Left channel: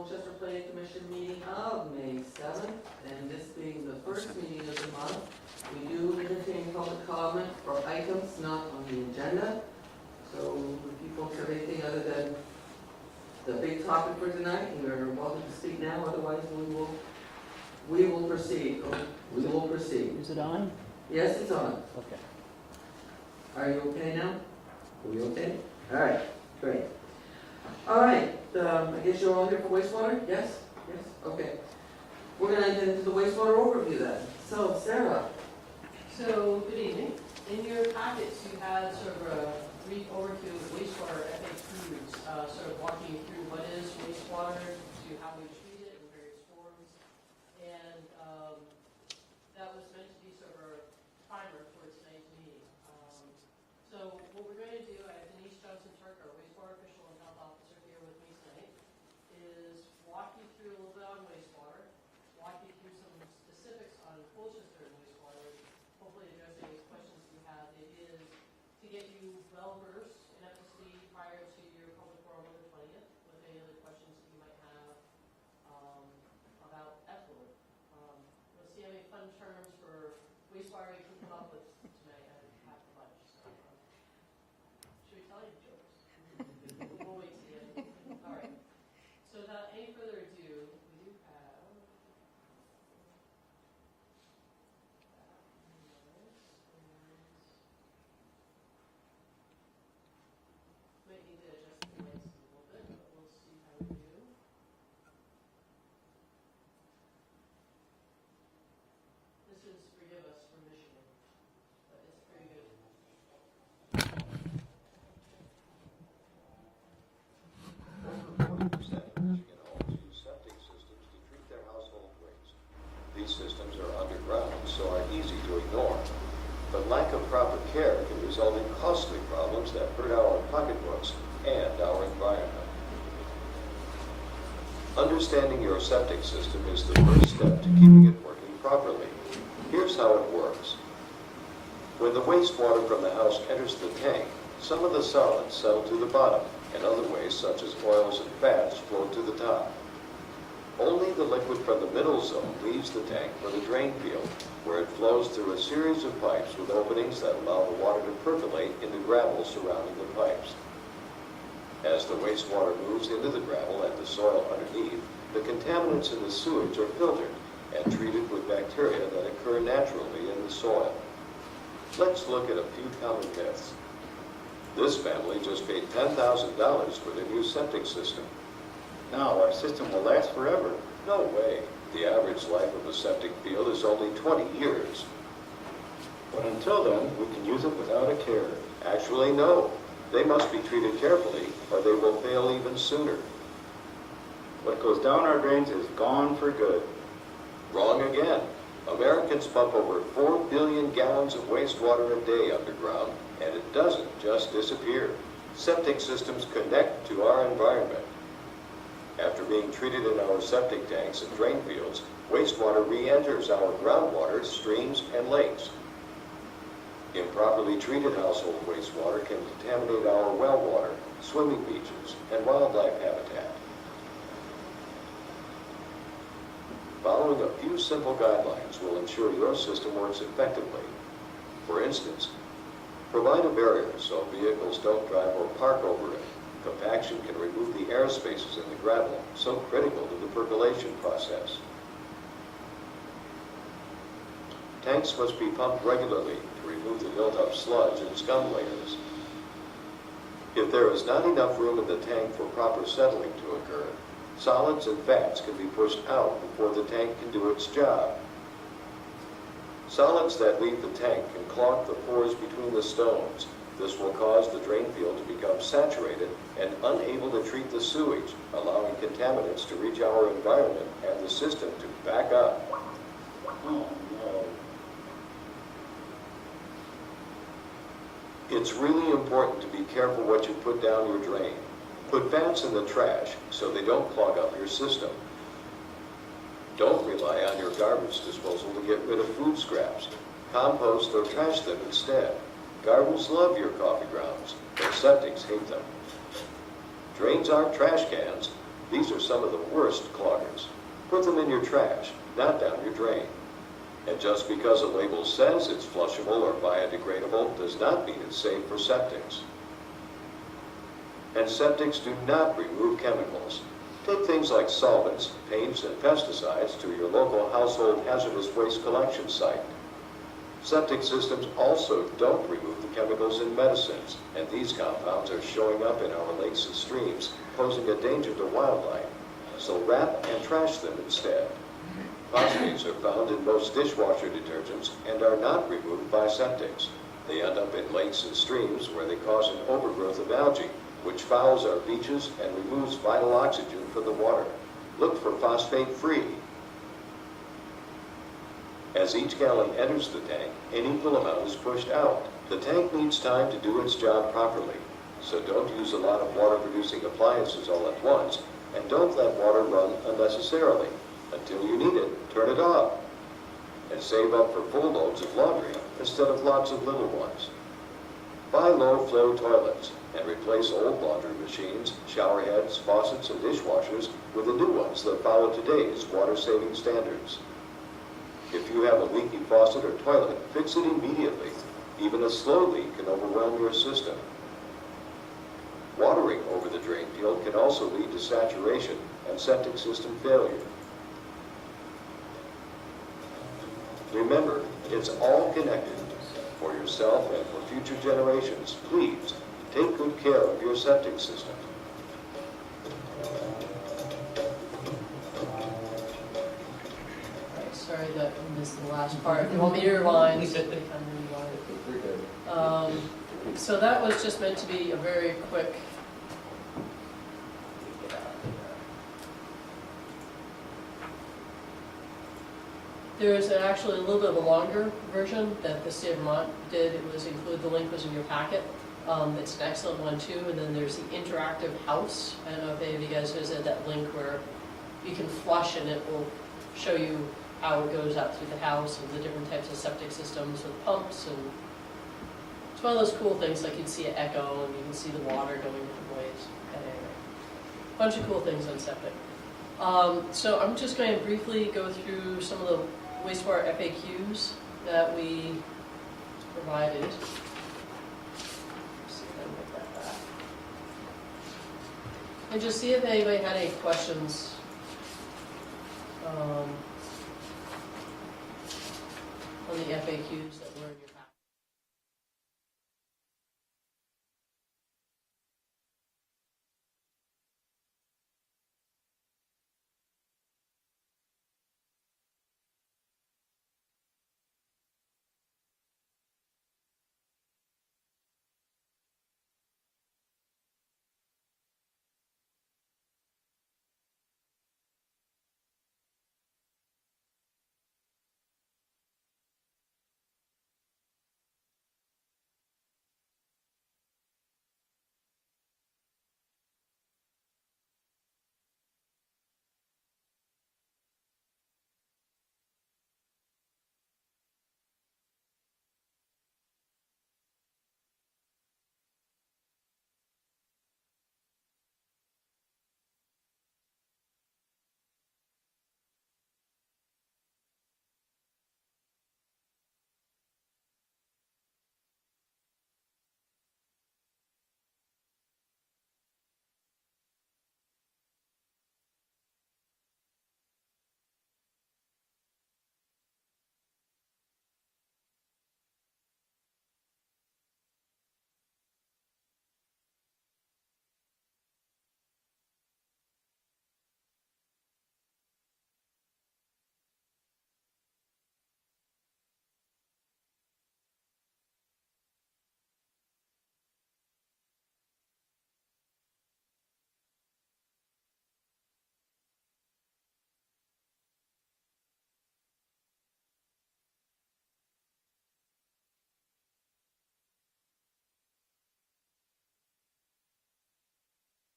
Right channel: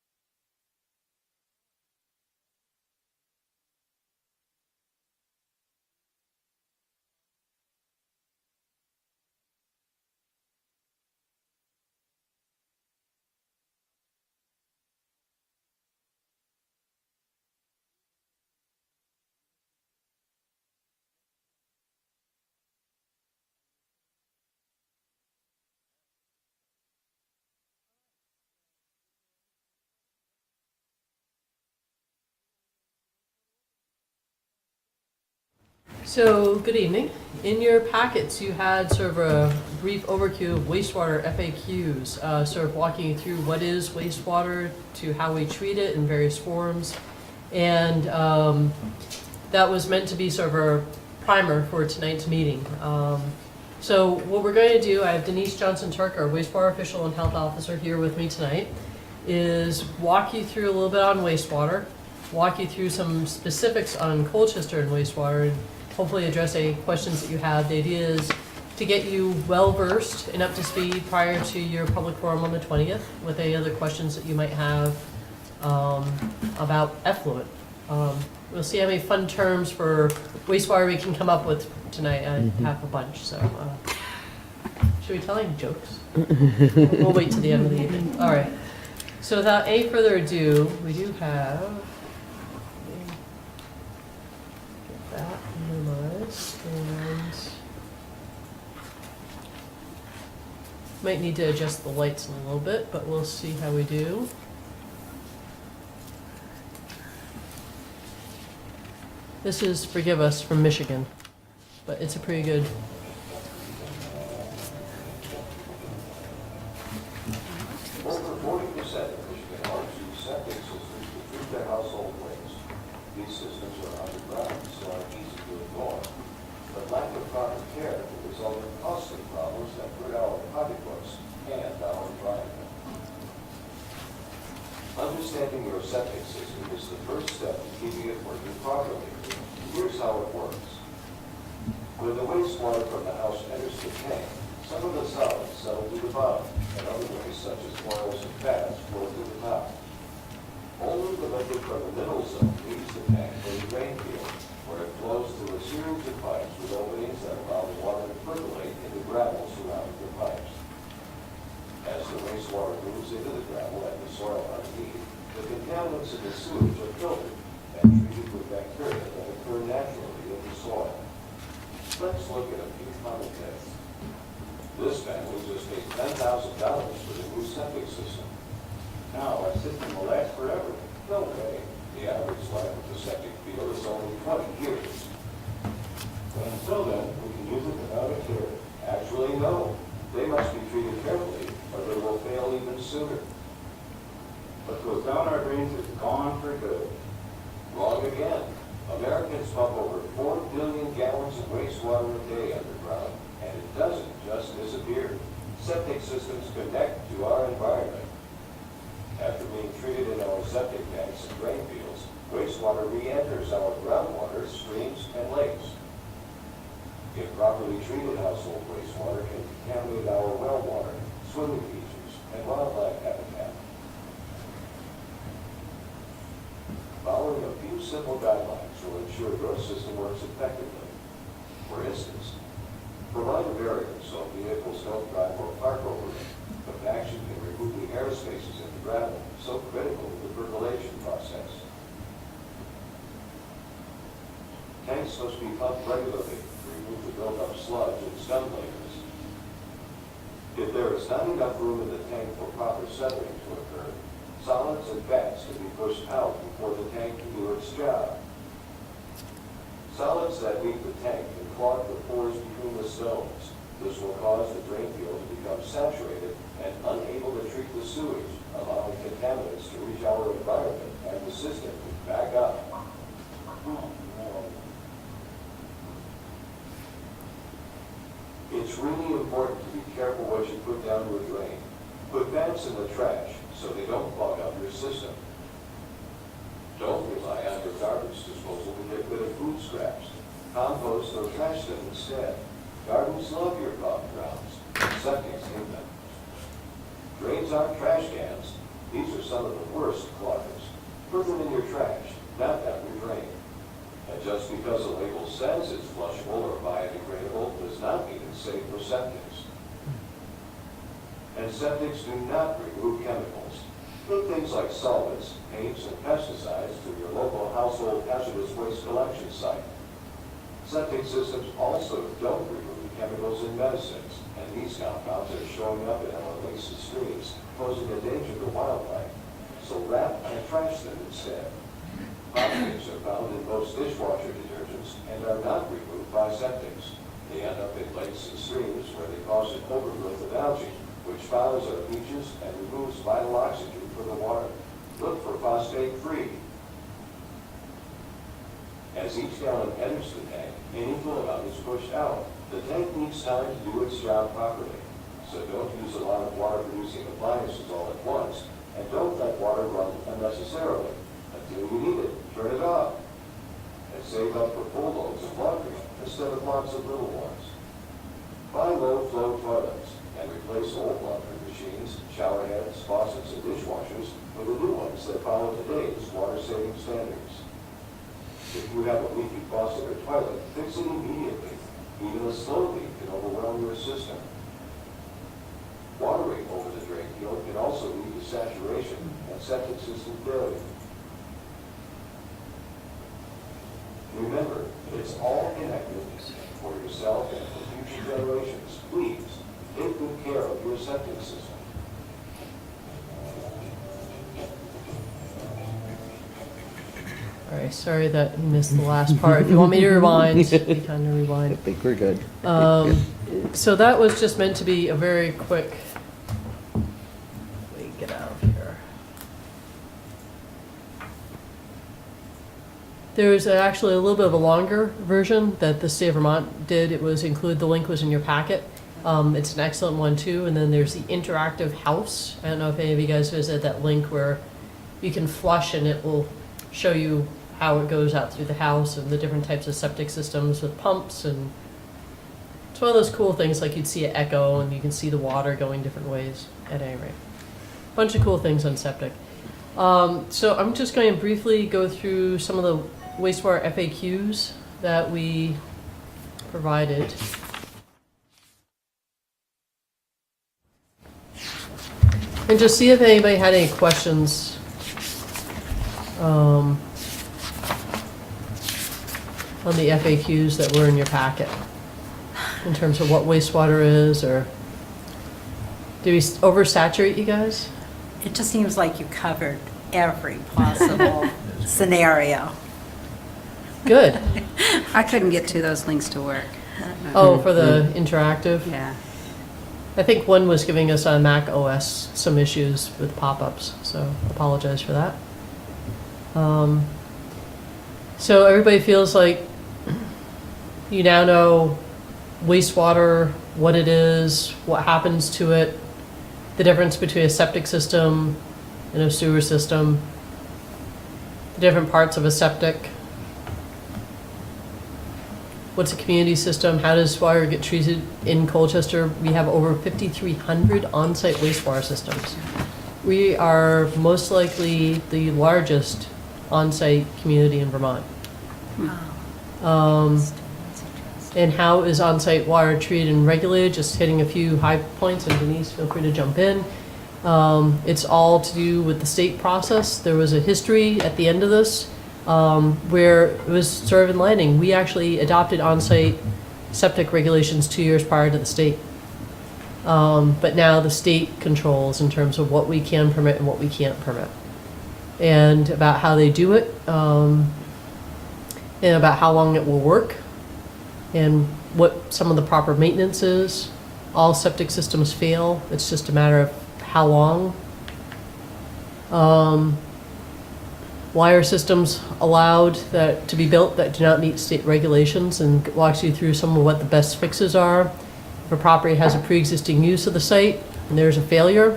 Colchester Planning Commission meeting of May 7th, and this being the first meeting of the month, we do entertain public comment for items not on the agenda. So if you folks have anything other than the big topic for tonight, you're welcome to speak now, otherwise we will proceed. We will proceed. Is it on? Yes, it's on. Okay. Are you okay now? Are we okay? All right, great. All right, I guess you're all here for wastewater? Yes? Yes? Okay. We're going to get into the wastewater overview then. So, Sarah. So, good evening. In your packets, you had sort of a brief overview of wastewater FAQs, sort of walking you through what is wastewater to how we treat it in various forms. And that was meant to be sort of a primer for tonight's meeting. So what we're going to do, I have Denise Johnson-Turk, our wastewater official and health officer here with me tonight, is walk you through a little bit on wastewater, walk you through some specifics on Colchester and wastewater, and hopefully address any questions that you have. The idea is to get you well-versed and up to speed prior to your public forum on the 20th with any other questions that you might have about effluent. We'll see how many fun terms for wastewater we can come up with tonight. I have a bunch, so should we tell any jokes? We'll wait till the end of the evening. All right. So without any further ado, we do have, get that minimized, and might need to adjust the lights a little bit, but we'll see how we do. This is, forgive us, from Michigan, but it's a pretty good. Over 40% of Michigan homes use septic systems to treat their household waste. These systems are underground, so are easy to ignore. But lack of proper care can result in costly problems that hurt our pocketbooks and our environment. Understanding your septic system is the first step to keeping it working properly. Here's how it works. When the wastewater from the house enters the tank, some of the solids settle to the bottom, and other waste such as oils and fats float to the top. Only the liquid from the middle zone leaves the tank for the drain field, where it flows through a series of pipes with openings that allow the water to percolate into gravel surrounding the pipes. As the wastewater moves into the gravel and the soil underneath, the contaminants in the sewage are filtered and treated with bacteria that occur naturally in the soil. Let's look at a few common myths. This family just paid $10,000 for the new septic system. Now our system will last forever. No way. The average life of a septic field is only 20 years. But until then, we can use it without a care. Actually, no. They must be treated carefully, or they will fail even sooner. What goes down our drains is gone for good. Wrong again. Americans pump over 4 billion gallons of wastewater a day underground, and it doesn't just disappear. Septic systems connect to our environment. After being treated in our septic tanks and drain fields, wastewater re-enters our groundwater, streams, and lakes. Improperly treated household wastewater can contaminate our well water, swimming beaches, and wildlife habitat. Following a few simple guidelines will ensure your system works effectively. For instance, provide a barrier so vehicles don't drive or park over it. Compaction can remove the air spaces in the gravel, so critical to the percolation process. Tanks must be pumped regularly to remove the built-up sludge and scum layers. If there is not enough room in the tank for proper settling to occur, solids and fats can be pushed out before the tank can do its job. Solids that leave the tank can clog the pores between the stones. This will cause the drain field to become saturated and unable to treat the sewage, allowing contaminants to reach our environment and the system to back up. Oh, no. It's really important to be careful what you put down your drain. Put fats in the trash so they don't clog up your system. Don't rely on your garbage disposal to get rid of food scraps. Compost or trash them instead. Gardens love your coffee grounds, and septics hate them. Drains aren't trash cans. These are some of the worst cloggers. Put them in your trash, not down your drain. And just because a label says it's flushable or biodegradable does not mean it's safe for septics. And septics do not remove chemicals. Take things like solvents, paints, and pesticides to your local household hazardous waste collection site. Septic systems also don't remove the chemicals in medicines, and these compounds are showing up in our lakes and streams, posing a danger to wildlife. So wrap and trash them instead. Phosphates are found in most dishwasher detergents and are not removed by septics. They end up in lakes and streams where they cause an overgrowth of algae, which fouls our beaches and removes vital oxygen from the water. Look for phosphate-free. As each gallon enters the tank, an equal amount is pushed out. The tank needs time to do its job properly. So don't use a lot of water-producing appliances all at once, and don't let water run unnecessarily. Until you need it, turn it off. And save up for full loads of laundry instead of lots of little ones. Buy low-flow toilets and replace old laundry machines, shower heads, faucets, and dishwashers with the new ones that follow today's water-saving standards. If you have a leaky faucet or toilet, fix it immediately. Even a slow leak can overwhelm your system. Watering over the drain field can also lead to saturation and septic system failure. Remember, it's all connected. For yourself and for future generations, please take good care of your septic system. All right, sorry that you missed the last part. If you want me to rewind, you can kind of rewind. I think we're good. So that was just meant to be a very quick, let me get out of here. There was actually a little bit of a longer version that the state of Vermont did. It was included, the link was in your packet. It's an excellent one too. And then there's the interactive house. I don't know if any of you guys visited that link where you can flush and it will show you how it goes out through the house and the different types of septic systems with pumps, and it's one of those cool things like you'd see at Echo and you can see the water going different ways at any rate. Bunch of cool things on septic. So I'm just going to briefly go through some of the wastewater FAQs that we provided. And just see if anybody had any questions on the FAQs that were in your packet in terms of what wastewater is, or did we oversaturate you guys? It just seems like you covered every possible scenario. Good. I couldn't get to those links to work. Oh, for the interactive? Yeah. I think one was giving us on Mac OS some issues with pop-ups, so apologize for that. So everybody feels like you now know wastewater, what it is, what happens to it, the difference between a septic system and a sewer system, the different parts of a septic, what's a community system, how does water get treated in Colchester. We have over 5,300 on-site wastewater systems. We are most likely the largest on-site community in Vermont. And how is on-site water treated and regulated? Just hitting a few high points, and Denise, feel free to jump in. It's all to do with the state process. There was a history at the end of this where it was sort of enlightening. We actually adopted on-site septic regulations 2 years prior to the state. But now the state controls in terms of what we can permit and what we can't permit, and about how they do it, and about how long it will work, and what some of the proper maintenance is. All septic systems fail. It's just a matter of how long. Why are systems allowed to be built that do not meet state regulations, and walks you through some of what the best fixes are. If a property has a pre-existing use of the site and there's a failure,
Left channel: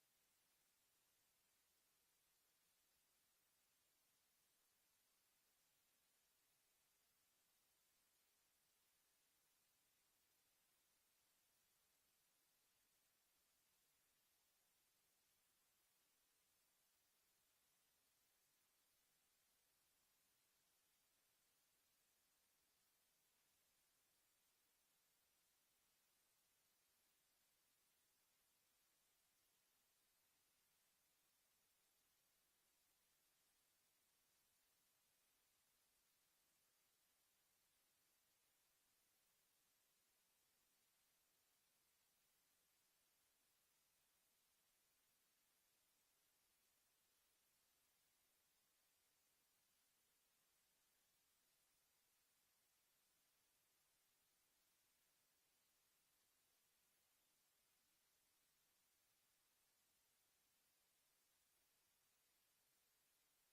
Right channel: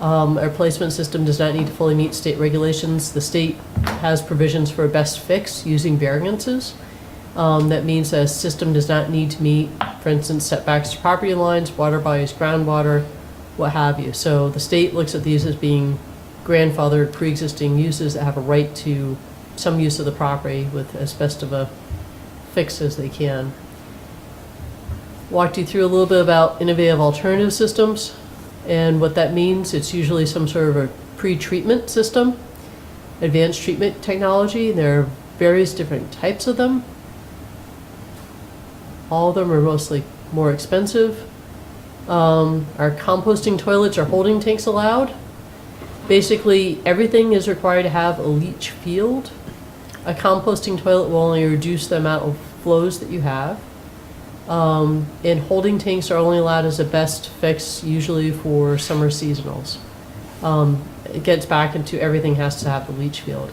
a replacement system does not need to fully meet state regulations. The state has provisions for a best fix using variances. That means that a system does not need to meet, for instance, setbacks to property lines, water bodies, groundwater, what have you. So the state looks at these as being grandfathered pre-existing uses that have a right to some use of the property with as best of a fix as they can. Walked you through a little bit about innovative alternative systems and what that means. It's usually some sort of a pre-treatment system, advanced treatment technology. There are various different types of them. All of them are mostly more expensive. Are composting toilets or holding tanks allowed? Basically, everything is required to have a leach field. A composting toilet will only reduce the amount of flows that you have. And holding tanks are only allowed as a best fix, usually for summer seasonals. It gets back into everything has to have a leach field.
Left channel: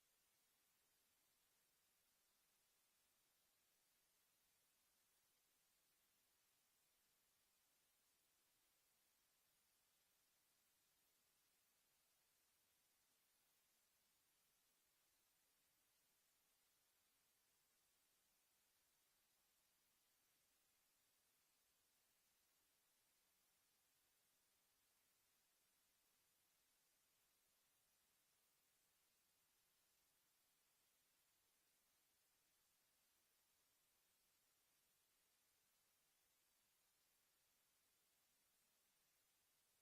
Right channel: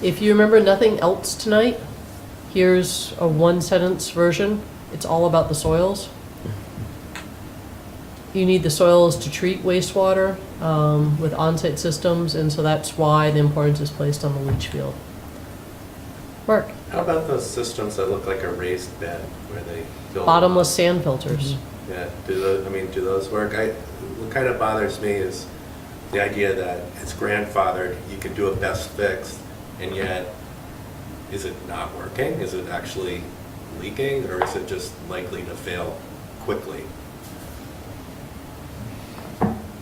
If you remember nothing else tonight, here's a one-sentence version. It's all about the soils. You need the soils to treat wastewater with on-site systems, and so that's why the importance is placed on the leach field. Mark? How about those systems that look like a raised bed where they fill Bottomless sand filters. Yeah, do those work? What kind of bothers me is the idea that it's grandfathered, you can do a best fix, and yet, is it not working? Is it actually leaking, or is it just likely to fail quickly?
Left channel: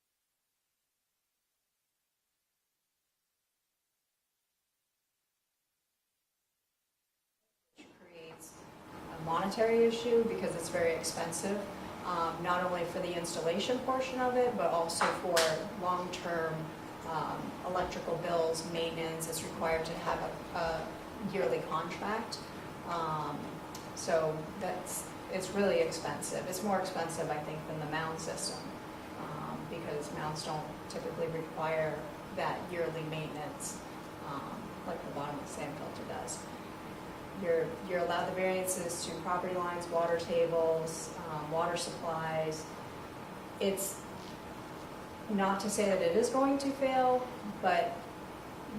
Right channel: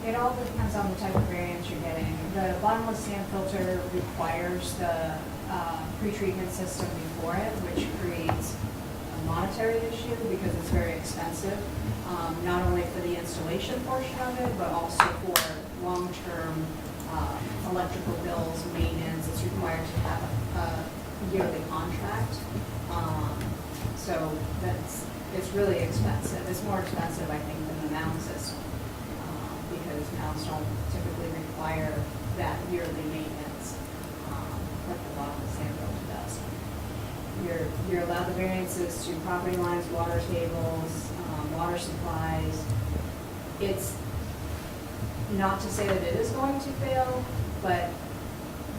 It all depends on the type of variance you're getting. The bottomless sand filter requires the pre-treatment system before it, which creates a monetary issue because it's very expensive, not only for the installation portion of it, but also for long-term electrical bills, maintenance. It's required to have a yearly contract. So it's really expensive. It's more expensive, I think, than the mound system. Because mounds don't typically require that yearly maintenance like the bottom sand filter does. You're allowed the variances to property lines, water tables, water supplies. It's not to say that it is going to fail, but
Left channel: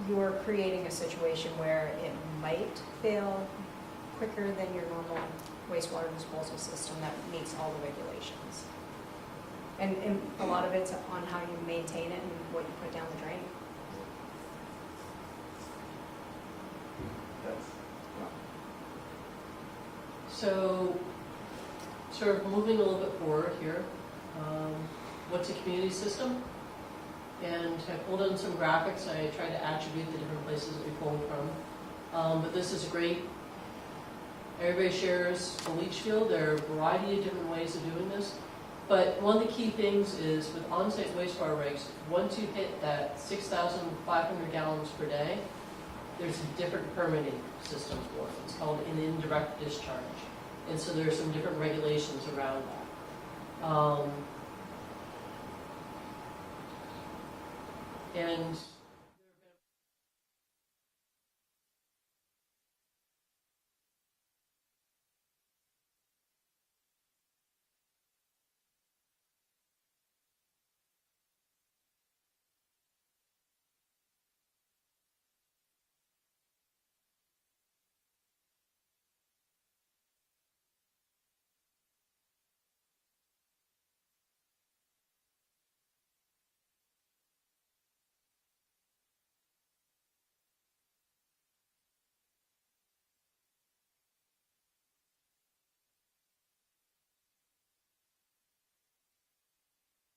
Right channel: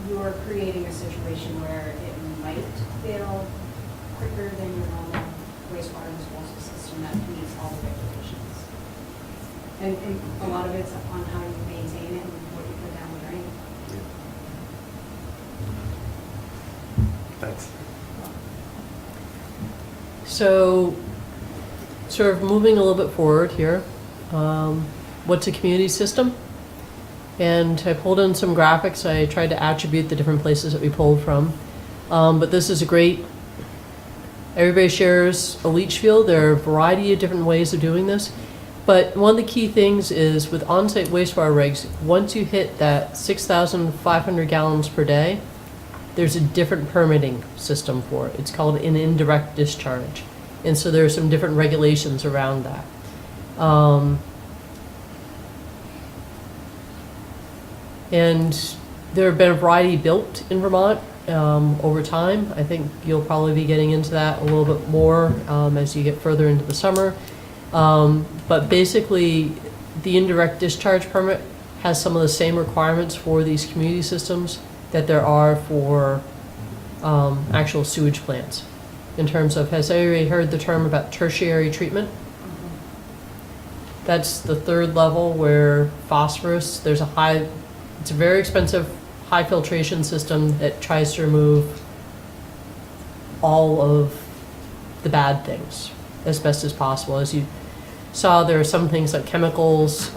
you're creating a situation where it might fail quicker than your normal wastewater disposal system that meets all the regulations. And a lot of it's on how you maintain it and what you put down the drain. Thanks. So, sort of moving a little bit forward here, what's a community system? And I pulled in some graphics. I tried to attribute the different places that we pulled from. But this is a great, everybody shares a leach field. There are a variety of different ways of doing this. But one of the key things is with on-site wastewater regs, once you hit that 6,500 gallons per day, there's a different permitting system for it. It's called an indirect discharge. And so there are some different regulations around that. And there have been a variety built in Vermont over time. I think you'll probably be getting into that a little bit more as you get further into the summer. But basically, the indirect discharge permit has some of the same requirements for these community systems that there are for actual sewage plants. In terms of, has anybody heard the term about tertiary treatment? That's the third level where phosphorus, there's a high, it's a very expensive high filtration system that tries to remove all of the bad things as best as possible. As you saw, there are some things like chemicals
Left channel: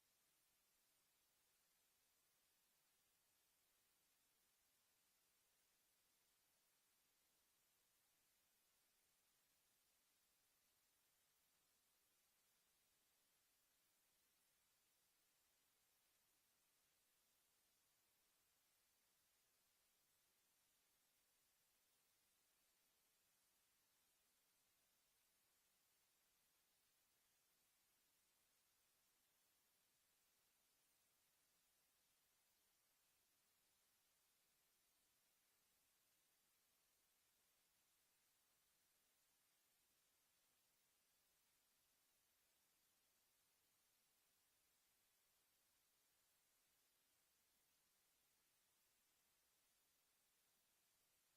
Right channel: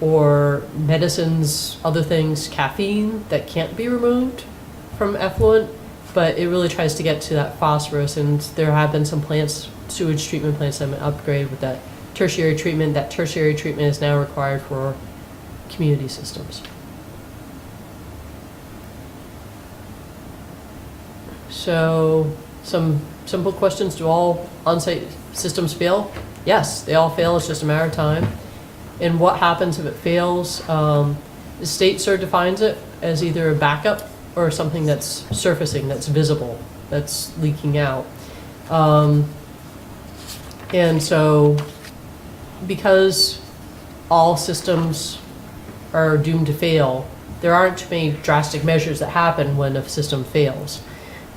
or medicines, other things, caffeine, that can't be removed from effluent, but it really tries to get to that phosphorus, and there have been some plants, sewage treatment plants that have been upgraded with that tertiary treatment. That tertiary treatment is now required for community systems. So, some simple questions. Do all on-site systems fail? Yes, they all fail. It's just a matter of time. And what happens if it fails? The state sort of defines it as either a backup or something that's surfacing, that's visible, that's leaking out. And so, because all systems are doomed to fail, there aren't too many drastic measures that happen when a system fails.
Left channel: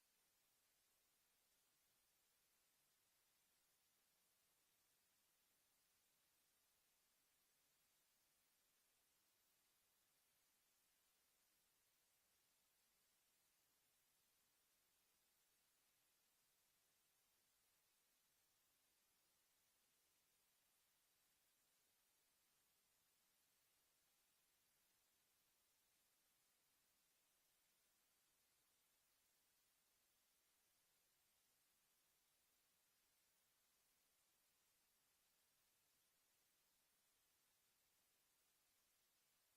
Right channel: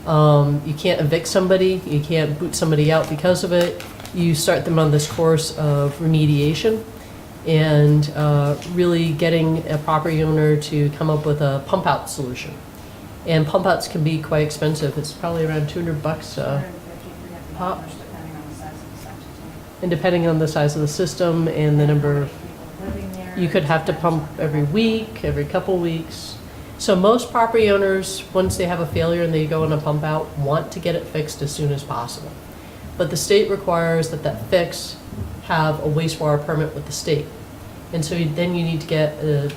You can't evict somebody, you can't boot somebody out because of it. You start them on this course of remediation. and really getting a property owner to come up with a pump out solution. And pump outs can be quite expensive. It's probably around $200 $250, $300 pop. depending on the size of the septic tank. And depending on the size of the system and the number of, People living there, you could have to depends pump on every the- week, every couple weeks. So most property owners, once they have a failure and they go on a pump out, want to get it fixed as soon as possible. But the state requires that that fix have a wastewater permit with the state. And so then you need to get a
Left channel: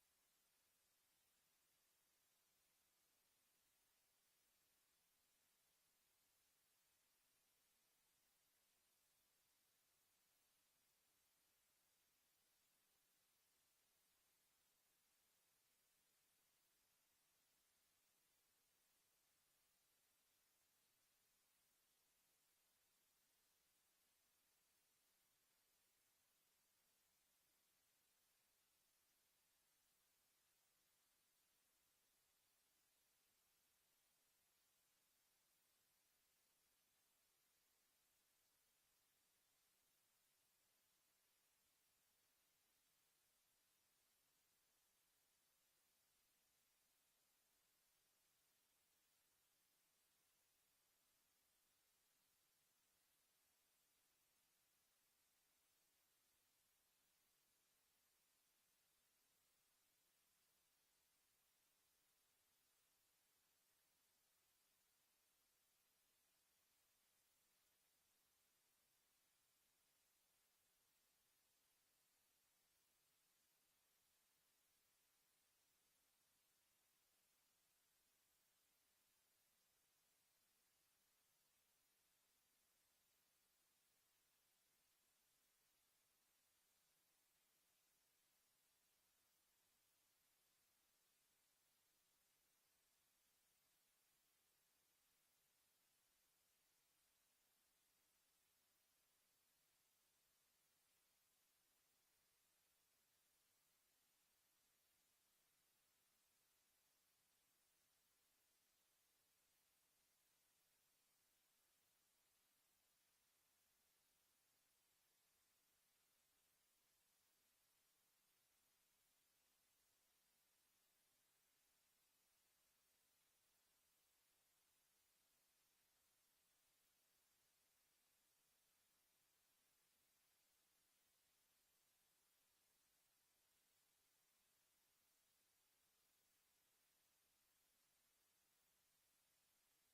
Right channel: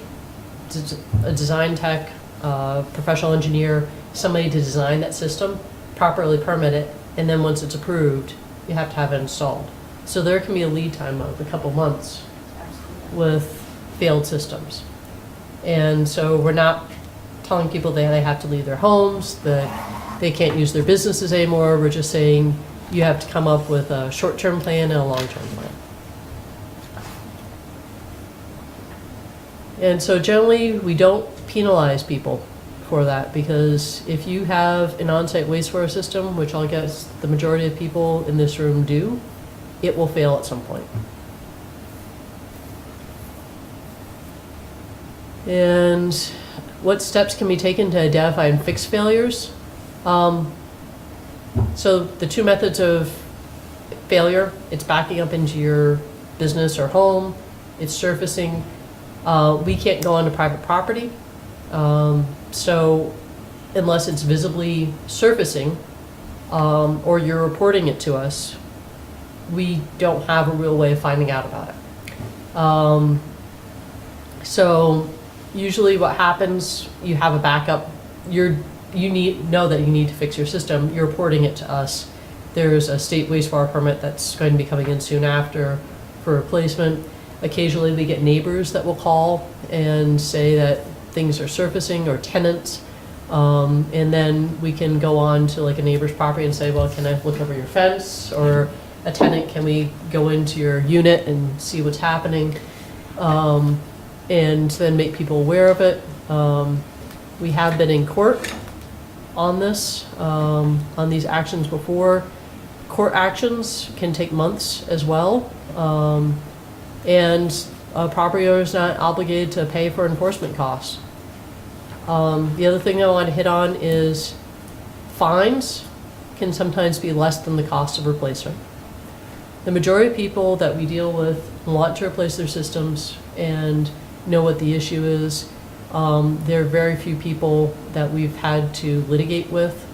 design tech, professional engineer, somebody to design that system, properly permit it, and then once it's approved, you have to have it installed. So there can be a lead time of a couple months Absolutely. with failed systems. And so we're not telling people that they have to leave their homes, that they can't use their businesses anymore. We're just saying you have to come up with a short-term plan and a long-term plan. And so generally, we don't penalize people for that, because if you have an on-site wastewater system, which I guess the majority of people in this room do, it will fail at some point. And what steps can be taken to identify and fix failures? So the two methods of failure, it's backing up into your business or home, it's surfacing. We can't go onto private property. So unless it's visibly surfacing, or you're reporting it to us, we don't have a real way of finding out about it. So usually what happens, you have a backup, know that you need to fix your system, you're reporting it to us. There's a state wastewater permit that's going to be coming in soon after for replacement. Occasionally we get neighbors that will call and say that things are surfacing, or tenants. And then we can go on to like a neighbor's property and say, well, can I look over your fence? Or a tenant, can we go into your unit and see what's happening? And then make people aware of it. We have been in court on this, on these actions before. Court actions can take months as well. And a property owner is not obligated to pay for enforcement costs. The other thing I want to hit on is fines can sometimes be less than the cost of replacement. The majority of people that we deal with want to replace their systems and know what the issue is. There are very few people that we've had to litigate with,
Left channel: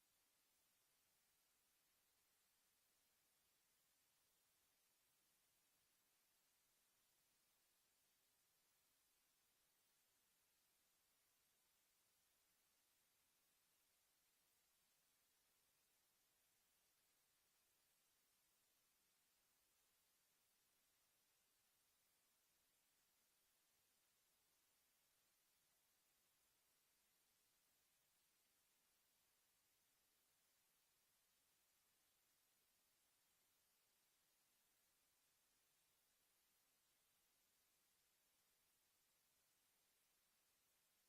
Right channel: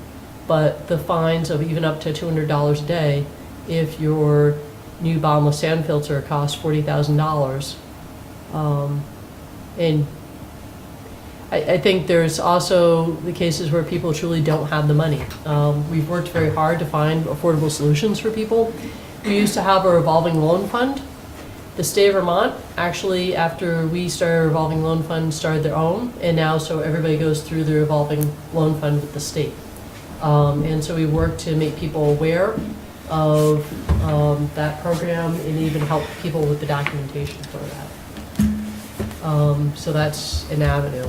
but the fines of even up to $200 a day, if your new bottomless sand filter costs $40,000, and I think there's also the cases where people truly don't have the money. We've worked very hard to find affordable solutions for people. We used to have a revolving loan fund. The state of Vermont, actually, after we started a revolving loan fund, started their own, and now so everybody goes through the revolving loan fund with the state. And so we work to make people aware of that program and even help people with the documentation for that. So that's an avenue.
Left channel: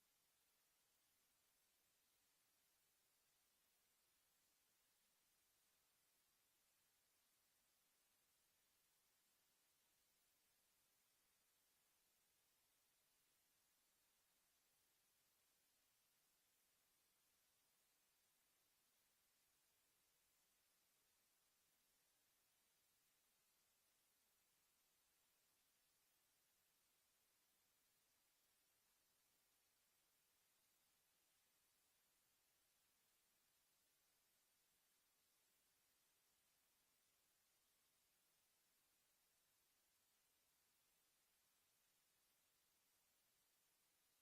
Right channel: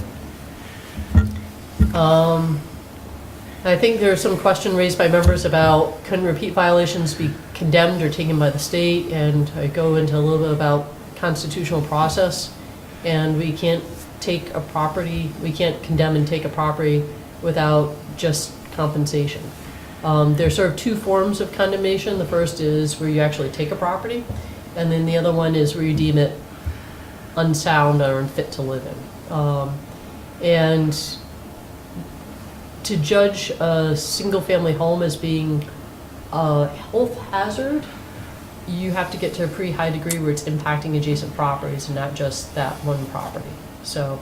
I think there's some question raised by members about, can repeat violations be condemned or taken by the state? And I go into a little bit about constitutional process, and we can't condemn and take a property without just compensation. There's sort of two forms of condemnation. The first is where you actually take a property, and then the other one is where you deem it unsound or unfit to live in. And to judge a single-family home as being a health hazard, you have to get to a pretty high degree where it's impacting adjacent properties and not just that one property. So,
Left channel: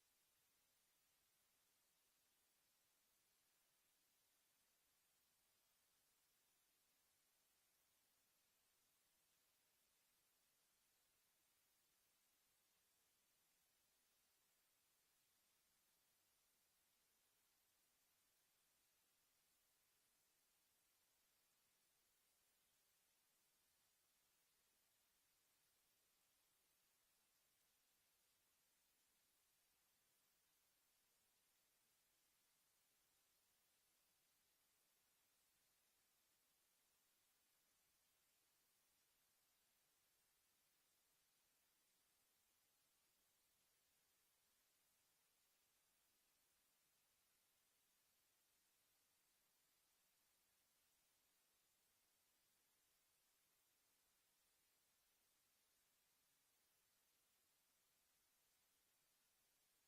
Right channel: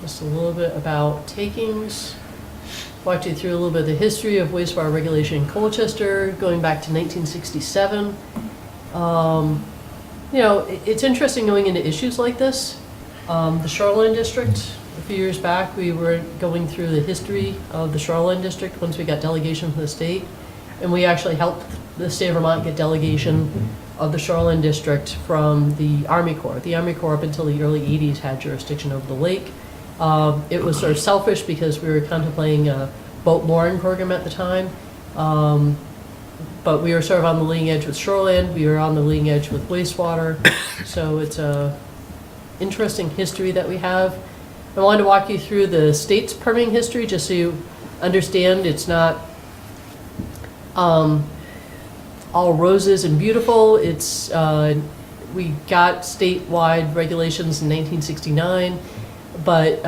just a little bit about takings. Walked you through a little bit of the history of wastewater regulation in Colchester, going back to 1967. It's interesting going into issues like this. The Shoreline District, a few years back, we were going through the history of the Shoreline District once we got delegation from the state. And we actually helped the state of Vermont get delegation of the Shoreline District from the Army Corps. The Army Corps up until the early 80s had jurisdiction over the lake. It was sort of selfish because we were contemplating a boat mooring program at the time. But we are sort of on the leading edge with shoreland, we are on the leading edge with wastewater, so it's a interesting history that we have. I wanted to walk you through the state's permitting history, just so you understand it's not all roses and beautiful. It's, we got statewide regulations in 1969, but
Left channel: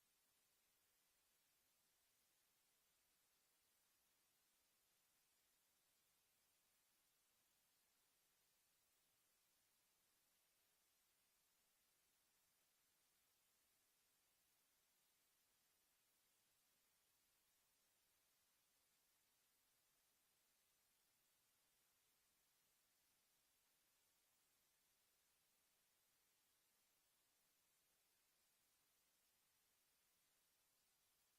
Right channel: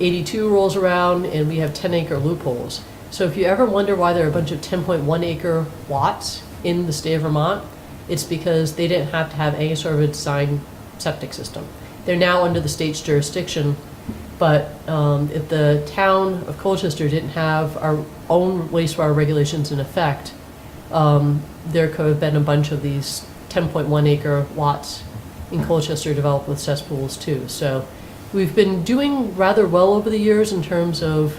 82 rolls around and we have 10-acre loopholes. So if you ever wonder why there are a bunch of 10.1 acre lots in the state of Vermont, it's because they didn't have to have any sort of a design septic system. They're now under the state's jurisdiction, but if the town of Colchester didn't have our own wastewater regulations in effect, there could have been a bunch of these 10.1 acre lots in Colchester developed with cesspools too. So we've been doing rather well over the years in terms of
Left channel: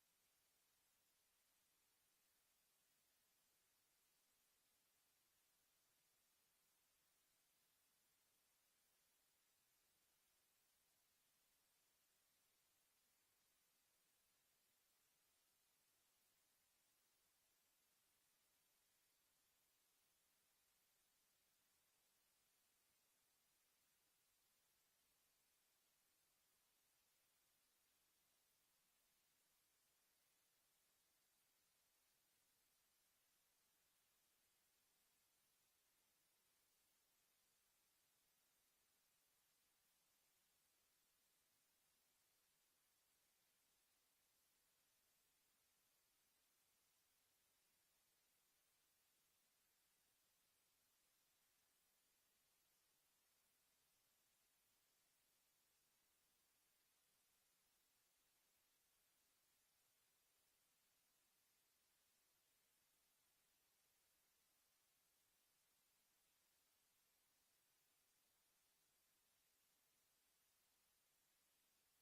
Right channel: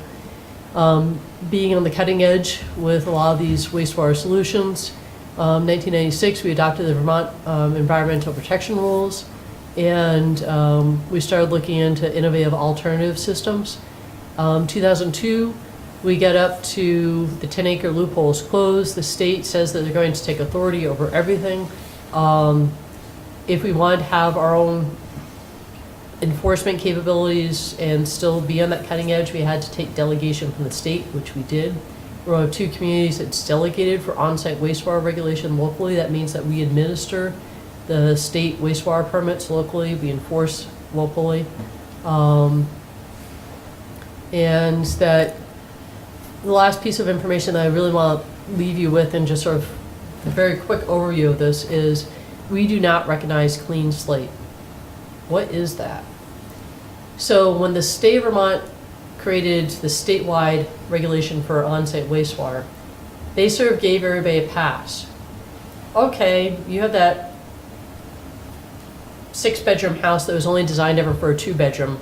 being on the cutting edge with a lot of these wastewater solutions. 1996, we adopted the Vermont Environmental Protection Rules, and we started looking into innovative alternative systems. 2002, we get up to the 10-acre loopholes closed. The state says that they're going to take authority over everything. If we wanted to have our own enforcement capabilities and still be on that cutting edge, we had to take delegation from the state, which we did. We're one of 2 communities that's delegated for on-site wastewater regulation locally. That means that we administer the state wastewater permits locally, we enforce locally. And that the last piece of information that I really want to leave you with, and just sort of a very quick overview of this, is we do not recognize clean slate. What is that? So when the state of Vermont created the statewide regulation for on-site wastewater, they sort of gave everybody a pass. Okay, you have that 6-bedroom house that was only designed ever for a 2-bedroom.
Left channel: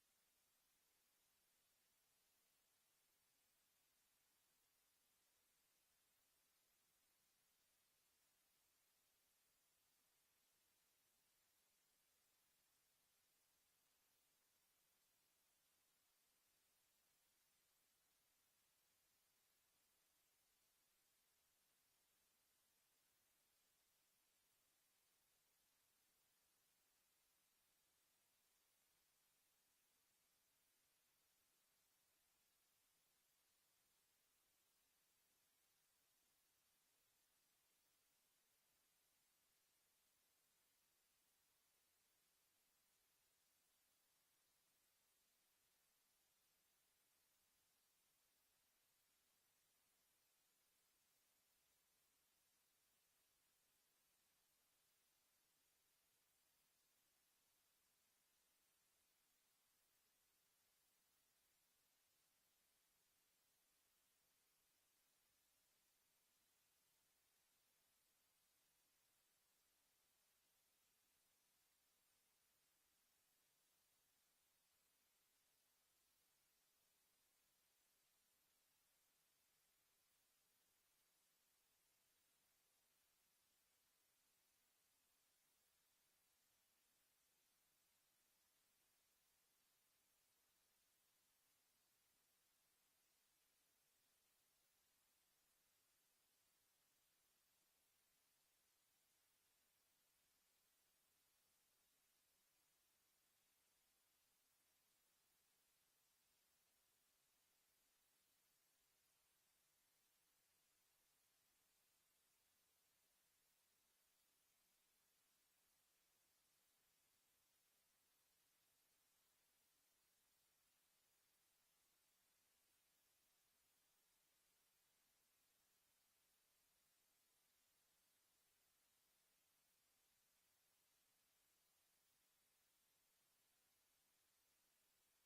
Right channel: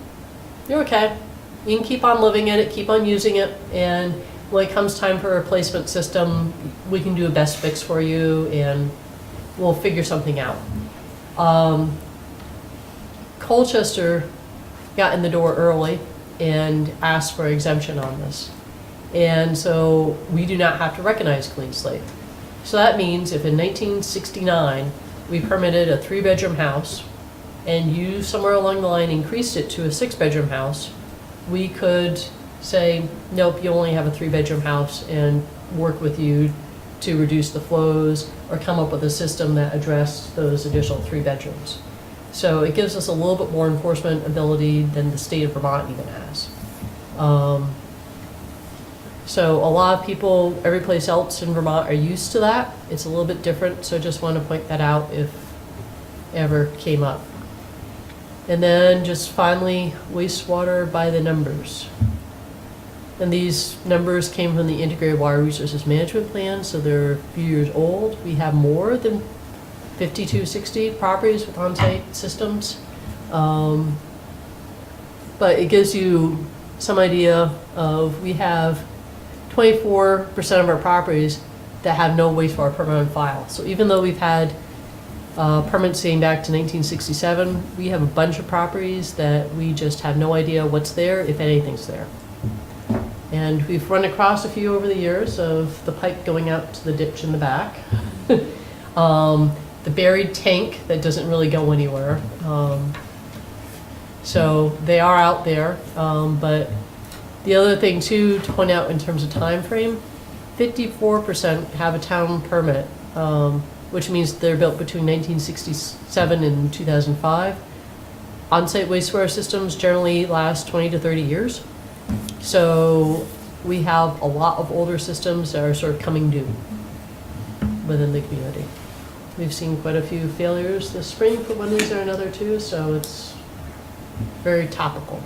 You're okay. You can keep on living in it, keep on using it, and when it comes time for a replacement system, we can do a best fix for you and we'll figure something out. Colchester got in the door early and asked for exemption on this. And so we do not have to recognize clean slate. So that means if in 1969 we permitted a 3-bedroom house and you somewhere along the line increased it to a 6-bedroom house, we could say, nope, you only have a 3-bedroom house, and work with you to reduce the flows or come up with a system that addressed those additional 3 bedrooms. So it gives us a little bit more enforcement ability than the state of Vermont even has. So a lot of people, every place else in Vermont, are used to that. It's a little bit different, so I just want to point that out if ever came up. And then just finally, wastewater by the numbers. And these numbers came from the Integrated Water Resources Management Plan, so they're a few years old. We have more than 5260 properties with on-site systems. But it gives you some idea of, we have 24% of our properties that have no wastewater permit on file. So even though we've had permits dating back to 1967, we have a bunch of properties that we just have no idea what's there, if anything's there. And we've run across a few over the years of the pipe going out to the ditch in the back. The buried tank that doesn't really go anywhere. So they are out there, but the other thing too to point out in terms of time frame, 54% have a town permit, which means they're built between 1967 and 2005. On-site wastewater systems generally last 20 to 30 years. So we have a lot of older systems that are sort of coming due within the community. We've seen quite a few failures this spring for one reason or another too, so it's very topical.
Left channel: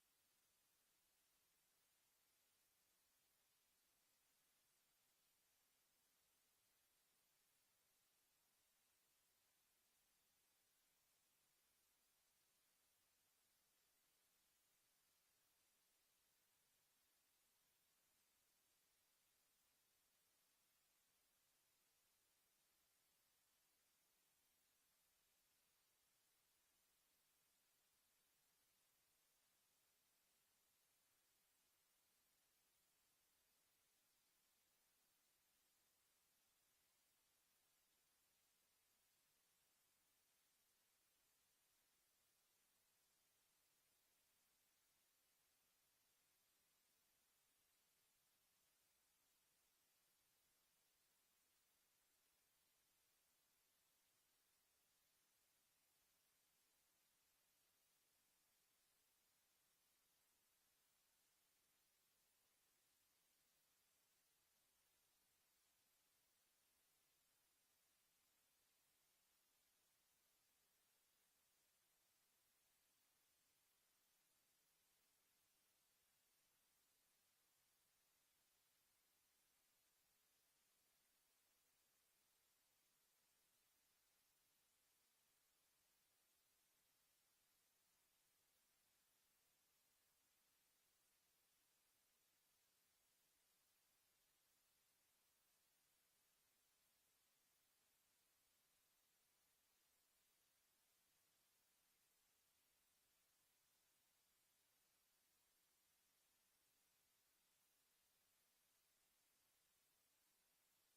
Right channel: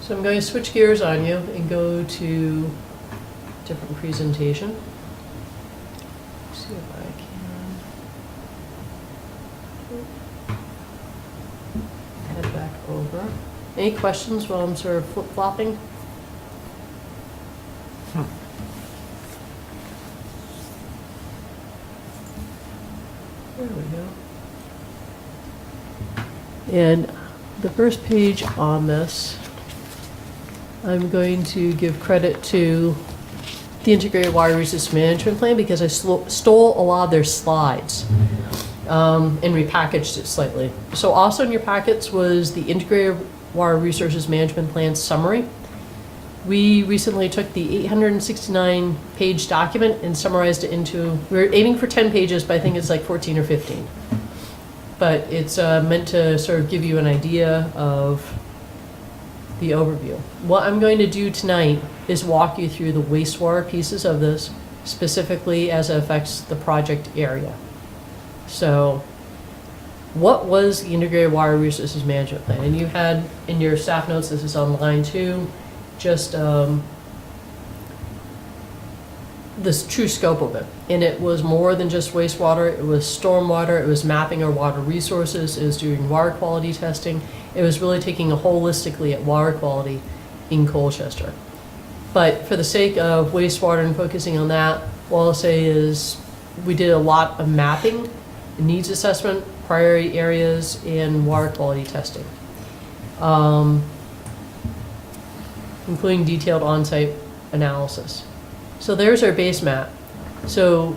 So I'm going to switch gears on you and go to different presentation. See if I can head back over. Any questions while I'm sort of flip-flopping? There we go. And the first page on this, I'm going to give credit to the Integrated Water Resource Management Plan because I stole a lot of their slides and repackaged it slightly. So also in your packets was the Integrated Water Resources Management Plan summary. We recently took the 869-page document and summarized it into, we're aiming for 10 pages, but I think it's like 14 or 15. But it's meant to sort of give you an idea of the overview. What I'm going to do tonight is walk you through the wastewater pieces of this, specifically as it affects the project area. So, what was the Integrated Water Resources Management Plan? And you had in your staff notes, this is on line 2, just this true scope of it. And it was more than just wastewater, it was stormwater, it was mapping our water resources, it was doing water quality testing. It was really taking a holistically at water quality in Colchester. But for the sake of wastewater and focusing on that, what I'll say is we did a lot of mapping, needs assessment, priority areas, and water quality testing, including detailed on-site analysis. So there's our base map. So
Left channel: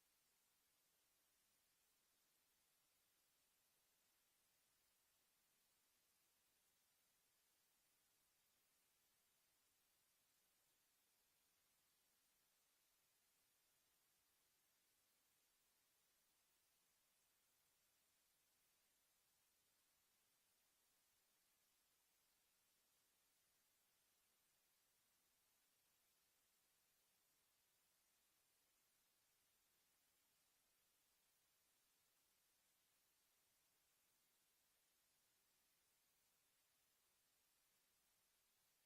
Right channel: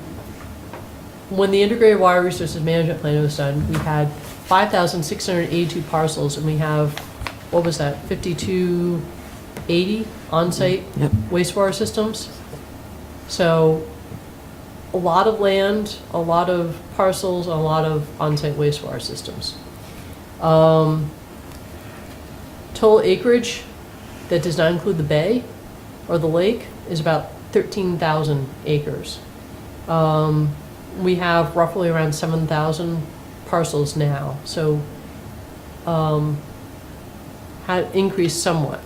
when the Integrated Water Resources Management Plan was done, we had 5,682 parcels, and we have, what was that, 5,280 on-site wastewater systems. So a lot of land, a lot of parcels, a lot of on-site wastewater systems. Total acreage that does not include the bay or the lake is about 13,000 acres. We have roughly around 7,000 parcels now, so had increased somewhat.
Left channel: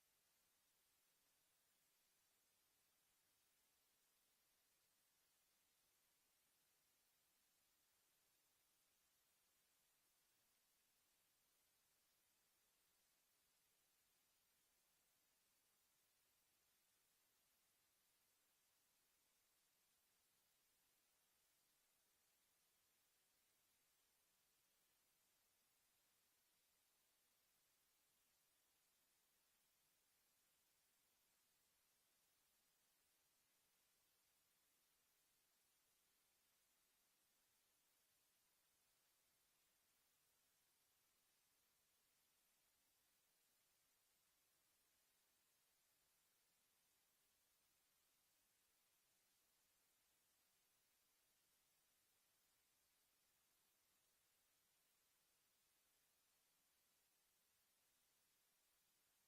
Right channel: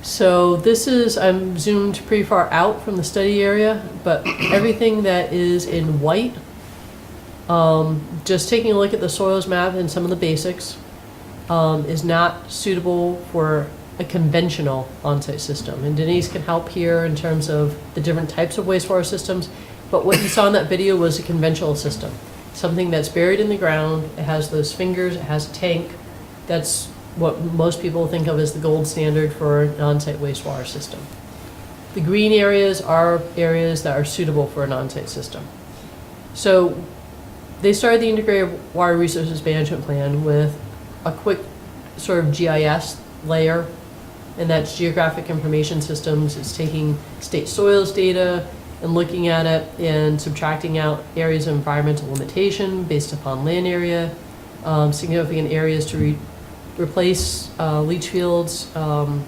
So this is, I'm zoomed pretty far out from the study area, but everything that is in white, just taking a look at the soils map and some of the basics, is not suitable for a conventional on-site system. And Denise can help here in terms of the different types of wastewater systems, but what you saw in that video was a conventional system. Something that's buried in the ground, it has those fingers, it has a tank. That's what most people think of as the gold standard for an on-site wastewater system. The green areas are areas that are suitable for an on-site system. So they started the Integrated Water Resources Management Plan with a quick sort of GIS layer, and that's Geographic Information Systems. It's taking state soils data and looking at it and subtracting out areas of environmental limitation based upon land area, significant areas to replace leach fields, the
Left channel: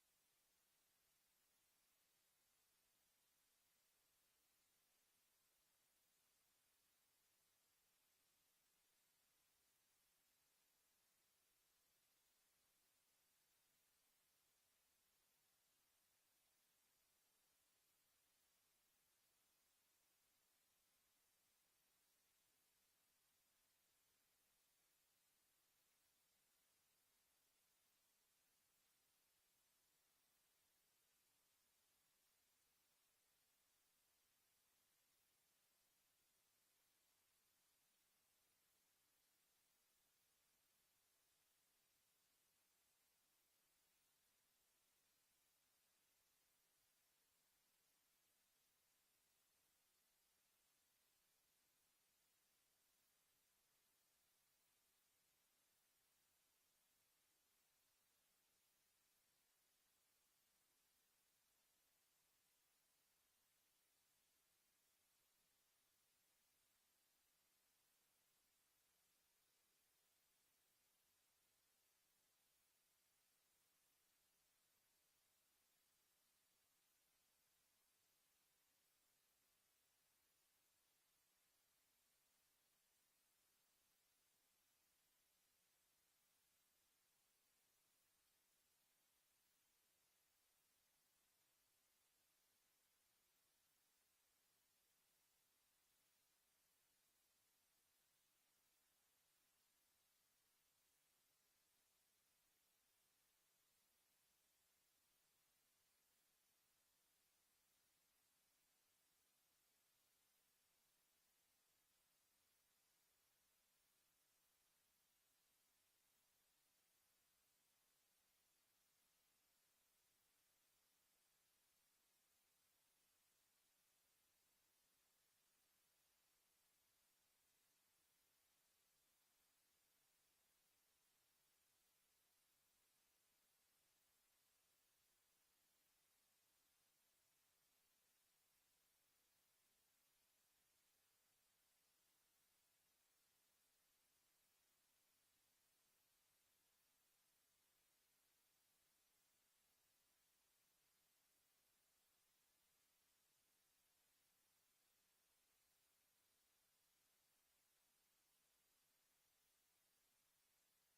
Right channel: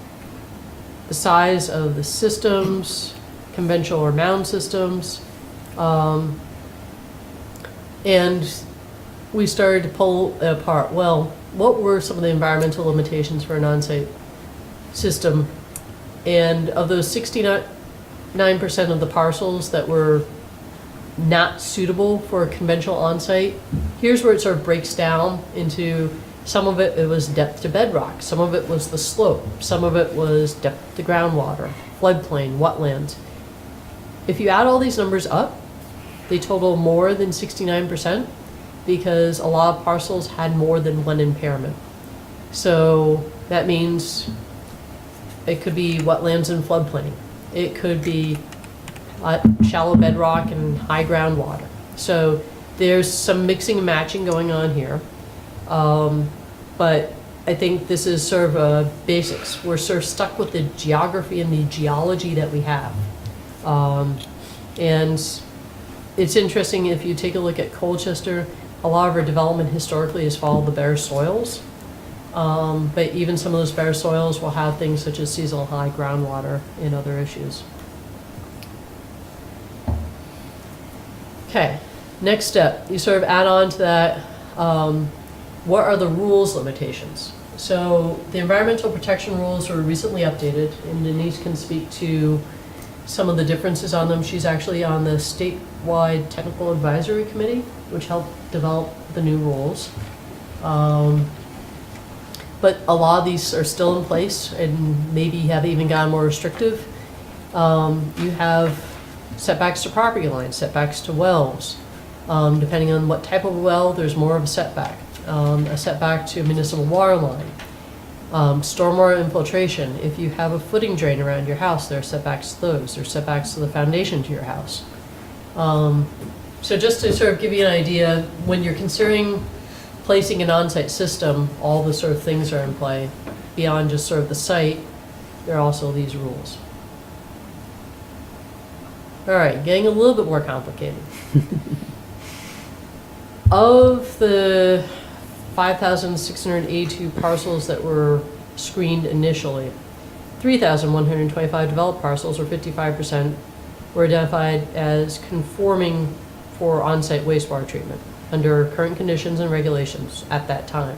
size of the systems, conventional or mound systems, and we started to pull it apart. Well, what were some of the environmental limitations for an on-site system? And of those 69% of the parcels that were not suitable for a conventional on-site, here's where it sort of breaks down into some of it was depth to bedrock, some of it was the slope, some of it was depth to groundwater, floodplain, wetlands. If you add all these numbers up, they total more than 69% because a lot of parcels had more than one impairment. So that means it could be wetlands and floodplain. It could be shallow bedrock and high groundwater. So there's some mixing and matching going on here. But I think this is sort of a basics. We're sort of stuck with the geography and the geology that we have. And it's interesting if you take a look at Colchester, a lot of our development historically has followed the bare soils. But even some of those bare soils will have things such as seasonal high groundwater and other issues. Okay, next step, you sort of add on to that, what are the rules limitations? So the environmental protection rules were recently updated, and Denise can speak to some of the differences on them. She's actually on the statewide technical advisory committee, which helped develop the new rules. But a lot of these are still in place and maybe have even gotten more restrictive. You have setbacks to property lines, setbacks to wells. Depending on what type of well, there's more of a setback to a municipal water line. Stormwater infiltration, if you have a footing drain around your house, there are setbacks to those, there are setbacks to the foundation to your house. So just to sort of give you an idea, when you're considering placing an on-site system, all the sort of things are in play. Beyond just sort of the site, there are also these rules. All right, getting a little bit more complicated. Of the 5,682 parcels that were screened initially, 3,125 developed parcels, or 55%, were identified as conforming for on-site wastewater treatment under current conditions and regulations at that time.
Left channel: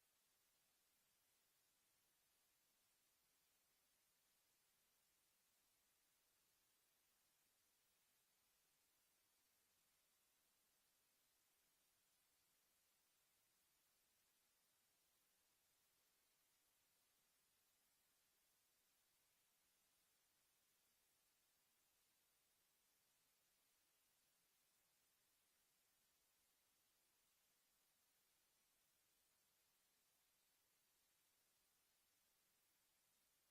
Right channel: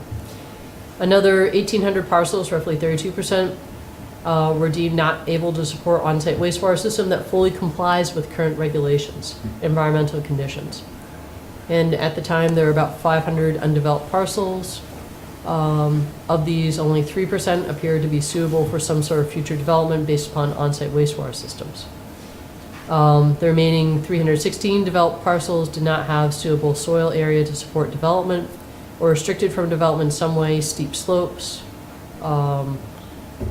Another 1,800 parcels, roughly 32%, were deemed not able to support on-site wastewater system that fully complies with current regulations, environmental conditions. And at the time, there were about 500 undeveloped parcels. Of these, only 3% appeared to be suitable for some sort of future development based upon on-site wastewater systems. The remaining 316 developed parcels did not have suitable soil area to support development, or restricted from development in some way, steep slopes,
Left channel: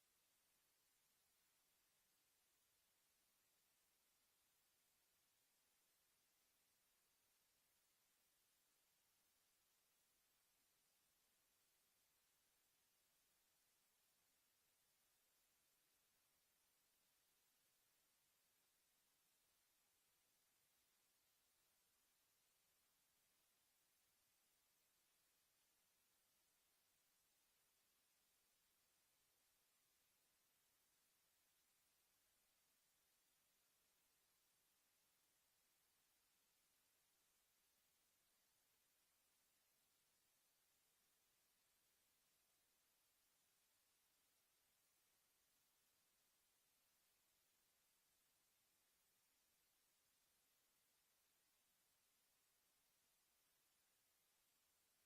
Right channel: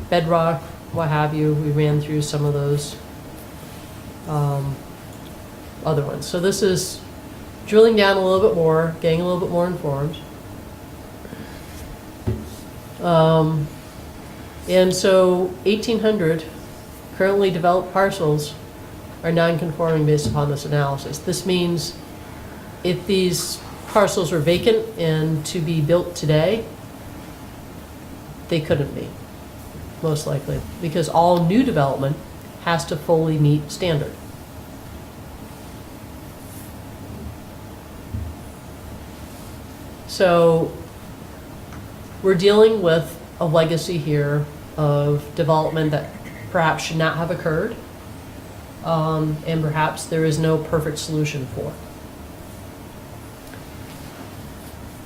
bedrock, what have you. We ran through some of those other ones. So this is drilling down a little bit more, getting a little bit more informed. And so 1,800 currently developed parcels are non-conforming based upon this analysis. This means if these parcels were vacant and to be built today, they couldn't be, most likely, because all new development has to fully meet standard. So we're dealing with a legacy here of development that perhaps should not have occurred, and perhaps there is no perfect solution for.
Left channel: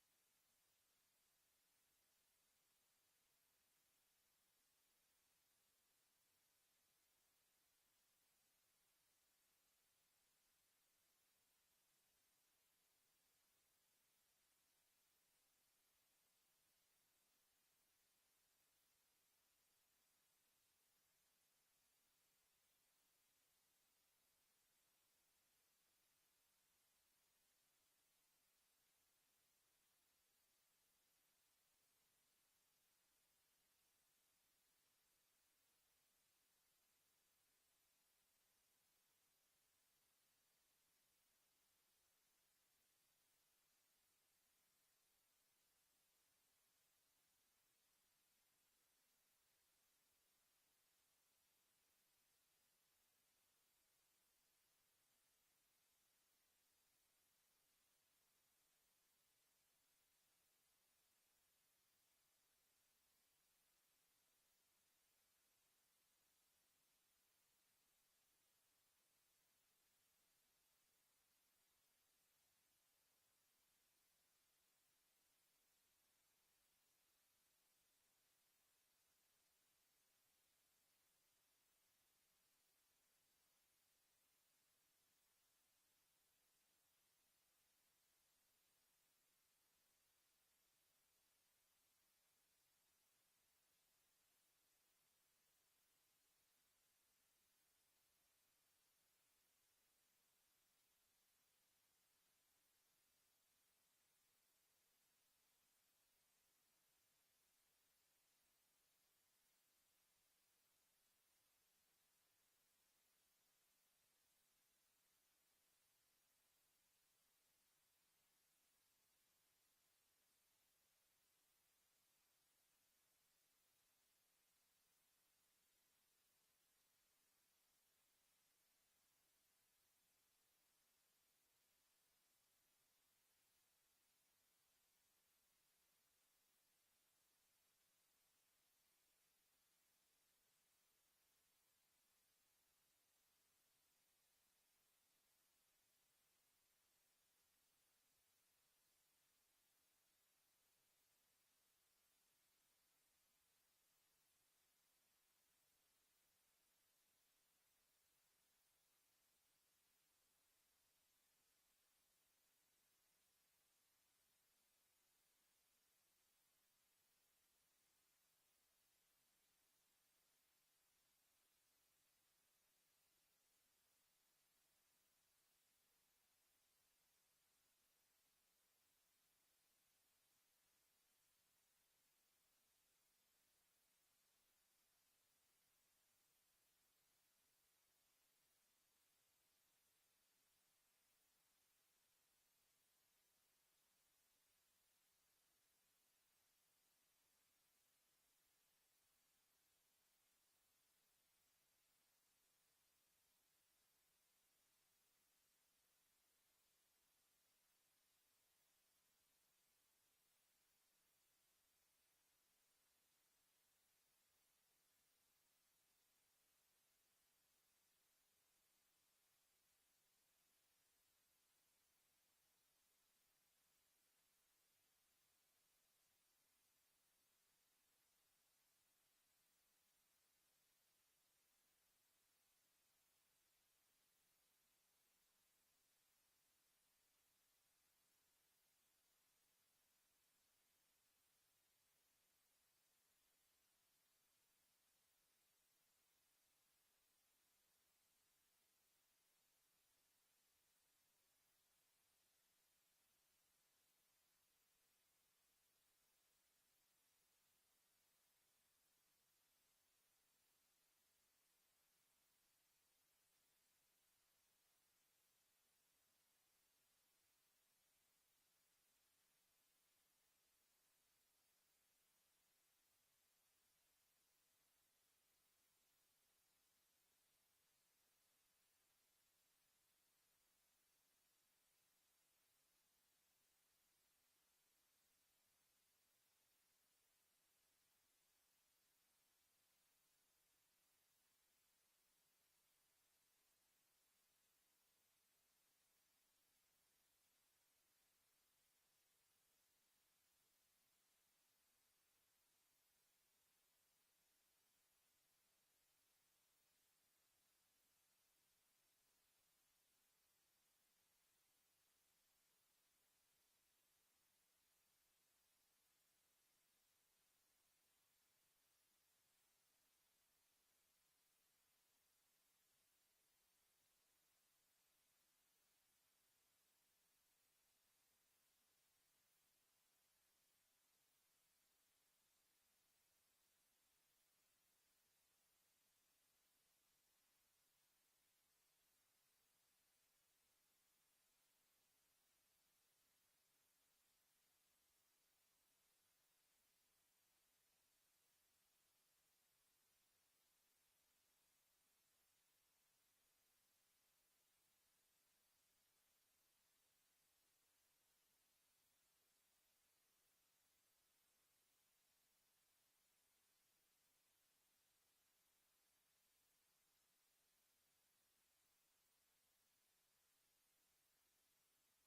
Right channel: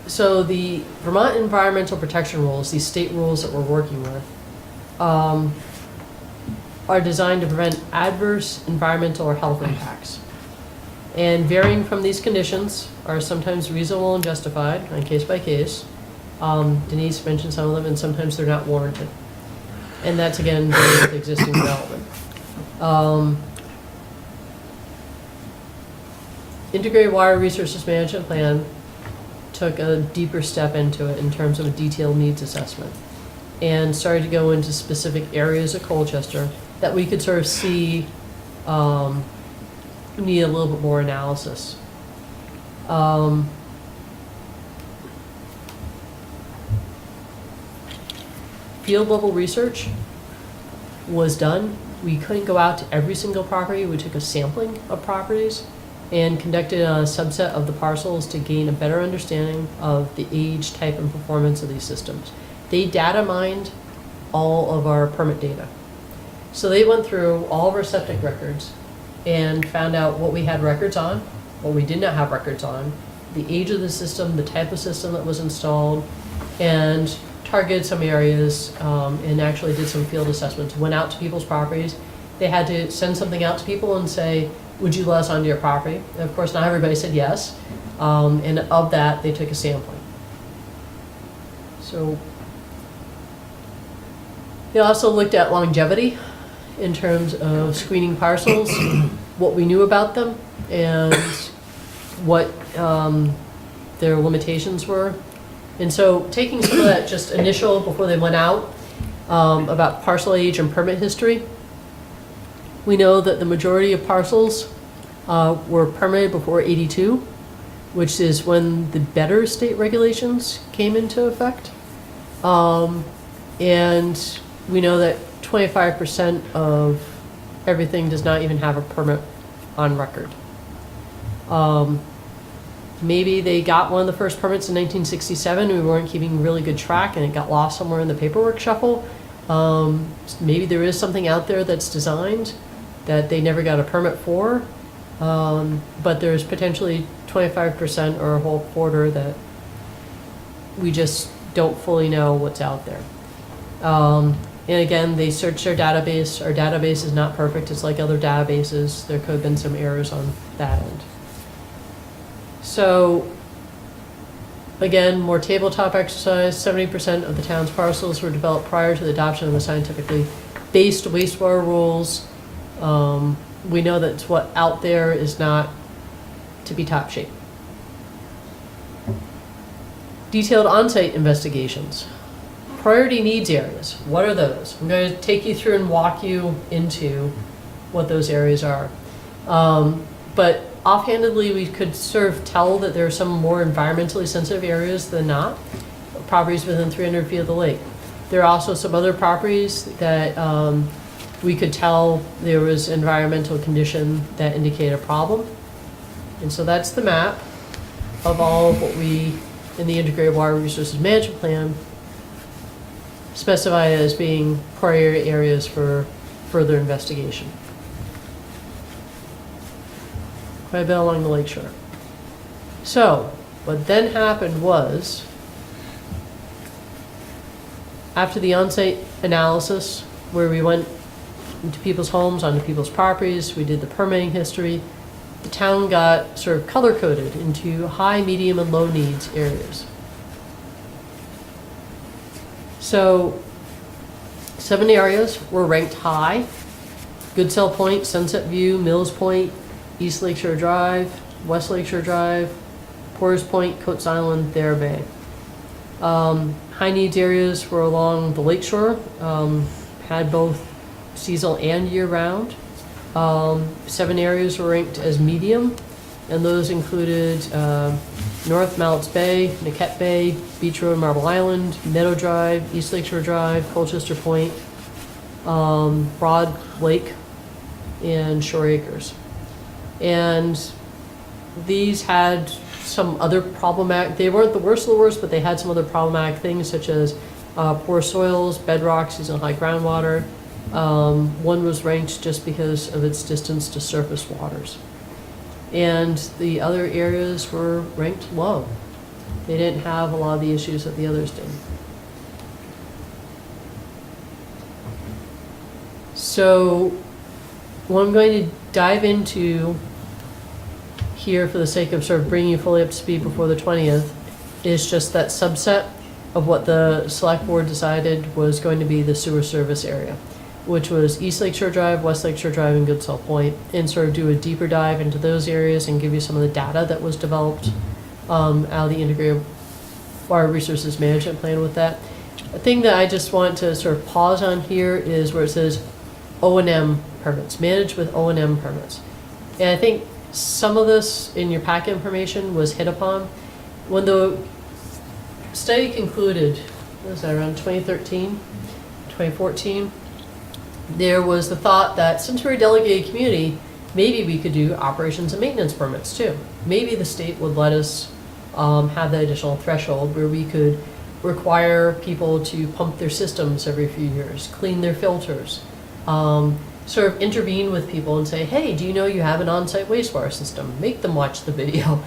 So the Vermont Environmental Protection Rules, these state rules that we're working with, are designed to prevent adverse environmental or health impacts. And varying from these conditions are sometimes reasonable and justified on case by case. Denise mentioned some of them, and sometimes they're not warranted. And that's again dealing with existing development. Integrated Water Resources Management Plan took a deeper step into it in terms of a detailed needs assessment, and started to go into specific areas of Colchester that we could sort of see need a little bit more analysis. Field level research was done. We couldn't go out to every single property. We took a sampling of properties and conducted a subset of the parcels to gain a better understanding of the age, type, and performance of these systems. They data mined all of our permit data. So they went through all of our septic records and found out what we had records on, what we did not have records on, the age of the system, the type of system that was installed, and targeted some areas, and actually did some field assessments. Went out to people's properties. They had to send something out to people and say, would you let us onto your property? And of course, not everybody said yes. And of that, they took a sampling. So they also looked at longevity in terms of screening parcels, what we knew about them, and what their limitations were. And so taking some of that just initial, before they went out, about parcel age and permit history, we know that the majority of parcels were permitted before '82, which is when the better state regulations came into effect. And we know that 25% of everything does not even have a permit on record. Maybe they got one of the first permits in 1967, and we weren't keeping really good track, and it got lost somewhere in the paperwork shuffle. Maybe there is something out there that's designed that they never got a permit for, but there's potentially 25% or a whole quarter that we just don't fully know what's out there. And again, they searched our database. Our database is not perfect. It's like other databases. There could have been some errors on that end. So again, more tabletop exercise, 70% of the town's parcels were developed prior to the adoption of the scientifically based wastewater rules. We know that what out there is not to be top shape. Detailed on-site investigations. Priority needs areas, what are those? I'm going to take you through and walk you into what those areas are. But offhandedly, we could sort of tell that there are some more environmentally sensitive areas than not, properties within 300 feet of the lake. There are also some other properties that we could tell there was environmental condition that indicate a problem. And so that's the map of all of what we, in the Integrated Water Resources Management Plan, specify as being priority areas for further investigation. Quite a bit along the lakeshore. So, what then happened was, after the on-site analysis, where we went into people's homes, onto people's properties, we did the permitting history, the town got sort of color-coded into high, medium, and low needs areas. So, 7 areas were ranked high: Goodsell Point, Sunset View, Mills Point, East Lakeshore Drive, West Lakeshore Drive, Porter's Point, Coates Island, Thayer Bay. High needs areas were along the lakeshore, had both seasonal and year-round. 7 areas were ranked as medium, and those included North Mallett's Bay, Niquette Bay, Beach Road, Marble Island, Meadow Drive, East Lakeshore Drive, Colchester Point, Broad Lake, and Shore Acres. And these had some other problematic, they weren't the worst of the worst, but they had some other problematic things such as poor soils, bedrock, seasonal high groundwater. One was ranked just because of its distance to surface waters. And the other areas were ranked low. They didn't have a lot of the issues that the others did. So what I'm going to dive into here, for the sake of sort of bringing you fully up to speed before the 20th, is just that subset of what the select board decided was going to be the sewer service area, which was East Lakeshore Drive, West Lakeshore Drive, and Goodsell Point, and sort of do a deeper dive into those areas and give you some of the data that was developed out of the Integrated Water Resources Management Plan with that. A thing that I just want to sort of pause on here is where it says O&M permits, managed with O&M permits. And I think some of this in your packet information was hit upon. When the study concluded, what was that, around 2013, 2014, there was the thought that since we're a delegated community, maybe we could do operations and maintenance permits too. Maybe the state would let us have that additional threshold where we could require people to pump their systems every few years, clean their filters, sort of intervene with people and say, hey, do you know you have an on-site wastewater system? Make them watch the video.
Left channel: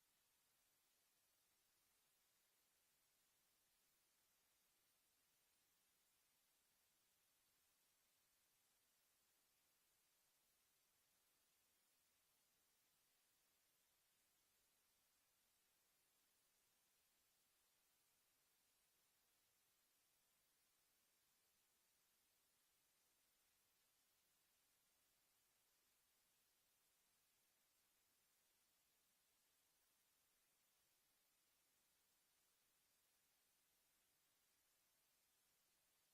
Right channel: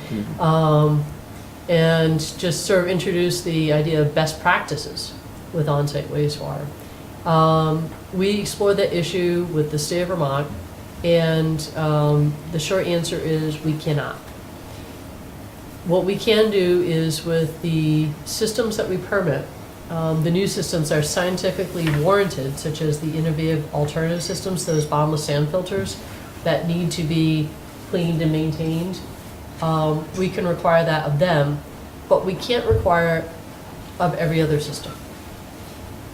And just sort of introduce the idea of best practices with on-site wastewater. We explored that issue with the state of Vermont, and the short answer is we cannot. What we can do is with the systems that we permit, the new systems are scientifically warranted, such as the innovative alternative systems, those bottomless sand filters that need to be cleaned and maintained. We can require that of them, but we can't require it of every other system.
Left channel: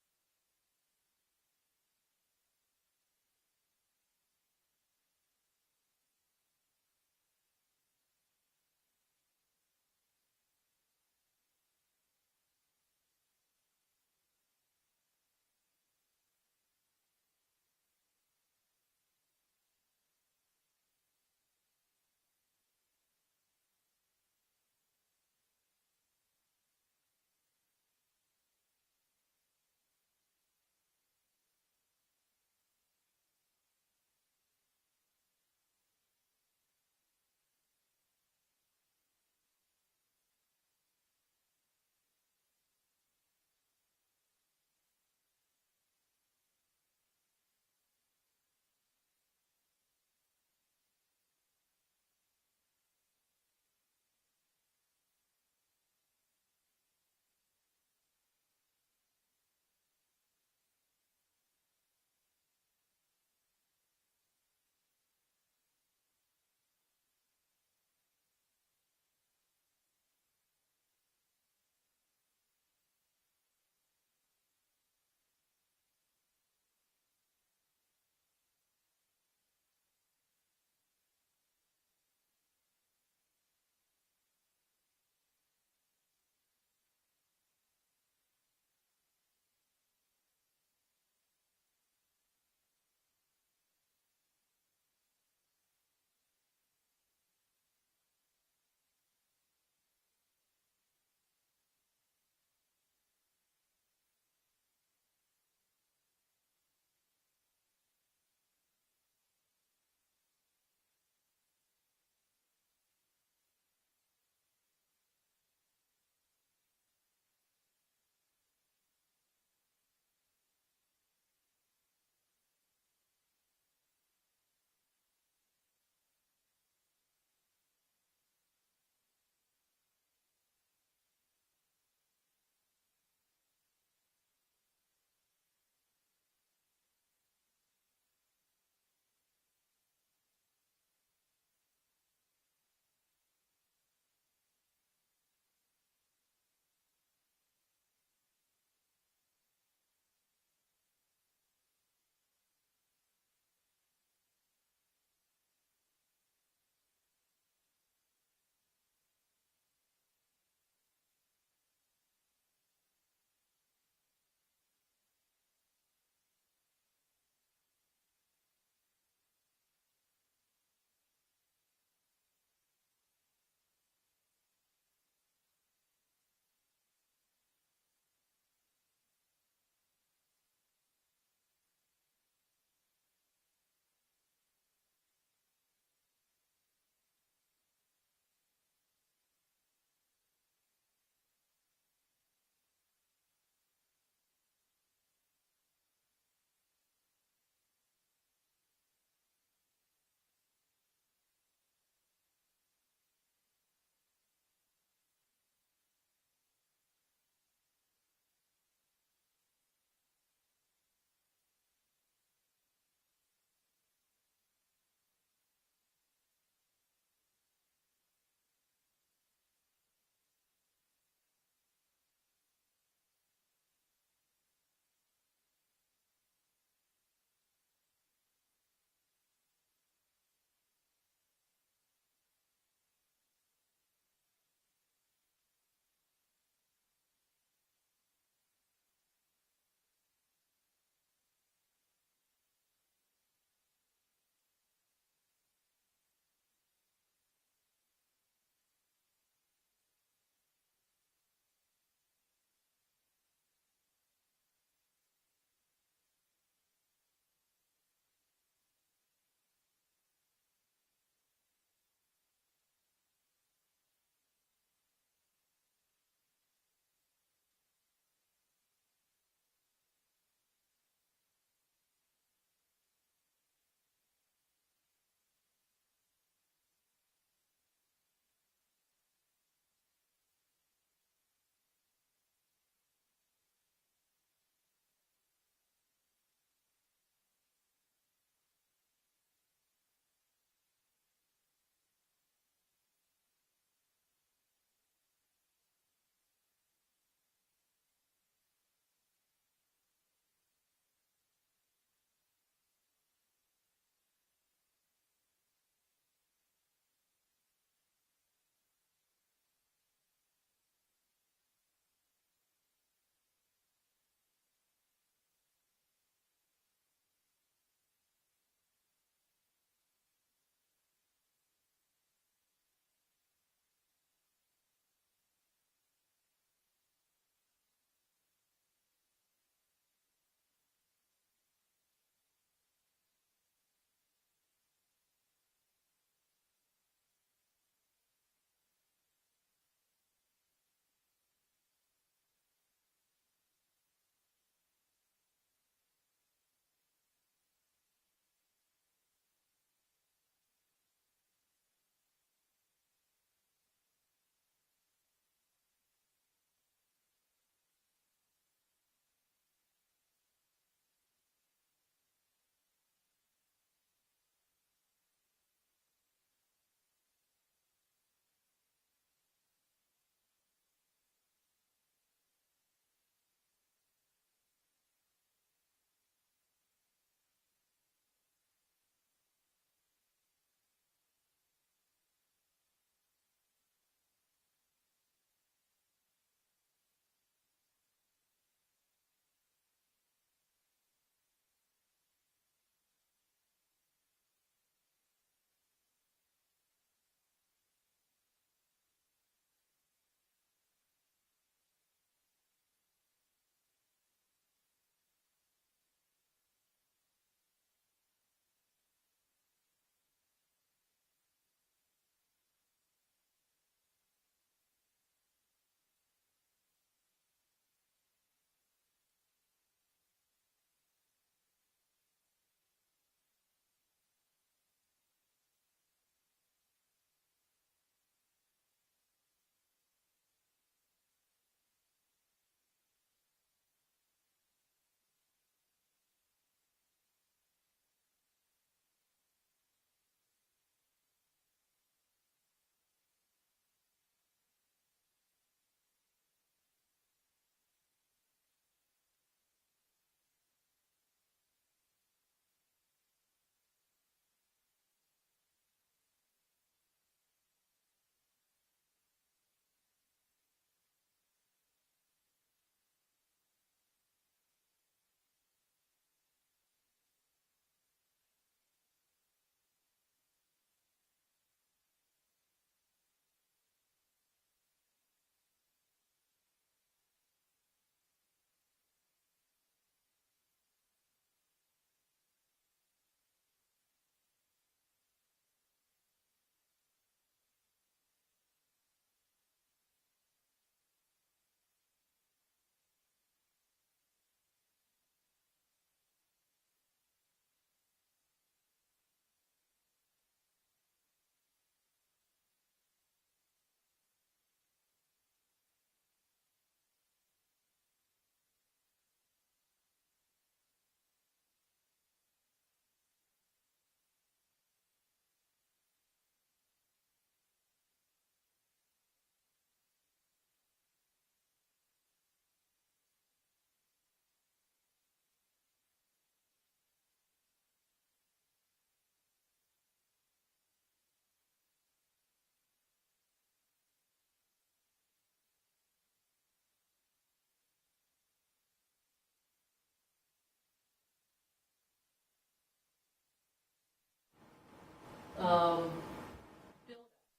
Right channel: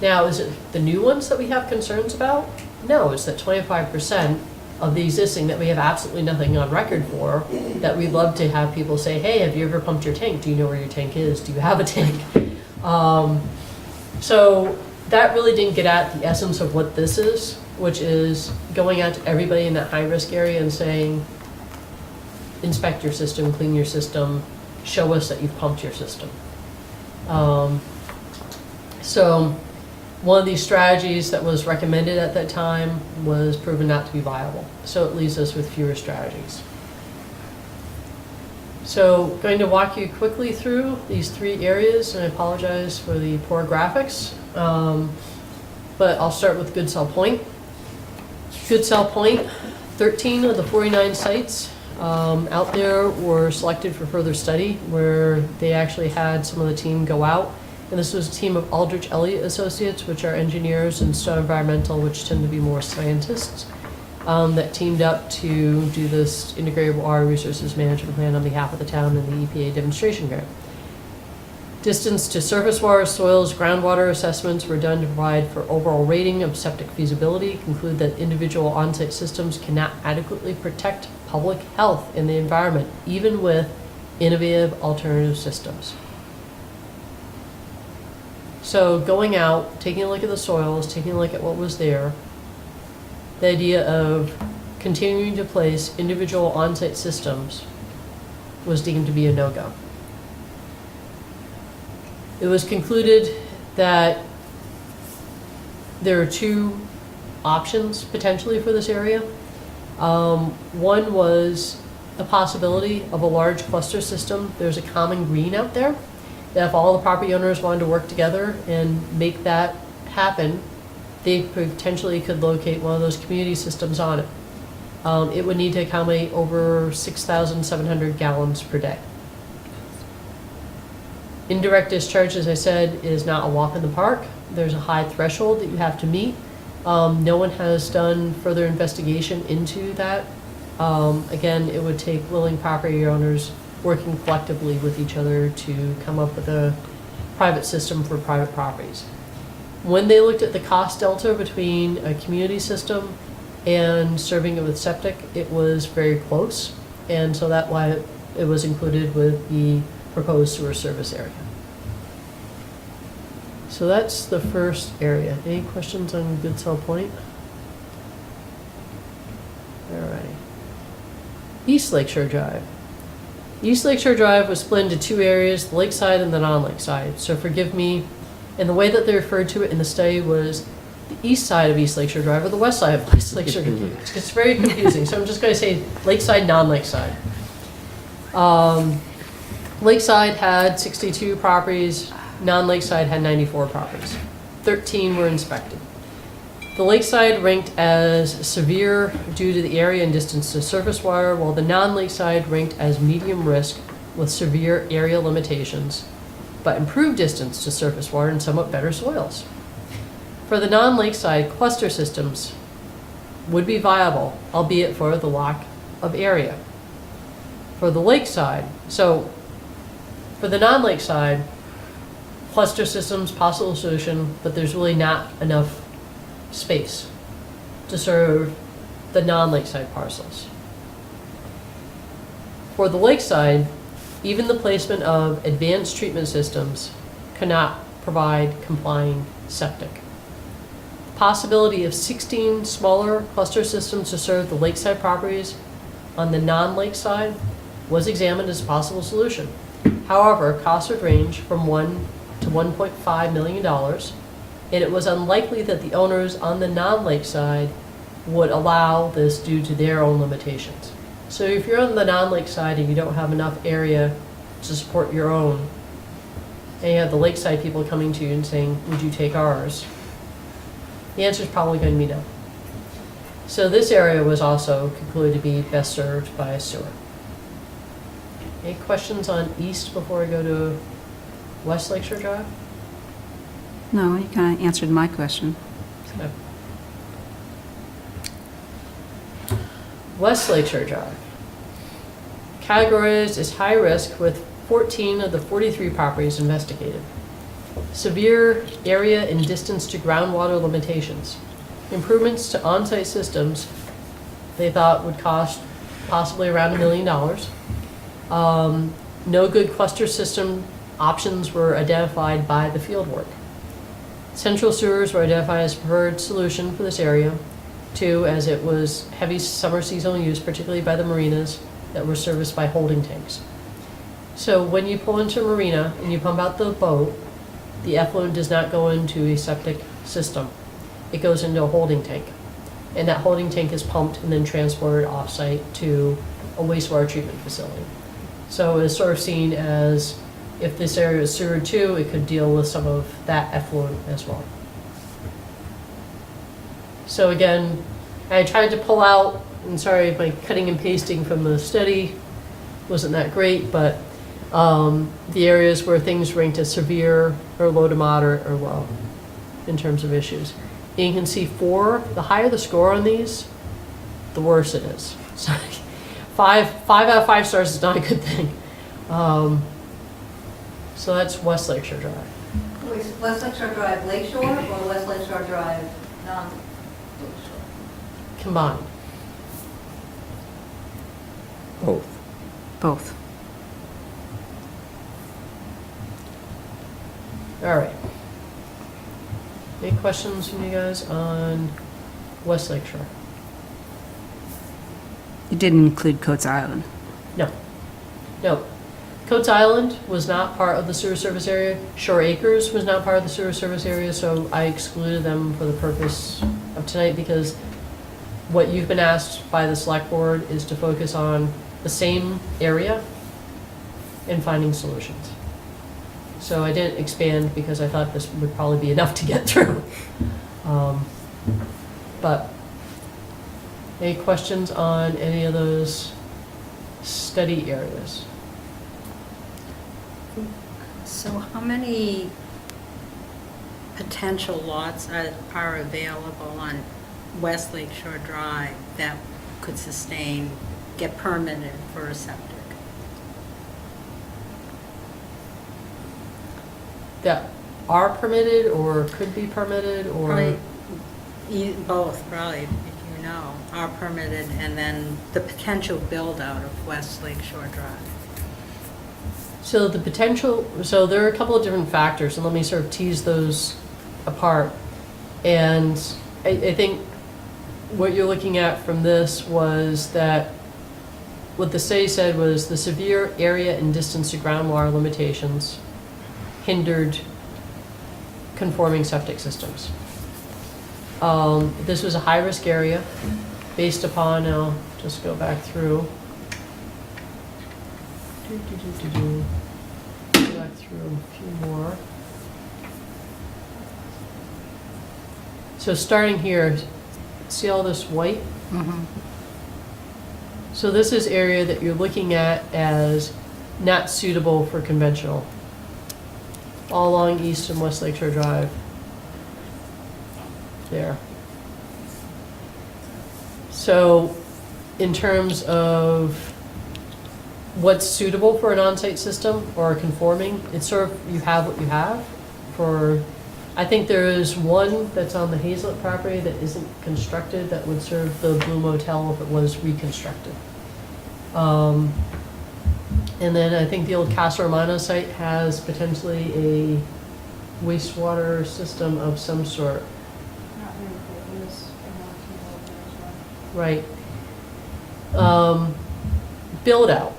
Now, is it the new ones that we have concerns about? No, it's that 25% of the existing that we have absolutely nothing on record for, that we'd love to have people say, hey, have you ever pumped your tank? Do you know where your tank is? Do you have a tank? So that really didn't get at the essence of what this is, which is going out to everybody in that high-risk area and saying, inspect your system, clean your system, show us that you've pumped your system. So one of these strategies that was recommended at that time was proven not to be viable. So it leaves us with fewer strategies. So going to walk you quickly through these 3 areas, and I apologize for the poor graphics. But I'll start with Goodsell Point. Goodsell Point, 13 of the 49 sites out there were selected for further study, where they actually had some of the team go out. And this was a team of Aldrich Elliott Associates, which are engineers, and Stone Environmental, which tend to be more scientists, that teamed up to do this integrated water resources management plan on behalf of the town and the EPA demonstration grant. Distance to surface water, soils, groundwater assessments were done to provide for overall rating of septic feasibility, conclude that individual on-site systems cannot adequately protect public health and the environment, even with innovative alternative systems. So going out, taking a look at the soils, taking a look at what was there, the idea of continuing to place individual on-site systems was deemed to be a no-go. It was concluded that there are two options potentially for this area. One was the possibility of a large cluster system. There's a common green out there, that if all the property owners wanted to work together and make that happen, they potentially could locate one of those community systems on it. It would need to accommodate over 6,700 gallons per day. Indirect discharge, as I said, is not a walk in the park. There's a high threshold that you have to meet. No one has done further investigation into that. Again, it would take willing property owners working collectively with each other to come up with a private system for private properties. When they looked at the cost delta between a community system and serving it with septic, it was very close. And so that's why it was included with the proposed sewer service area. So that's the first area. Any questions on Goodsell Point? All right. East Lakeshore Drive. East Lakeshore Drive was split into two areas, the lakeside and the non-lakeside. So forgive me, and the way that they referred to it in the study was the east side of East Lakeshore Drive or the west side of East Lakeshore Drive. It's very confusing, so I'm just going to say lakeside, non-lakeside. Lakeside had 62 properties, non-lakeside had 94 properties. 13 were inspected. The lakeside ranked as severe due to the area and distance to surface water, while the non-lakeside ranked as medium risk with severe area limitations, but improved distance to surface water and somewhat better soils. For the non-lakeside, cluster systems would be viable, albeit for the lack of area. For the lakeside, so for the non-lakeside, cluster systems, possible solution, but there's really not enough space to serve the non-lakeside parcels. For the lakeside, even the placement of advanced treatment systems cannot provide complying septic. The possibility of 16 smaller cluster systems to serve the lakeside properties on the non-lakeside was examined as a possible solution. However, costs would range from $1 to $1.5 million, and it was unlikely that the owners on the non-lakeside would allow this due to their own limitations. So if you're on the non-lakeside and you don't have enough area to support your own, and you have the lakeside people coming to you and saying, would you take ours? The answer is probably going to be no. So this area was also concluded to be best served by a sewer. Any questions on east before I go to West Lakeshore Drive? No, you kind of answered my question. Okay. West Lakeshore Drive. Categorized as high risk with 14 of the 43 properties investigated. Severe area and distance to groundwater limitations. Improvements to on-site systems they thought would cost possibly around $1 million. No good cluster system options were identified by the fieldwork. Central sewers were identified as preferred solution for this area. 2, as it was heavy summer seasonal use, particularly by the marinas that were serviced by holding tanks. So when you pull into a marina and you pump out the boat, the effluent does not go into a septic system. It goes into a holding tank. And that holding tank is pumped and then transported off-site to a wastewater treatment facility. So it's sort of seen as, if this area is sewered too, it could deal with some of that effluent as well. So again, I tried to pull out and sorry if my cutting and pasting from the study wasn't that great, but the areas where things ranked as severe or low to moderate or low in terms of issues. And you can see 4, the higher the score on these, the worse it is. So 5 out of 5 stars is not a good thing. So that's West Lakeshore Drive. Wait, West Lakeshore Drive Lakeshore or West Lakeshore Drive non-Lakeshore? Combined. Both. Both. All right. Any questions from you guys on West Lakeshore? You didn't include Coates Island. No. Coates Island was not part of the sewer service area. Shore Acres was not part of the sewer service area, so I excluded them for the purpose of tonight because what you've been asked by the select board is to focus on the same area and finding solutions. So I didn't expand because I thought this would probably be enough to get through. But any questions on any of those study areas? So how many potential lots are available on West Lake Shore Drive that could sustain, get permitted for a septic? That are permitted or could be permitted or? Probably both, probably, if you know, are permitted, and then the potential build-out of West Lake Shore Drive. So the potential, so there are a couple of different factors, and let me sort of tease those apart. And I think what you're looking at from this was that what the study said was the severe area and distance to groundwater limitations hindered conforming septic systems. This was a high-risk area based upon, I'll just go back through. Go back through a few more. So starting here, see all this white? Mm-hmm. So this is area that you're looking at as not suitable for conventional. All along East and West Lakeshore Drive. There. So in terms of what's suitable for an on-site system or conforming, it's sort of, you have what you have. For, I think there is one that's on the Hazlet property that isn't constructed that would serve the Blue Motel if it was reconstructed. And then I think the old Casa Romano site has potentially a wastewater system of some sort. Not really, it was in the as well. Right. Build out.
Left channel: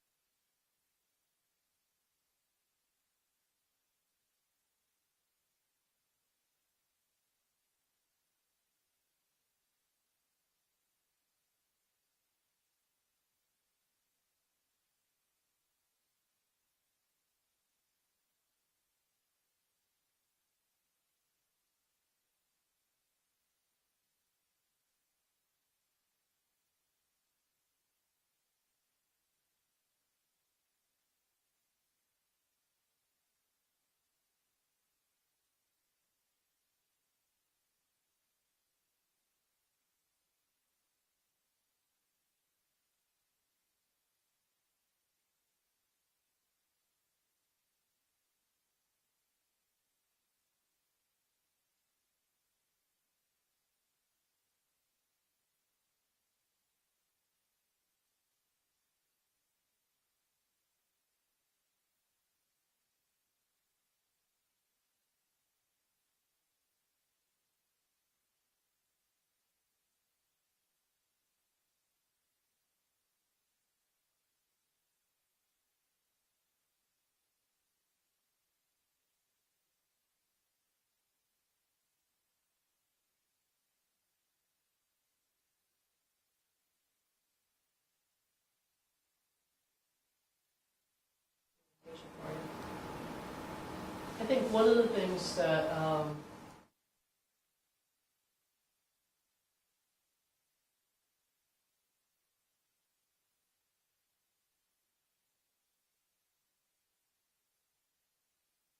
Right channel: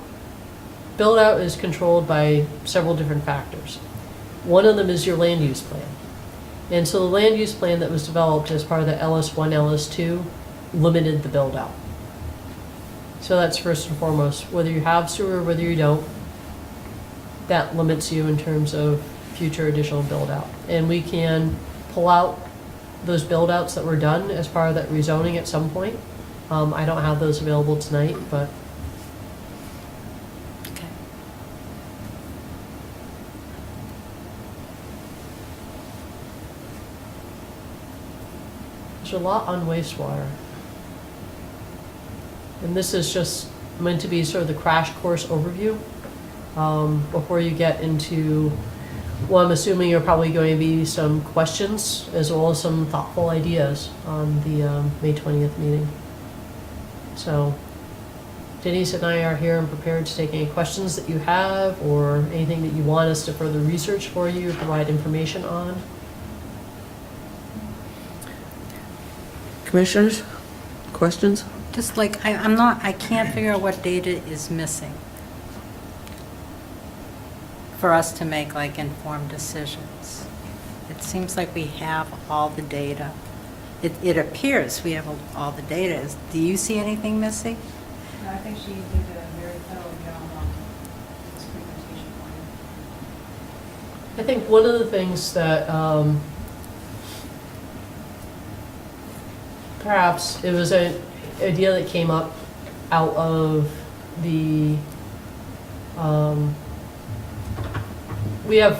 Build out is controlled by several different factors. One of them is your land use plan. And so the land use plan that was developed as part of the LS1, LS2 limited the build out. So that's first and foremost, whether you have sewer, whether you don't, that limits you in terms of future additional build out. And we can pull out those build outs that were done as part of that rezoning at some point. I don't have those available tonight, but Okay. there's a lot on wastewater. And this is just meant to be sort of the crash course overview before you get into, well, I'm assuming are probably going to be some questions as well as some thoughtful ideas on the May 20th meeting. So Denise and I are here and prepared to take any questions that you have or anything that you want us to further research for you, provide information on. Commissioners, questions? Just like, I can't figure out what data is missing for us to make like informed decisions. It seems like we have all the data. It appears we have all the data. Do you see anything missing? No, I think she did a very thorough job on this presentation for you. I think one of the things that perhaps it was idea that came up out of the,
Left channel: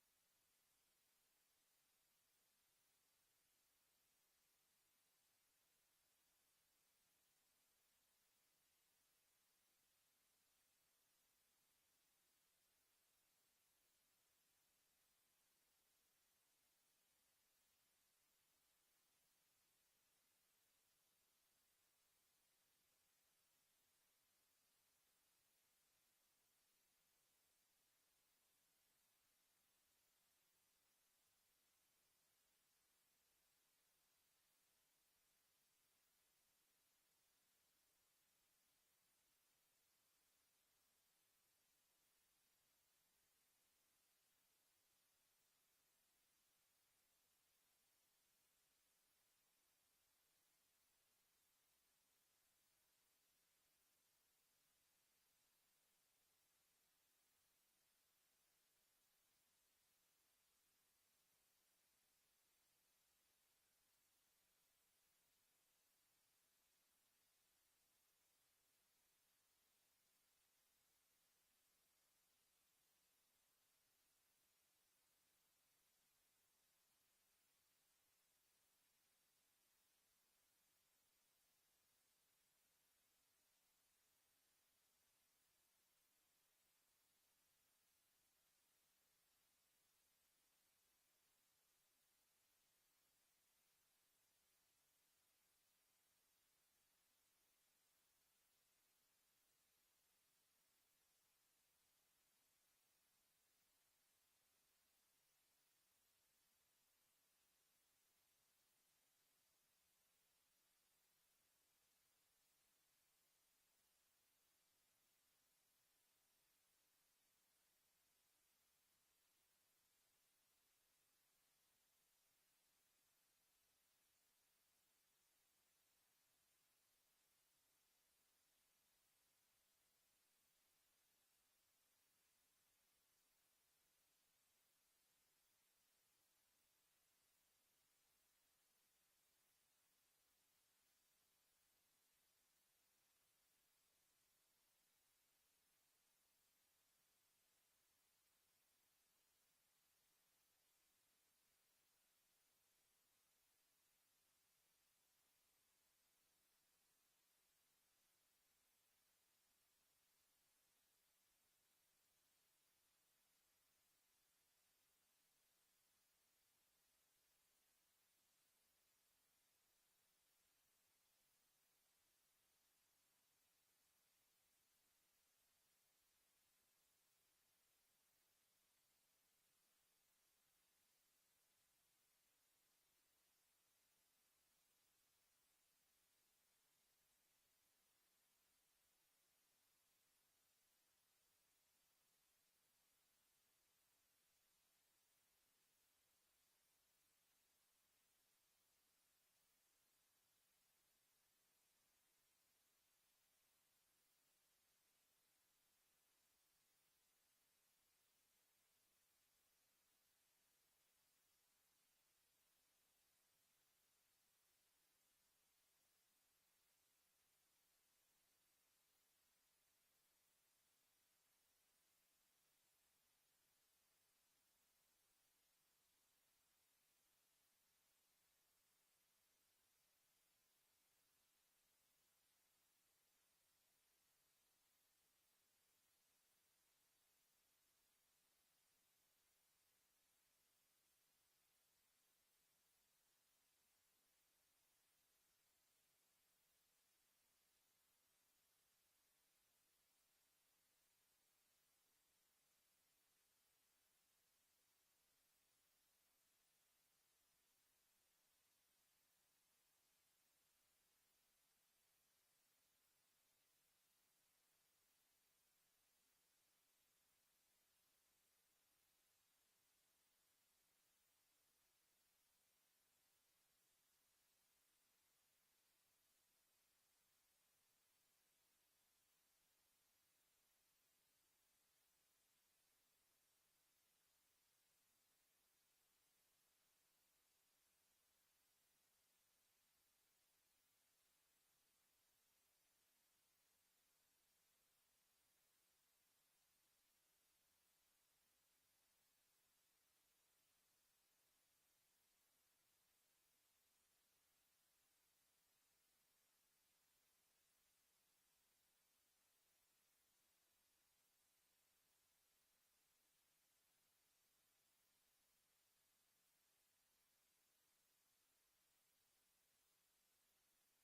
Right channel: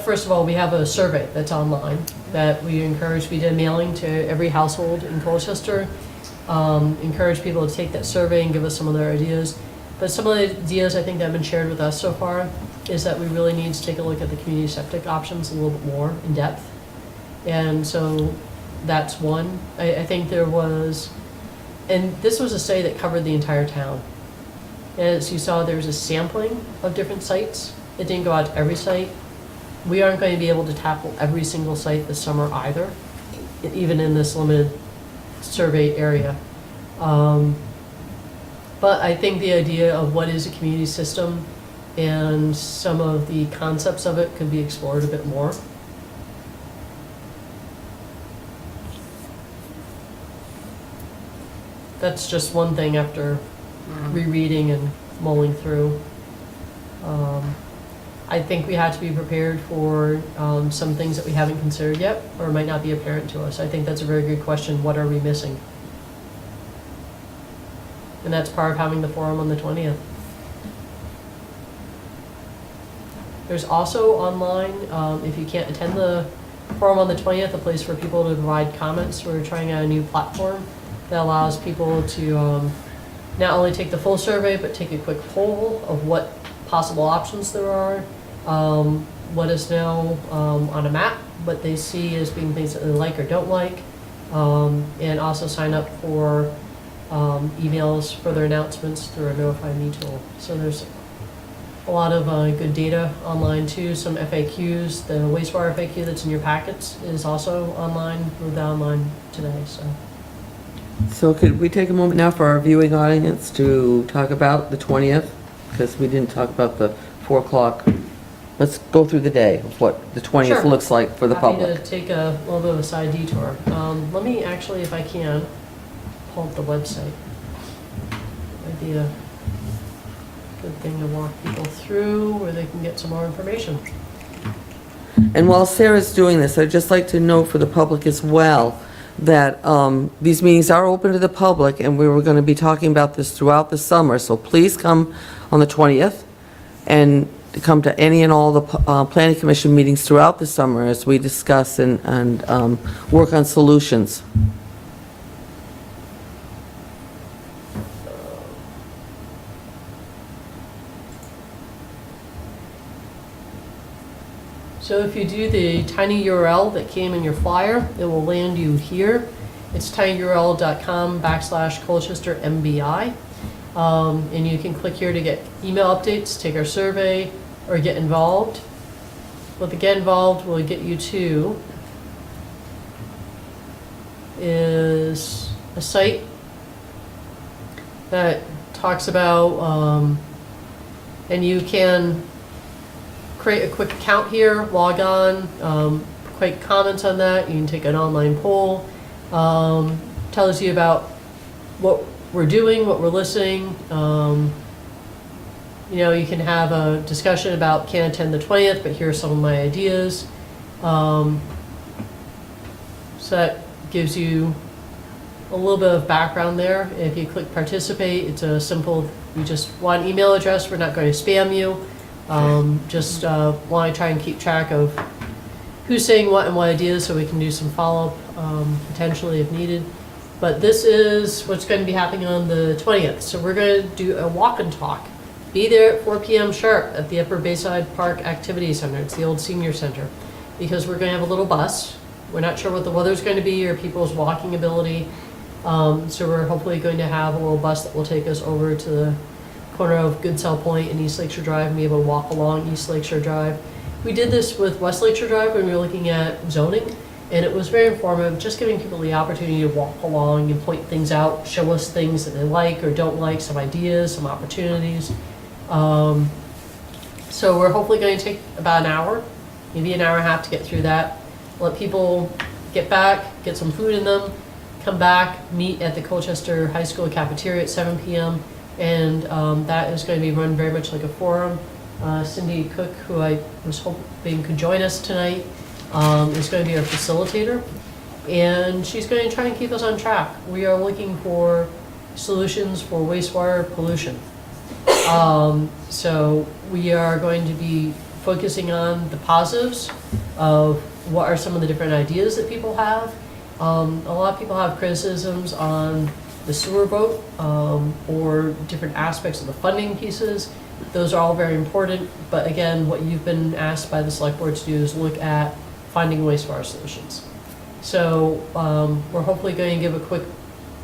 first of all, we have a survey that's online that we encourage, we did mailing to every household in Colchester. Encourage people to take that survey and give us some of their ideas. But some of the ideas I think that have been shared with us so far is that we really need to take a look at the community septic options a little bit more in depth. And so that's one. I think there was, and this was a study that covered the entire town. As you saw, there was a sampling of different sites. It didn't go out to every site. We aren't going to be able to tackle every single site this summer either, even in this limited survey area. But I think the idea of what is a community system and some of the concepts of it could be explored a bit more. That's just one thing after rereading and mulling through. I think we had to be prepared for some things that we haven't considered yet or might not be apparent to us. I think that's a very good question. What are we missing? And that's part of having the forum on the 20th. There's also online, if you can't attend the forum on the 20th, a place for people to provide comments. We're trying out a new platform that allows people to not only take the full survey, but take a quick poll of what possible options there are, what is now on a map, what they see as being things that they like or don't like, and also sign up for emails, further announcements through our Notify Me tool. So there's a lot of good data online too, some FAQs. The wastewater FAQ that's in your packets is also online, moved online today, so. So could we take a moment now for our viewing audience to talk about the 20th? Because we didn't talk about the 4 o'clock. Let's go through the day of what the 20th Sure. looks like for the public. Happy to take a little bit of a side detour. Let me actually, if I can, pull up the website. Might be a good thing to walk people through where they can get some more information. And while Sarah's doing this, I'd just like to note for the public as well that these meetings are open to the public, and we were going to be talking about this throughout the summer. So please come on the 20th and come to any and all the Planning Commission meetings throughout the summer as we discuss and work on solutions. So if you do the tiny URL that came in your flyer, it will land you here. It's tinyurl.com/Colchester MBI. And you can click here to get email updates, take our survey, or get involved. What the get involved will get you to is a site that talks about, and you can create a quick account here, log on, quick comments on that. You can take an online poll. Tells you about what we're doing, what we're listening. You know, you can have a discussion about can't attend the 20th, but here are some of my ideas. So that gives you a little bit of background there. If you click participate, it's a simple, you just want an email address. We're not going to spam you. Just want to try and keep track of who's saying what and what ideas so we can do some follow-up potentially if needed. But this is what's going to be happening on the 20th. So we're going to do a walk and talk. Be there at 4 p.m. sharp at the Upper Bayside Park Activity Center. It's the old senior center. Because we're going to have a little bus. We're not sure what the weather's going to be or people's walking ability. So we're hopefully going to have a little bus that will take us over to the corner of Goodsell Point and East Lakeshore Drive and be able to walk along East Lakeshore Drive. We did this with West Lakeshore Drive when we were looking at zoning, and it was very informative, just giving people the opportunity to walk along and point things out, show us things that they like or don't like, some ideas, some opportunities. So we're hopefully going to take about an hour, maybe an hour and a half to get through that. Let people get back, get some food in them, come back, meet at the Colchester High School cafeteria at 7 p.m. And that is going to be run very much like a forum. Cindy Cook, who I was hoping could join us tonight, is going to be our facilitator. And she's going to try and keep us on track. We are looking for solutions for wastewater pollution. So we are going to be focusing on the positives of what are some of the different ideas that people have. A lot of people have criticisms on the sewer vote, or different aspects of the funding pieces. Those are all very important, but again, what you've been asked by the select board to do is look at finding wastewater solutions. So, we're hopefully going to give a quick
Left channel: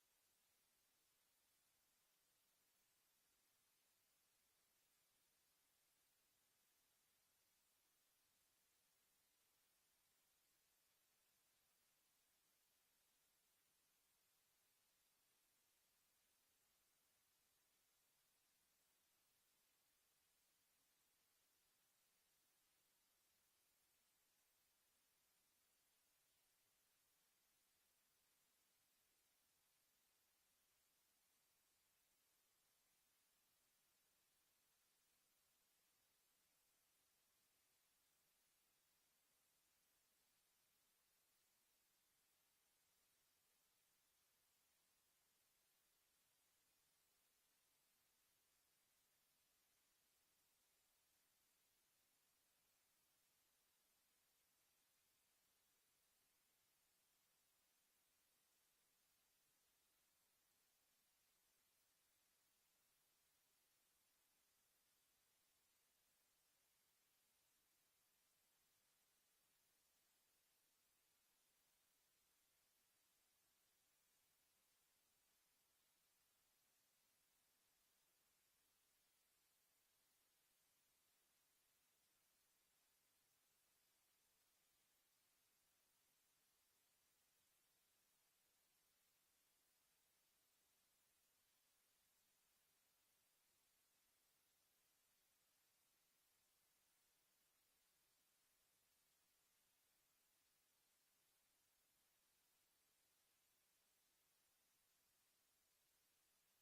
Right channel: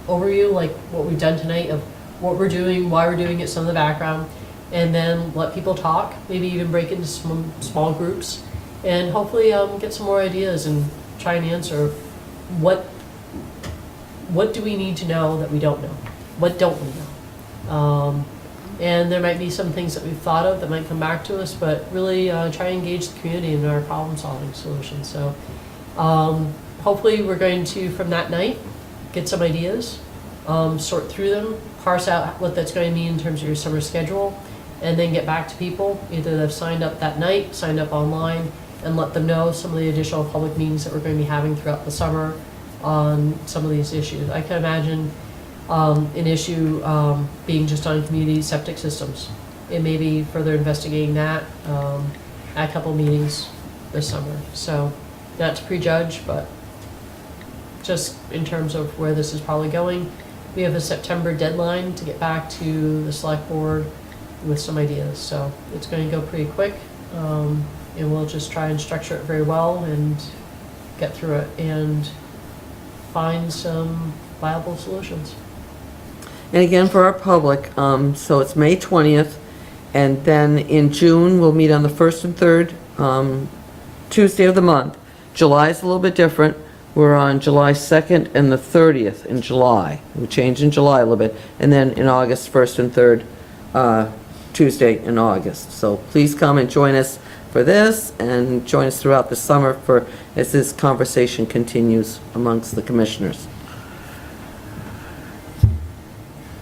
overview, like what we've done tonight, of what we're doing, why we're doing it, some of the background, and then let people talk, maybe even break into some small groups, and hopefully get some more ideas and try and answer what do we need to know that we don't know? What don't we know? And there might be some things that we've thought of that might come back to us, but really try and engage the community in our problem-solving solutions. So hopefully we're going to, from that night, get some ideas, sort through them, parse out what that's going to mean in terms of your summer schedule, and then get back to people, either they've signed up that night, signed up online, and let them know some of the additional public meetings that we're going to be having throughout the summer on some of these issues. I can imagine an issue being just on community septic systems. It may be further investigating that at a couple meetings this summer. So not to prejudge, but just in terms of where this is probably going. We have a September deadline to get back to the select board with some ideas. So it's going to go pretty quick, and we'll just try and structure it very well and get through it and find some viable solutions. And again, for our public, so it's May 20th, and then in June, we'll meet on the 1st and 3rd Tuesday of the month. July is a little bit different. We're on July 2nd and the 30th in July. We change in July a little bit. And then in August, 1st and 3rd Tuesday in August. So please come and join us for this, and join us throughout the summer as this conversation continues amongst the commissioners.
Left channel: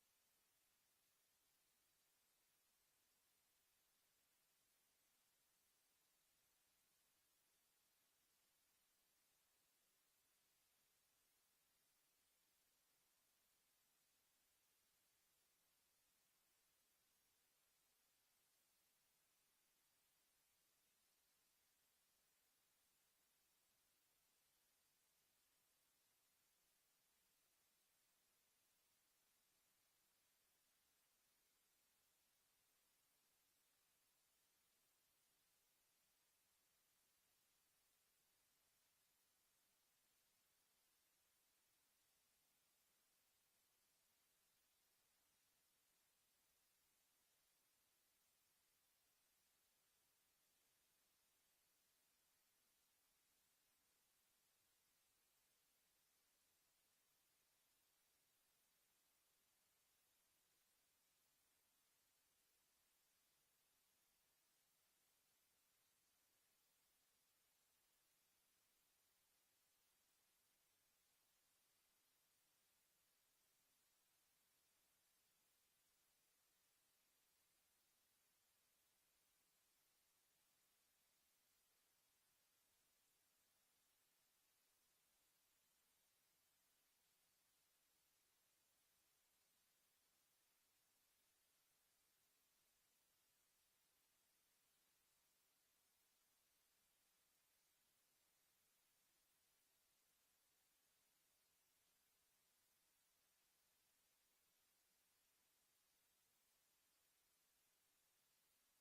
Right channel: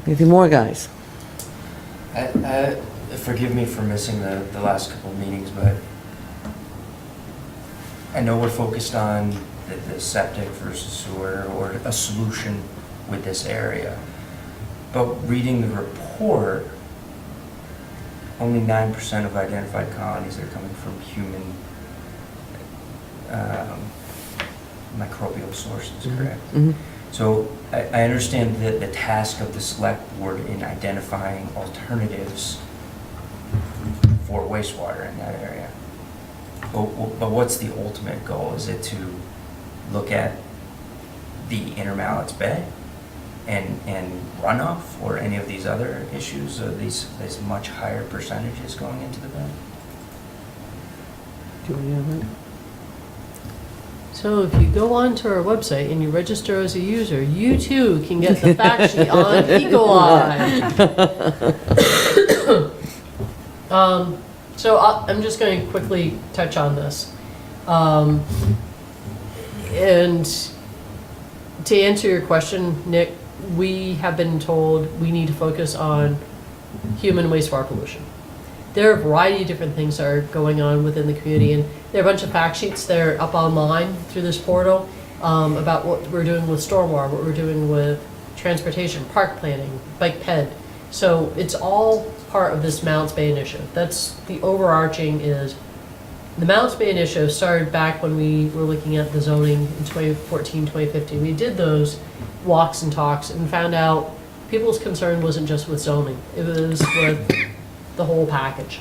Anything more, guys? Forgive me for missing the last couple of meetings, but I know we're focused on the septic versus sewer, or a solution with this area. But reading the report, only 9% of identified colonies are coming from human microbial sources, correct? Mm-hmm. So I understand the task of the select board in identifying alternatives for wastewater in that area. But what's the ultimate goal? Is it to look at the Inner Mallett's Bay and runoff, or any of these other issues, or these much higher percentages going into the bed? Do you have it? So if you go onto our website and you register as a user, you too can get the fact sheet on E. coli. So I'm just going to quickly touch on this. And to answer your question, Nick, we have been told we need to focus on human wastewater pollution. There are a variety of different things that are going on within the community, and there are a bunch of fact sheets that are up online through this portal about what we're doing with stormwater, what we're doing with transportation, park planning, bike ped. So it's all part of this Mounts Bay initiative. That's the overarching is the Mounts Bay initiative started back when we were looking at the zoning in 2014, 2015. We did those walks and talks and found out people's concern wasn't just with zoning. It was with the whole package.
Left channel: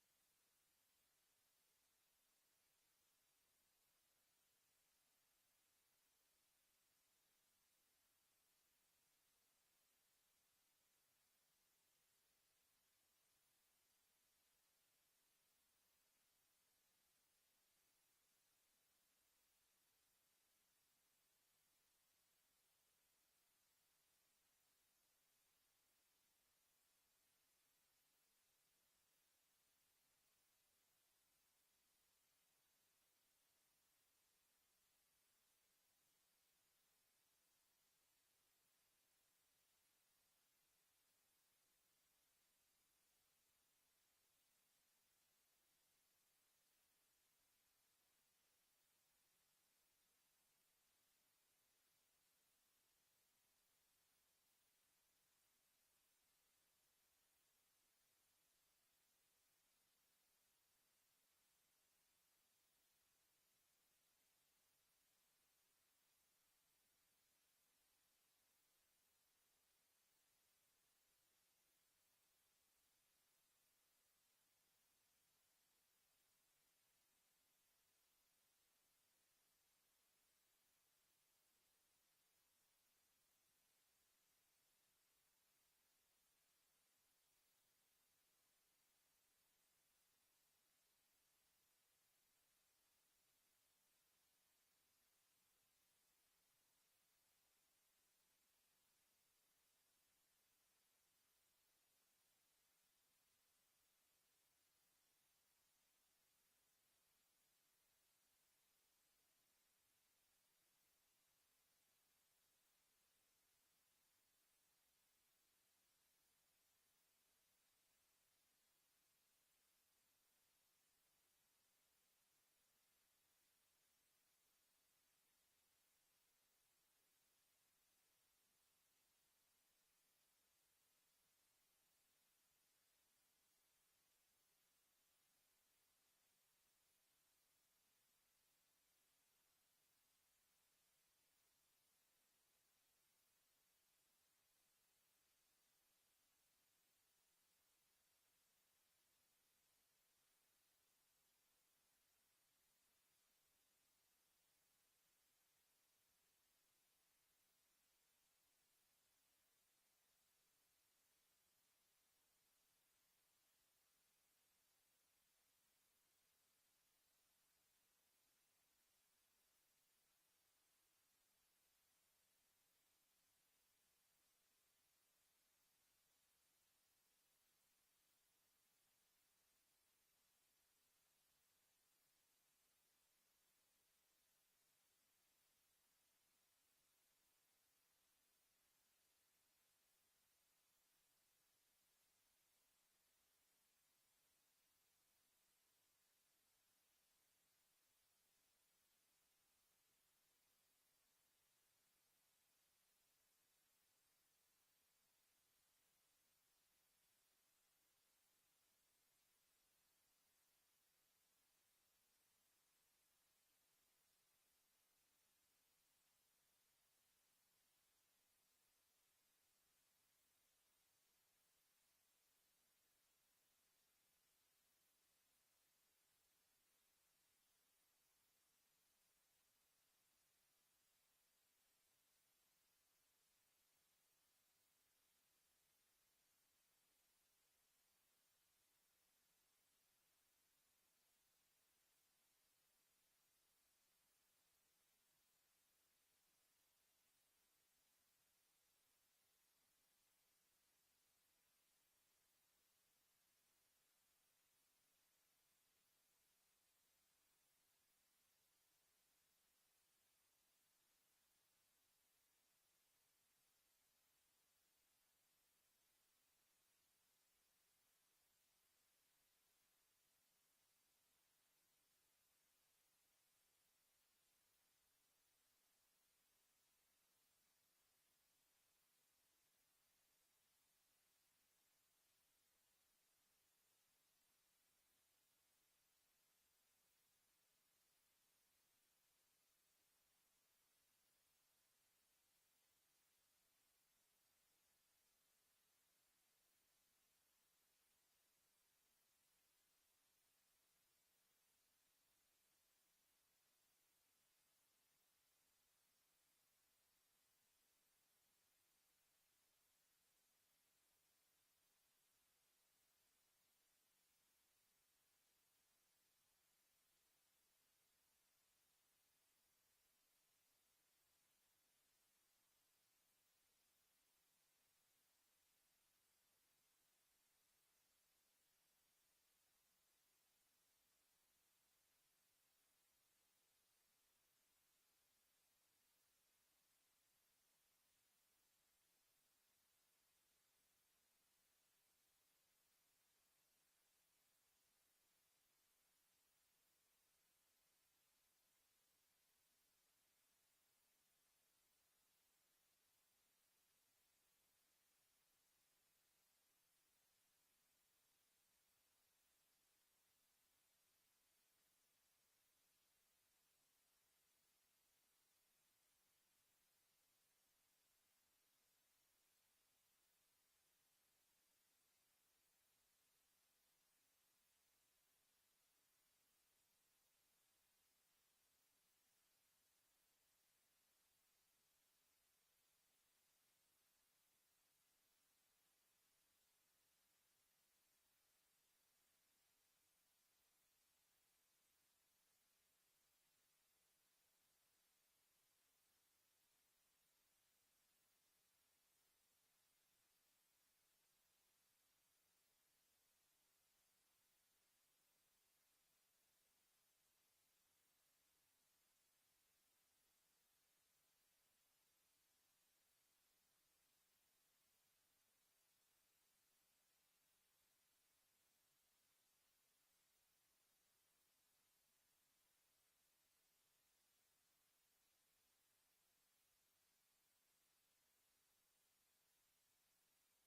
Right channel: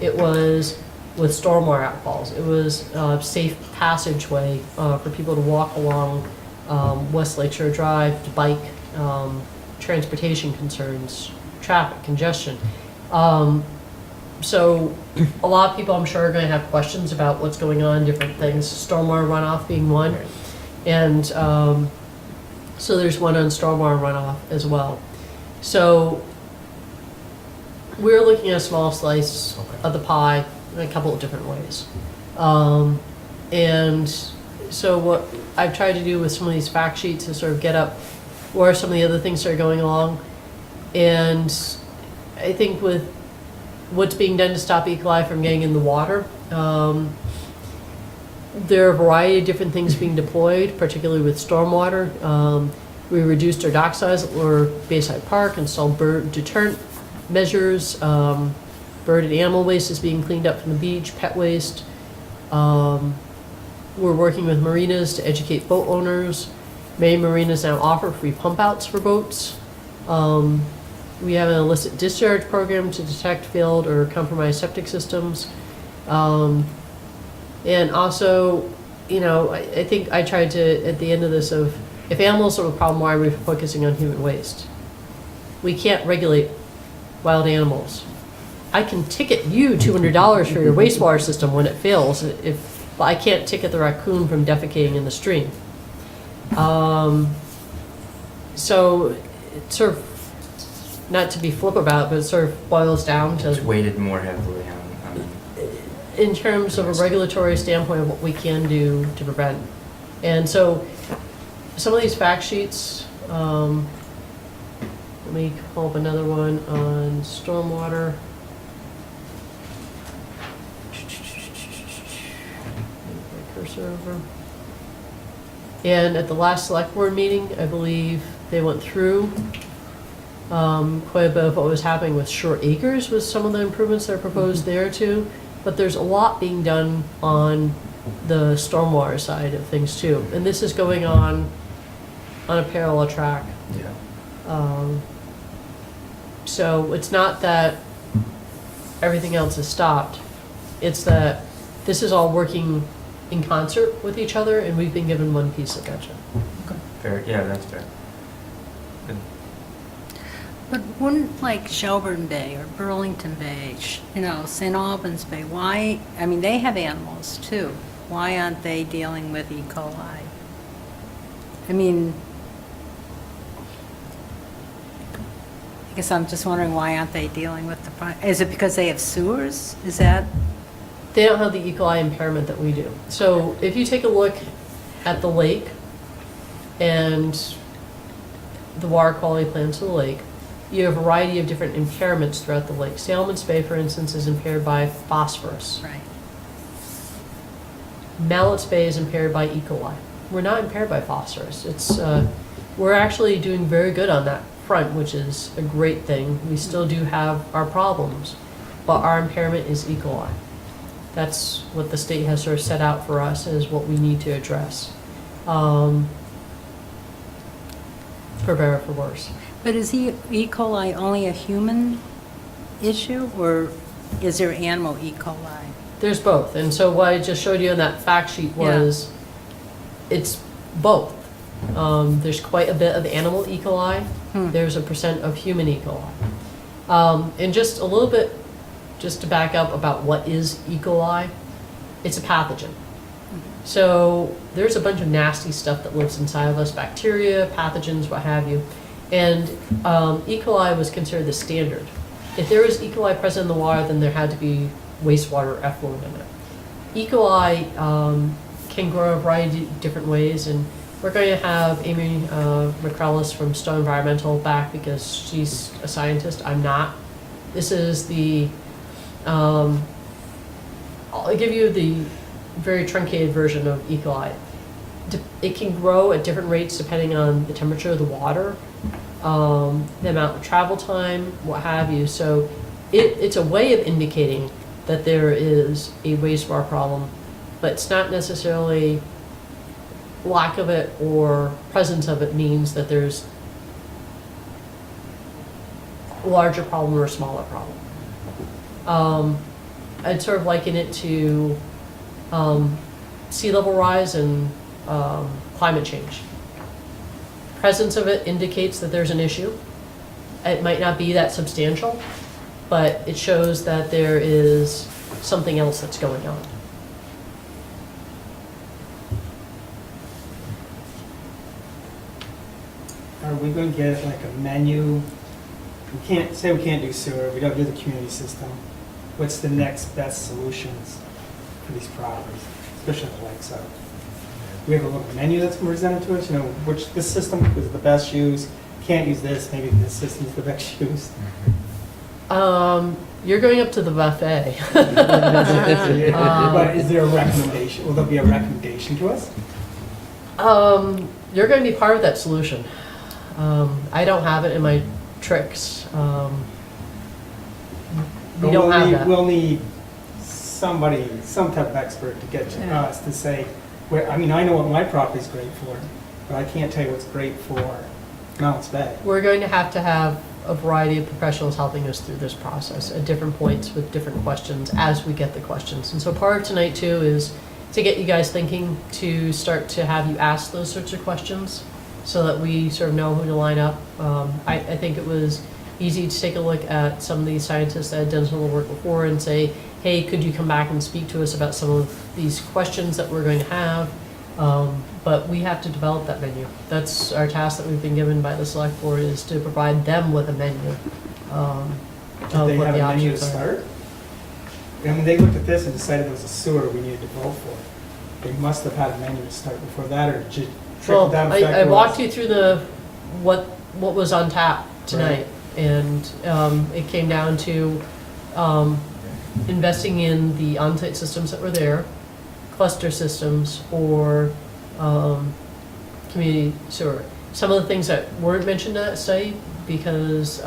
It was with stormwater outfalls. It was safe passageway for people to walk along West Lakeshore Drive, to bike, transportation concerns, traffic congestion. So a lot of people, I'm sure, are going to have questions about what's going on, different things, stormwater runoff being one. And so there's one on stormwater runoff as well. So we're looking at a small slice of the pie in a couple of different ways. And so what I've tried to do with some of these fact sheets is sort of get up where some of the other things are going along. And I think with what's being done to stop E. coli from getting in the water, there are a variety of different things being deployed, particularly with stormwater. We reduced our dock size or Bayside Park, installed bird deterrent measures. Bird and animal waste is being cleaned up from the beach, pet waste. We're working with marinas to educate boat owners. Many marinas now offer free pump outs for boats. We have an illicit discharge program to detect failed or compromised septic systems. And also, you know, I think I tried to, at the end of this, of if animals are a problem, why are we focusing on human waste? We can't regulate wild animals. I can ticket you $200 for your wastewater system when it fails, but I can't ticket the raccoon from defecating in the stream. So it's sort of, not to be flip about it, but it sort of boils down to, It's weighted more heavily on in terms of a regulatory standpoint of what we can do to prevent. And so some of these fact sheets, let me pull up another one on stormwater. My cursor over. And at the last select board meeting, I believe they went through quite a bit of what was happening with short acres with some of the improvements that are proposed there too. But there's a lot being done on the stormwater side of things too. And this is going on a parallel track. Yeah. So it's not that everything else is stopped. It's that this is all working in concert with each other, and we've been given one piece of gotcha. Fair, yeah, that's fair. Good. But wouldn't like Shelburne Bay or Burlington Bay, you know, St. Albans Bay, why, I mean, they have animals too. Why aren't they dealing with E. coli? I mean, I guess I'm just wondering why aren't they dealing with the, is it because they have sewers? Is that? They don't have the E. coli impairment that we do. So if you take a look at the lake and the water quality plans of the lake, you have a variety of different impairments throughout the lake. Salmons Bay, for instance, is impaired by phosphorus. Right. Mallett's Bay is impaired by E. coli. We're not impaired by phosphorus. It's we're actually doing very good on that front, which is a great thing. We still do have our problems, but our impairment is E. coli. That's what the state has sort of set out for us as what we need to address, for better or for worse. But is E. coli only a human issue, or is there animal E. coli? There's both, and so what I just showed you in that fact sheet was, it's both. There's quite a bit of animal E. coli. There's a % of human E. coli. And just a little bit, just to back up about what is E. coli, it's a pathogen. So there's a bunch of nasty stuff that lives inside of us, bacteria, pathogens, what have you. And E. coli was considered the standard. If there was E. coli present in the water, then there had to be wastewater effluent in it. E. coli can grow a variety of different ways, and we're going to have Amy McCrellis from Stone Environmental back because she's a scientist. I'm not. This is the, I'll give you the very truncated version of E. coli. It can grow at different rates depending on the temperature of the water, the amount of travel time, what have you. So it's a way of indicating that there is a wastewater problem, but it's not necessarily lack of it or presence of it means that there's a larger problem or a smaller problem. I'd sort of liken it to sea level rise and climate change. Presence of it indicates that there's an issue. It might not be that substantial, but it shows that there is something else that's going on. Are we going to get like a menu? We can't do sewer, we don't do the community system. What's the next best solutions for these properties, especially on the lakeside? We have a little menu that's presented to us, you know, which this system is the best use, can't use this, maybe this system's the best use. You're going up to the buffet. But is there a recommendation, will there be a recommendation to us? You're going to be part of that solution. I don't have it in my tricks. We But don't have that. We'll need somebody, some type of expert to get to Yeah. us to say, I mean, I know what my property's great for, but I can't tell you what's great for Mounts Bay. We're going to have a variety of professionals helping us through this process at different points with different questions as we get the questions. And so part of tonight too is to get you guys thinking, to start to have you ask those sorts of questions so that we sort of know who to line up. I think it was easy to take a look at some of these scientists that had done some of the work before and say, hey, could you come back and speak to us about some of these questions that we're going to have? But we have to develop that menu. That's our task that we've been given by the select board, is to provide them with a menu. Did Of they what have the a menu to options are. start? I mean, they looked at this and decided there was a sewer we needed to vote for. They must have had a menu to start before that, or just trickle Well, down effect I walked was- you through what was on tap tonight. And it came down to investing in the on-site systems that were there, cluster systems, or community sewer. Some of the things that weren't mentioned in that study because,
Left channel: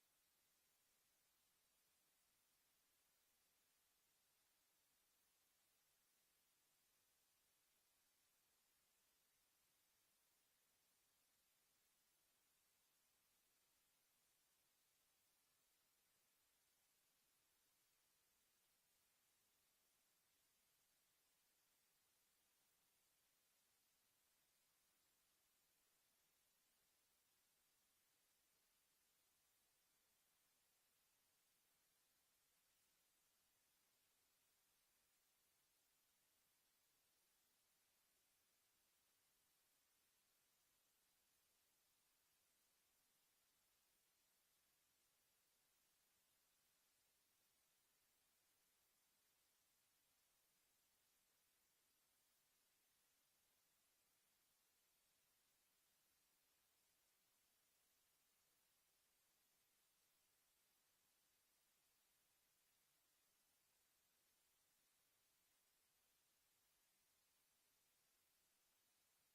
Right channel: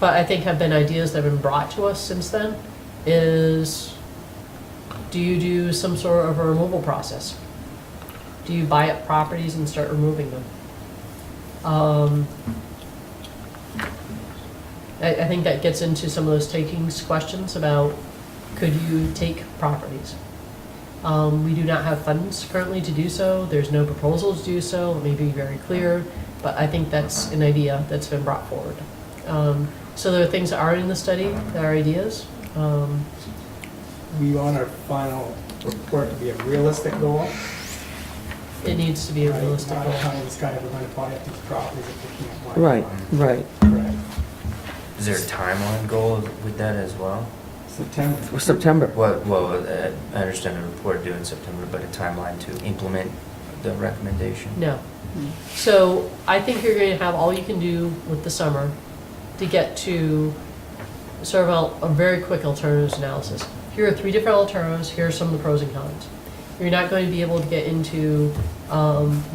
but I think have been ideas that have been brought to us since then, is do you do some sort of a removal process? Do you buy up properties and start removing them? I think that gets into some of those takings questions about, could you take properties? We do not have funds currently to do so. There's no proposal to do so. Let me be very clear, but I think that's an idea that's been brought forward. So there are things that are in the study, that are ideas. We want our final report to be a realistic goal. It needs to be a realistic Not goal. telling this guy we're going to buy up these properties if we can't buy Right, them. right. Correct. Is there a timeline goal with that as well? September. September. Well, I understand the report due in September, but a timeline to implement the recommendation? No. So I think you're going to have all you can do with the summer to get to sort of a very quick alternatives analysis. Here are 3 different alternatives, here are some of the pros and cons. You're not going to be able to get into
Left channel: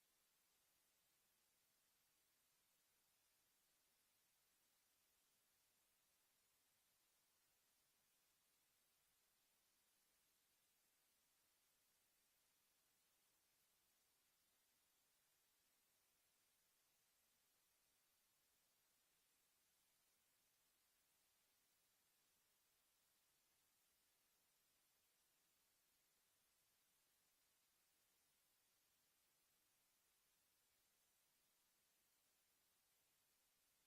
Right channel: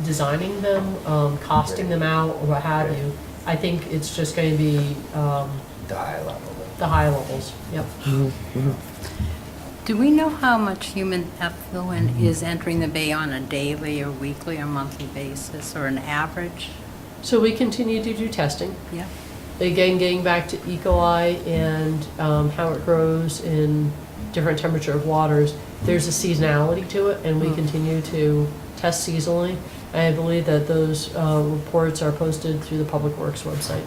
designing them, costing them out, or what have you. I think it's just going to be The high level. the high levels, yep. Do we know how much human effluent is entering the bay on a daily or weekly or monthly basis, or an average? So we continue to do testing. Yeah. Again, getting back to E. coli and how it grows in different temperature of waters, there's a seasonality to it, and we continue to test seasonally. I believe that those reports are posted through the Public Works website.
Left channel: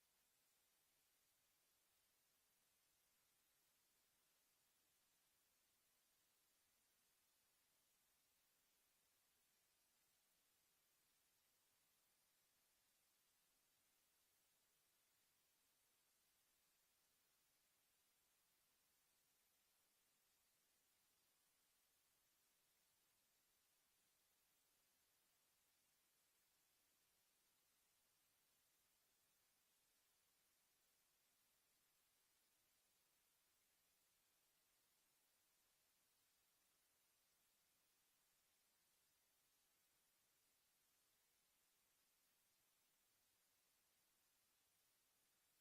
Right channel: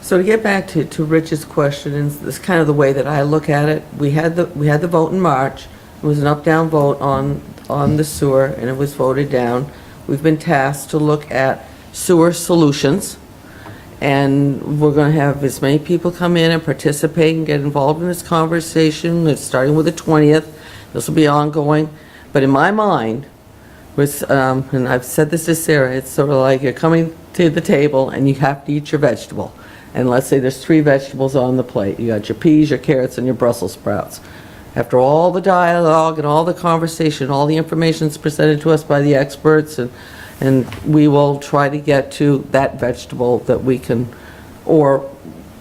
So to get back to Rich's question, and this is kind of the way that I look at it, we had the vote in March. It was an up-down vote on the sewer, and it was voted down. We've been tasked to look at sewer solutions, and we're going to have as many people come in and participate and get involved in this conversation. It's starting with the 20th. This will be ongoing. But in my mind, and I've said this to Sarah, it's sort of like you're coming to the table and you have to eat your vegetable. And let's say there's 3 vegetables on the plate. You got your peas, your carrots, and your Brussels sprouts. After all the dialogue and all the conversation, all the information is presented to us by the experts, and we will try to get to that vegetable that we can, or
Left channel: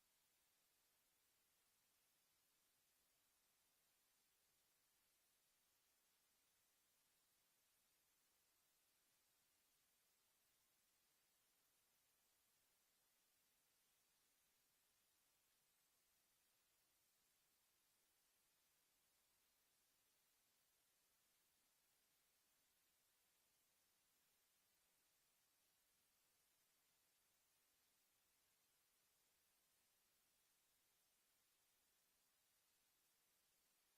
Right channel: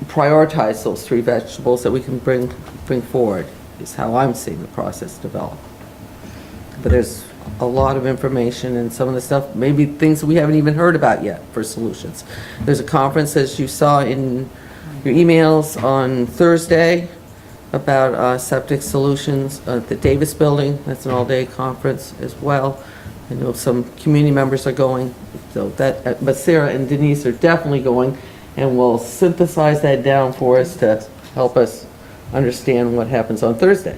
prioritize those 3 vegetables that we can bring forward, is how I'm seeing the process develop. But there's a lot of information, and some of the stuff, maybe things that we haven't even heard about yet for solutions. There's a conference, as you saw in your emails, on Thursday about septic solutions at the Davis Building. That's an all-day conference as well. I know some community members are going, so that, but Sarah and Denise are definitely going, and will synthesize that down for us to help us understand what happens on Thursday.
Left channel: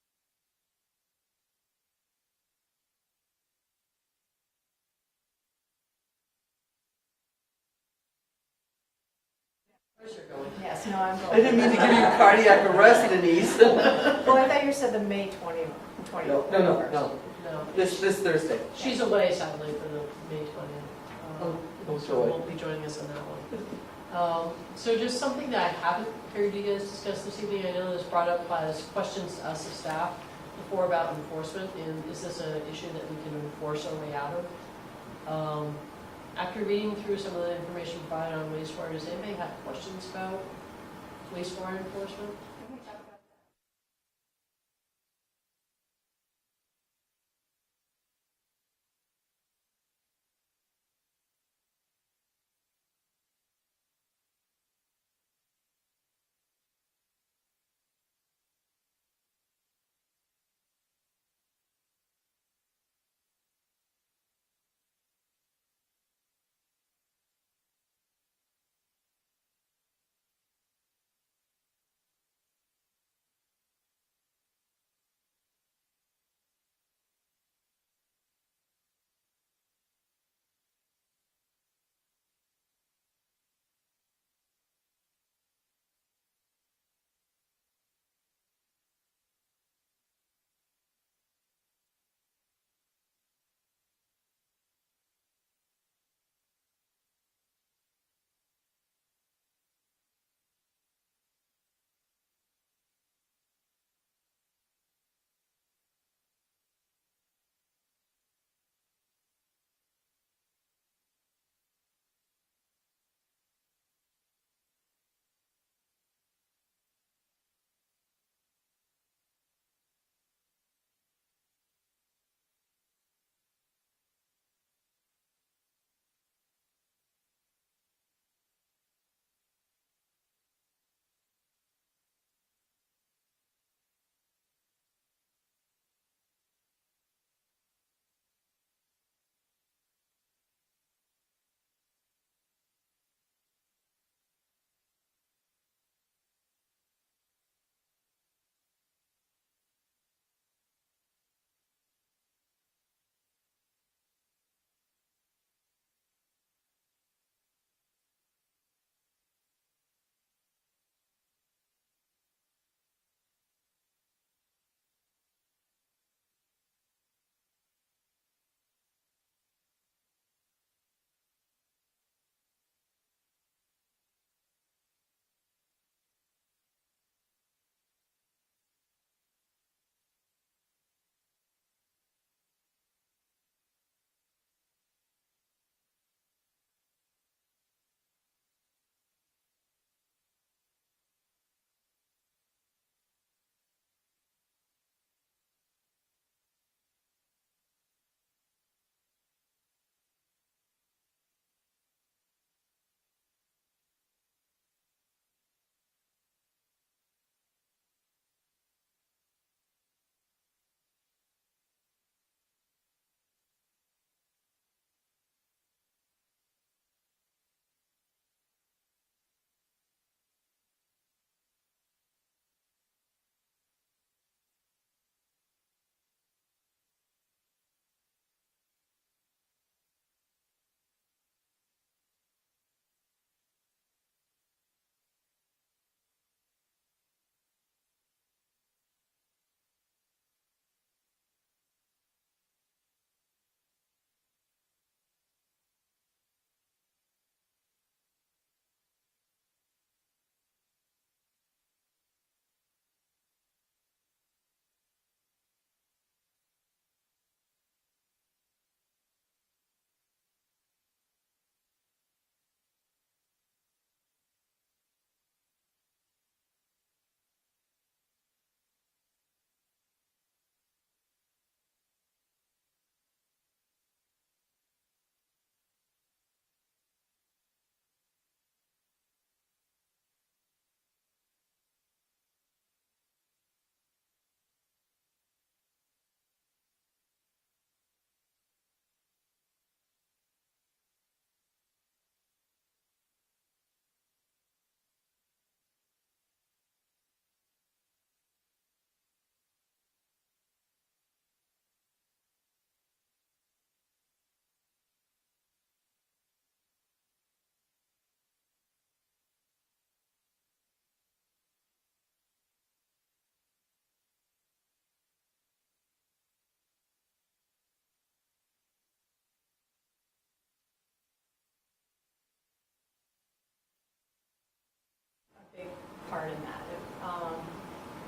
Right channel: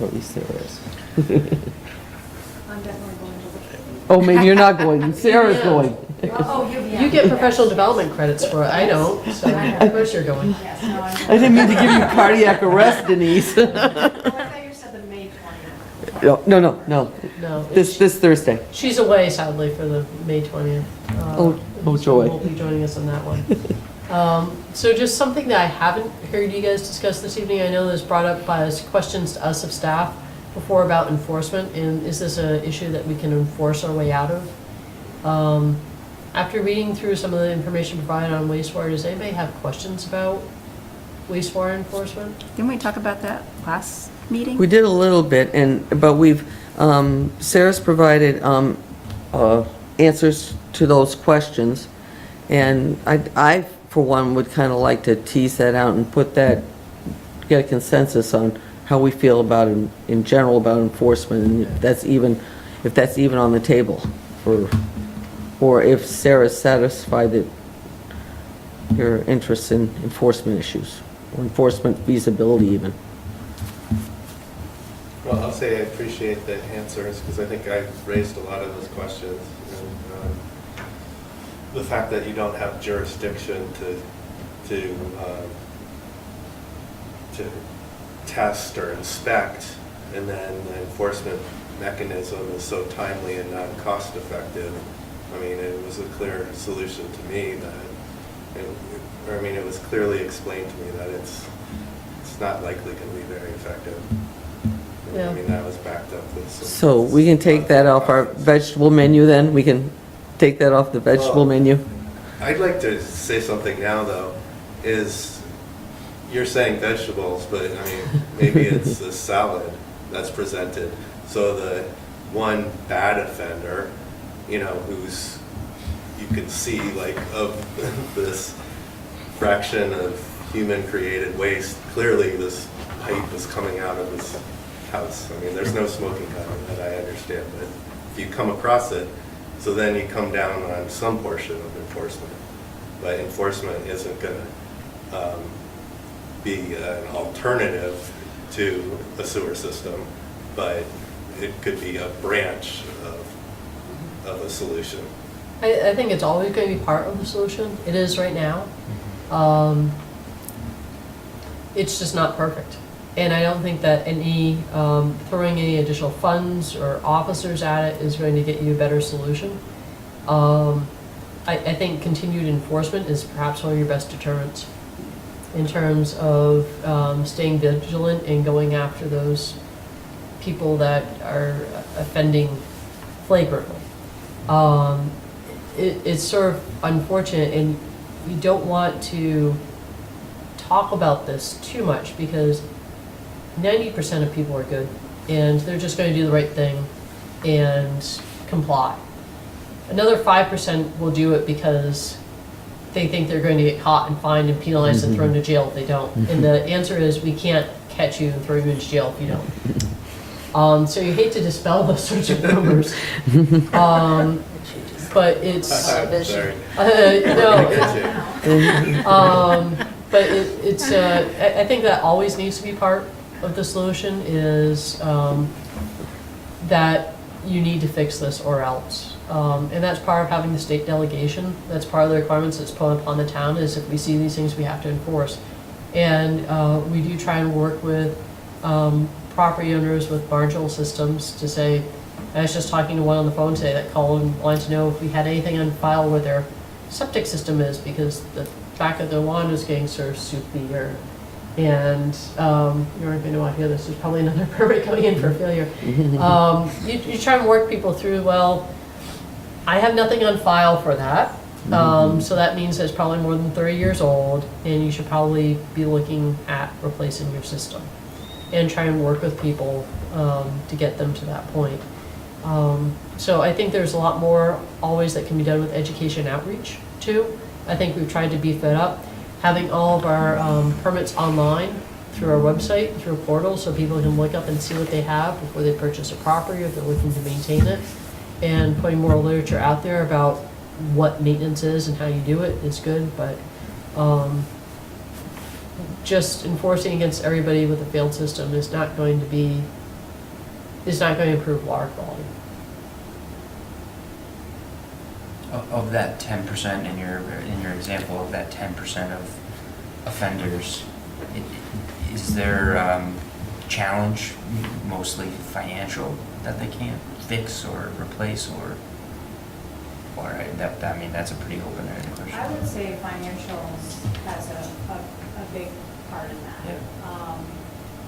Or at least Sarah is. I'm definitely going to the. Oh, maybe you're not going, Sarah's Yeah. going. Oh, yeah. You get professional development credits for it, I don't, so of course you're going. Yes, no, I'm. I didn't mean to give you cardiac arrest, Denise. Well, I thought you said the May 20th. No. No, This Thursday. she's away sadly for the May 20th. Oh, joy. Won't be joining us on that one. So just something that I haven't heard you guys discuss this evening, I know this brought up as questions to us of staff before about enforcement, and is this an issue that we can enforce our way out of? After reading through some of the information provided on wastewater, does anybody have questions about wastewater enforcement? Didn't we talk about that last meeting? We did a little bit, but we've, Sarah's provided answers to those questions, and I, for one, would kind of like to tease that out and put that, get a consensus on how we feel about, in general, about enforcement, and if that's even on the table, or if Sarah's satisfied that your interest in enforcement issues, or enforcement feasibility even. Well, I'll say I appreciate the answers, because I think I've raised a lot of those questions. And, the fact that you don't have jurisdiction to test or inspect, and then the enforcement mechanism is so timely and not cost effective. I mean, it was a clear solution to me that, it was clearly explained to me that it's not likely going to be very effective. Yeah. I mean, that was backed up with some. So we can take that off our vegetable menu then? We can take that off the vegetable menu? I'd like to say something now, though, is you're saying vegetables, but I mean, maybe it's a salad that's presented. So the one bad offender, who's, you can see like of this fraction of human created waste, clearly this pipe is coming out of his house. I mean, there's no smoking gun that I understand, but if you come across it, so then you come down on some portion of enforcement. But enforcement isn't going to be an alternative to a sewer system, but it could be a branch of a solution. I think it's always going to be part of the solution. It is right now. It's just not perfect. And I don't think that throwing any additional funds or officers at it is going to get you a better solution. I think continued enforcement is perhaps one of your best deterrents in terms of staying vigilant and going after those people that are offending flagrantly. It's sort of unfortunate, and you don't want to talk about this too much because 90% of people are good, and they're just going to do the right thing and comply. Another 5% will do it because they think they're going to get caught and fined and penalized and thrown to jail if they don't. And the answer is we can't catch you and throw you into jail if you don't. So you hate to dispel those sorts of rumors. But it's, Sorry. But it's I think that always needs to be part of the solution is that you need to fix this or else. And that's part of having the state delegation. That's part of the requirements that's put upon the town is if we see these things, we have to enforce. And we do try and work with property owners with marginal systems to say, I was just talking to one on the phone today that called and wanted to know if we had anything on file where their septic system is because the back of their lawn is getting sort of soupy and you aren't going to want to hear this, there's probably another permit coming in for failure. You try and work people through, well, I have nothing on file for that, so that means it's probably more than 30 years old and you should probably be looking at replacing your system and try and work with people to get them to that point. So I think there's a lot more always that can be done with education outreach too. I think we've tried to beef that up. Having all of our permits online through our website, through a portal, so people can look up and see what they have before they purchase a property, if they're looking to maintain it. And putting more literature out there about what maintenance is and how you do it is good, but just enforcing against everybody with a failed system is not going to improve water quality. Of that 10% in your example of that 10% of offenders, is there challenge, mostly financial, that they can't fix or replace, or I mean, that's a pretty open-ended question. I would say financials has a big part in that. Yeah.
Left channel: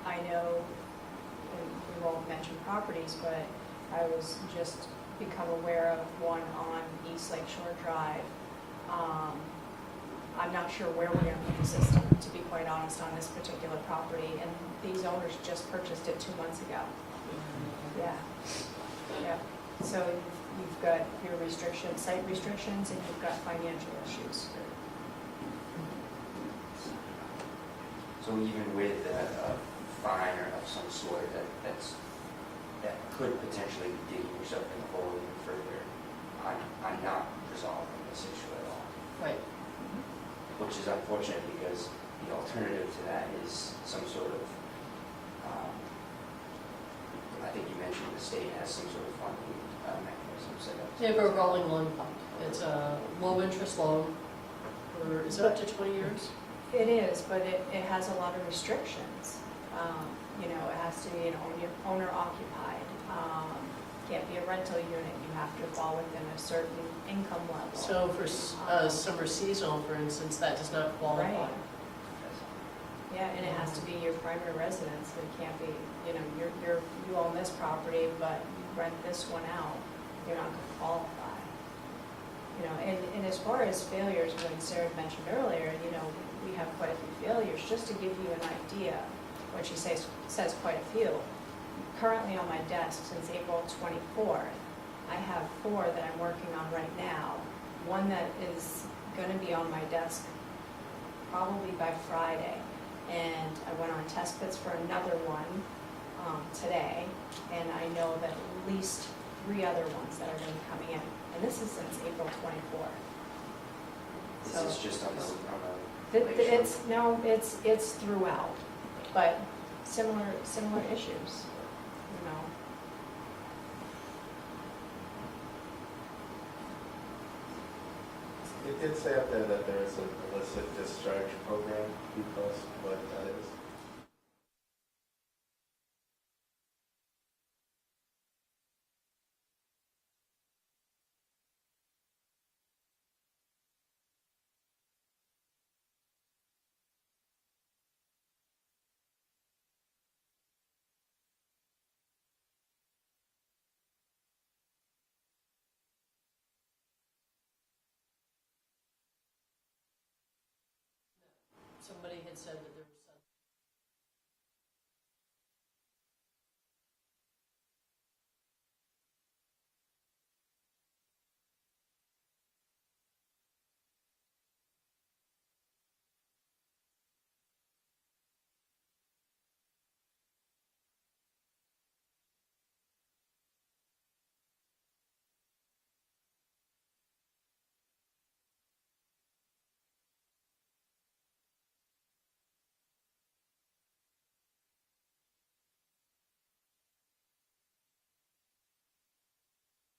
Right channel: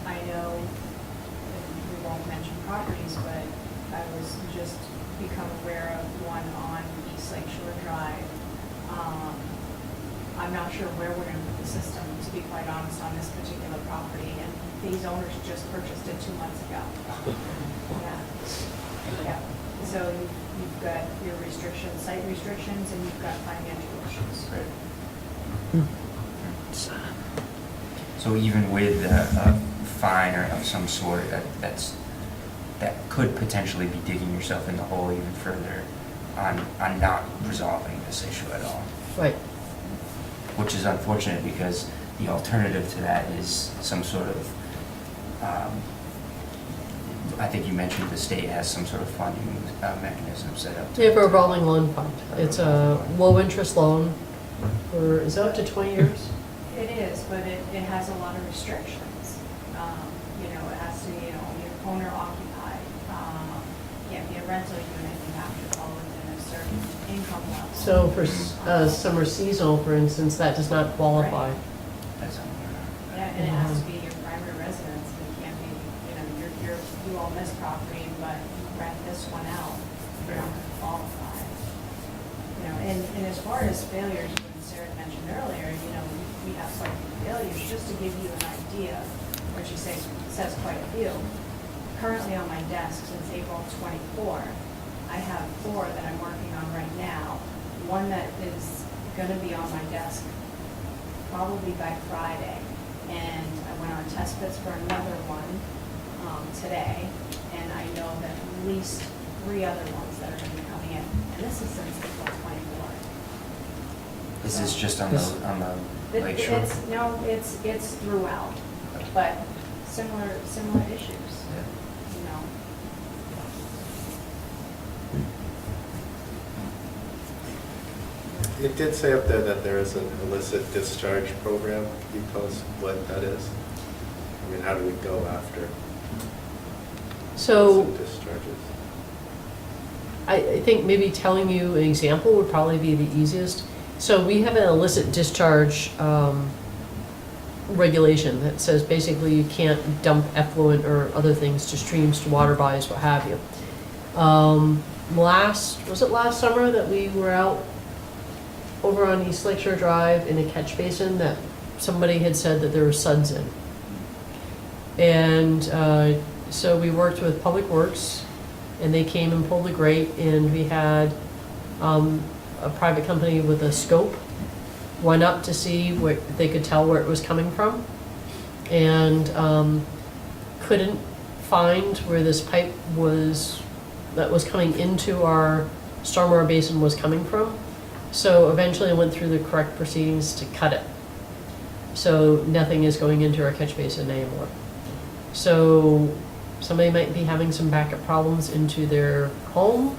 I know, and we won't mention properties, but I was just become aware of one on East Lake Shore Drive. I'm not sure where we're gonna put the system, to be quite honest, on this particular property, and these owners just purchased it 2 months ago. Yeah. Yeah. So you've got your restrictions, site restrictions, and you've got financial issues. Right. So even with a fine or of some sort, that could potentially be digging yourself in the hole even further on not resolving this issue at all. Right. Which is unfortunate because the alternative to that is some sort of, I think you mentioned the state has some sort of funding mechanism set up. We have a revolving loan fund. It's a low-interest loan for, is that up to 20 years? It is, but it has a lot of restrictions. You know, it has to be owner occupied. Can't be a rental unit, you have to fall within a certain income level. So for summer seasonal, for instance, that does not qualify. Right. Yeah, and it has to be your primary residence, it can't be, you know, you own this property, but you rent this one out, you're not gonna qualify. You know, and as far as failures, what Sarah mentioned earlier, you know, we have quite a few failures, just to give you an idea, what she says quite a few. Currently on my desk since April 24, I have 4 that I'm working on right now. One that is gonna be on my desk probably by Friday. And I went on test pits for another one today, and I know that at least 3 other ones that are gonna be coming in. And this is since April 24. Is this just on the lake shore? It's throughout, but similar issues, you know. It did say up there that there is an illicit discharge program. Can you tell us what that is? I mean, how do we go after So illicit discharges? I think maybe telling you an example would probably be the easiest. So we have an illicit discharge regulation that says basically you can't dump effluent or other things to streams, to water bodies, what have you. Was it last summer that we were out over on East Lake Shore Drive in a catch basin that somebody had said that there were suds in? And so we worked with Public Works, and they came and pulled the grate, and we had a private company with a scope went up to see what they could tell where it was coming from, and couldn't find where this pipe was that was coming into our stormwater basin was coming from. So eventually I went through the correct proceedings to cut it. So nothing is going into our catch basin anymore. So somebody might be having some backup problems into their home,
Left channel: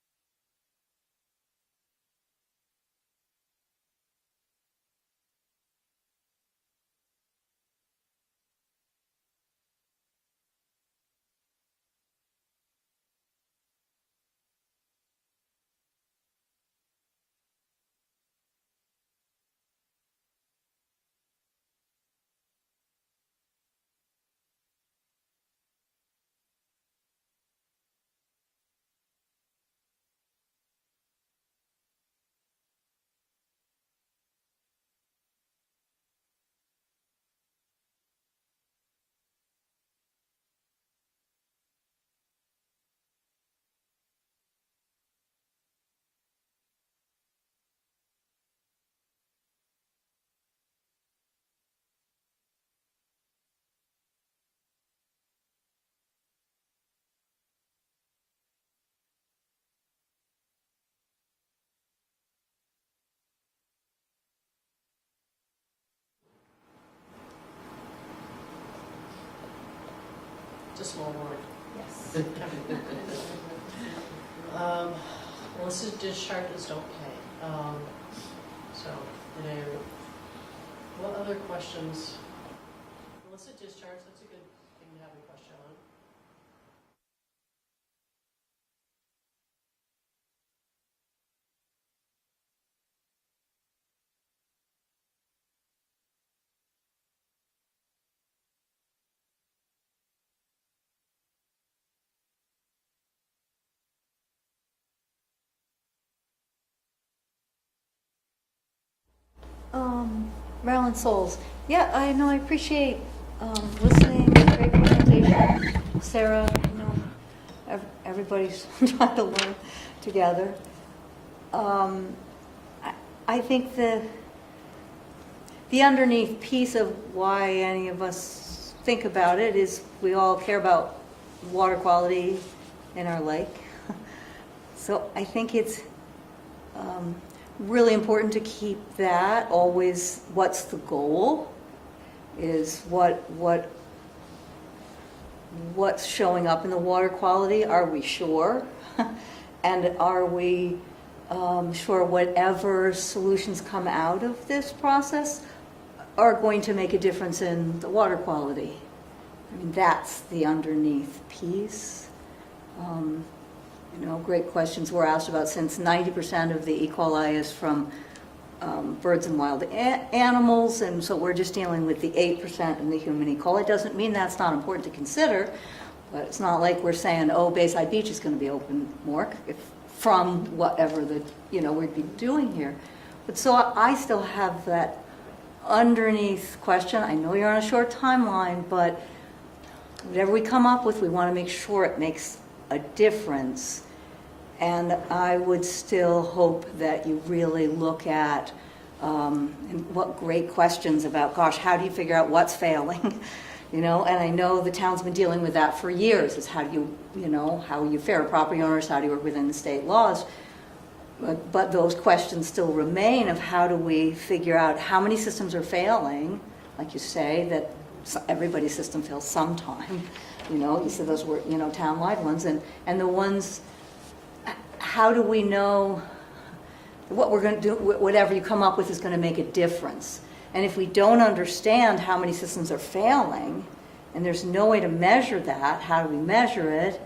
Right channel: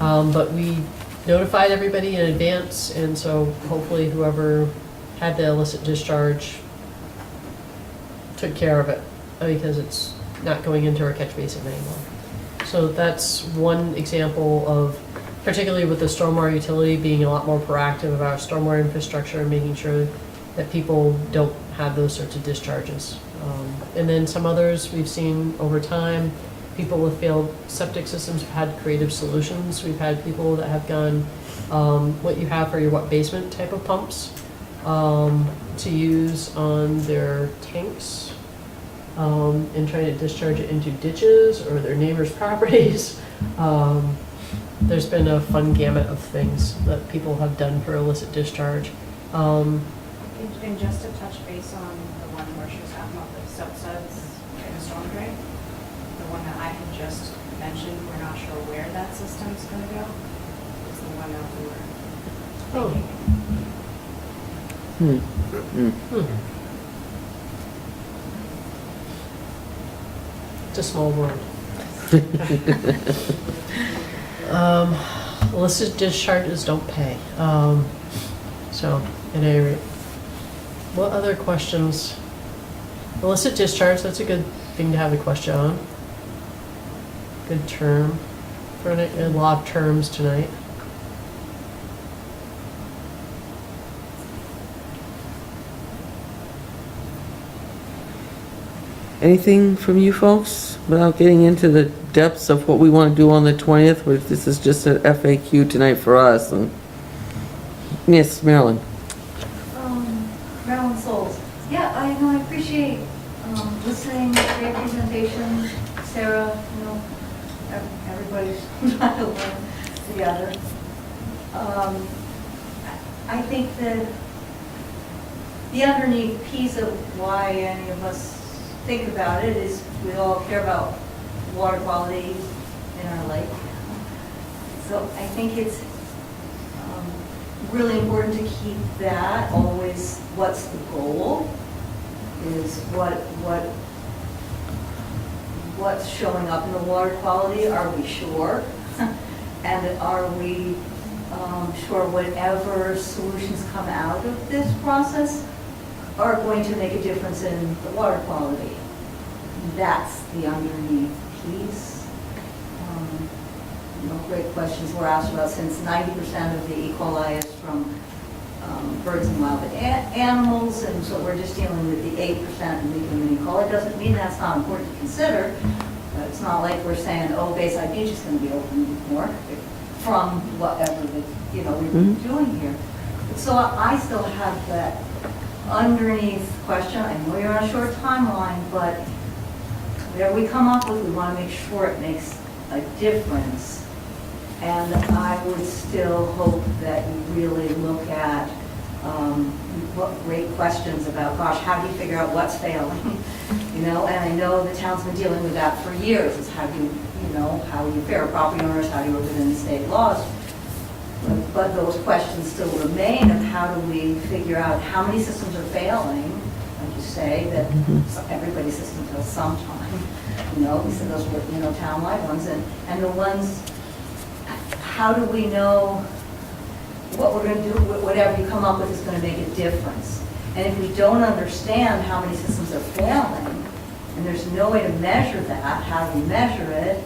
but we notified everybody in advance, and so hopefully whoever had the illicit discharge took care of it, because it's not going into our catch basin anymore. So that's one example of, particularly with the stormwater utility, being a lot more proactive about our stormwater infrastructure and making sure that people don't have those sorts of discharges. And then some others we've seen over time, people with failed septic systems have had creative solutions. We've had people that have gone, what you have for your wet basement type of pumps, to use on their tanks, and trying to discharge it into ditches or their neighbors' properties. There's been a fun gamut of things that people have done for illicit discharge. And just to touch base on the one where she was talking about the subsides in the storm drain, the one that I had just mentioned, we're not sure where that system's gonna go, is the one that we were thinking. It's a small world. Illicit discharges don't pay. So, at any rate. What other questions? Illicit discharge, that's a good thing to have a question on. Good term. For a lot of terms tonight. Anything from you folks without getting into the depths of what we want to do on the 20th? But this is just an FAQ tonight for us. And yes, Marilyn. Marilyn Souls. Yeah, I know, I appreciate listening, great presentation. Sarah, everybody's trying to learn together. I think the underneath piece of why any of us think about it is we all care about water quality in our lake. So I think it's really important to keep that always, what's the goal, is what's showing up in the water quality, are we sure? And are we sure whatever solutions come out of this process are going to make a difference in the water quality? That's the underneath piece. Great questions were asked about, since 90% of the E. coli is from birds and wild animals, and so we're just dealing with the 8% in the human E. coli. Doesn't mean that's not important to consider. It's not like we're saying, oh, Bayside Beach is going to be open more from whatever we've been doing here. But so I still have that underneath question. I know you're on a short timeline, but whatever we come up with, we want to make sure it makes a difference. And I would still hope that you really look at what great questions about, gosh, how do you figure out what's failing? And I know the town's been dealing with that for years, is how do you fair property owners, how do you work within the state laws? But those questions still remain of how do we figure out how many systems are failing, like you say, that everybody's system fails sometime. You said those were, town-wide ones, and the ones, how do we know what we're going to do, whatever you come up with is going to make a difference? And if we don't understand how many systems are failing, and there's no way to measure that, how do we measure it?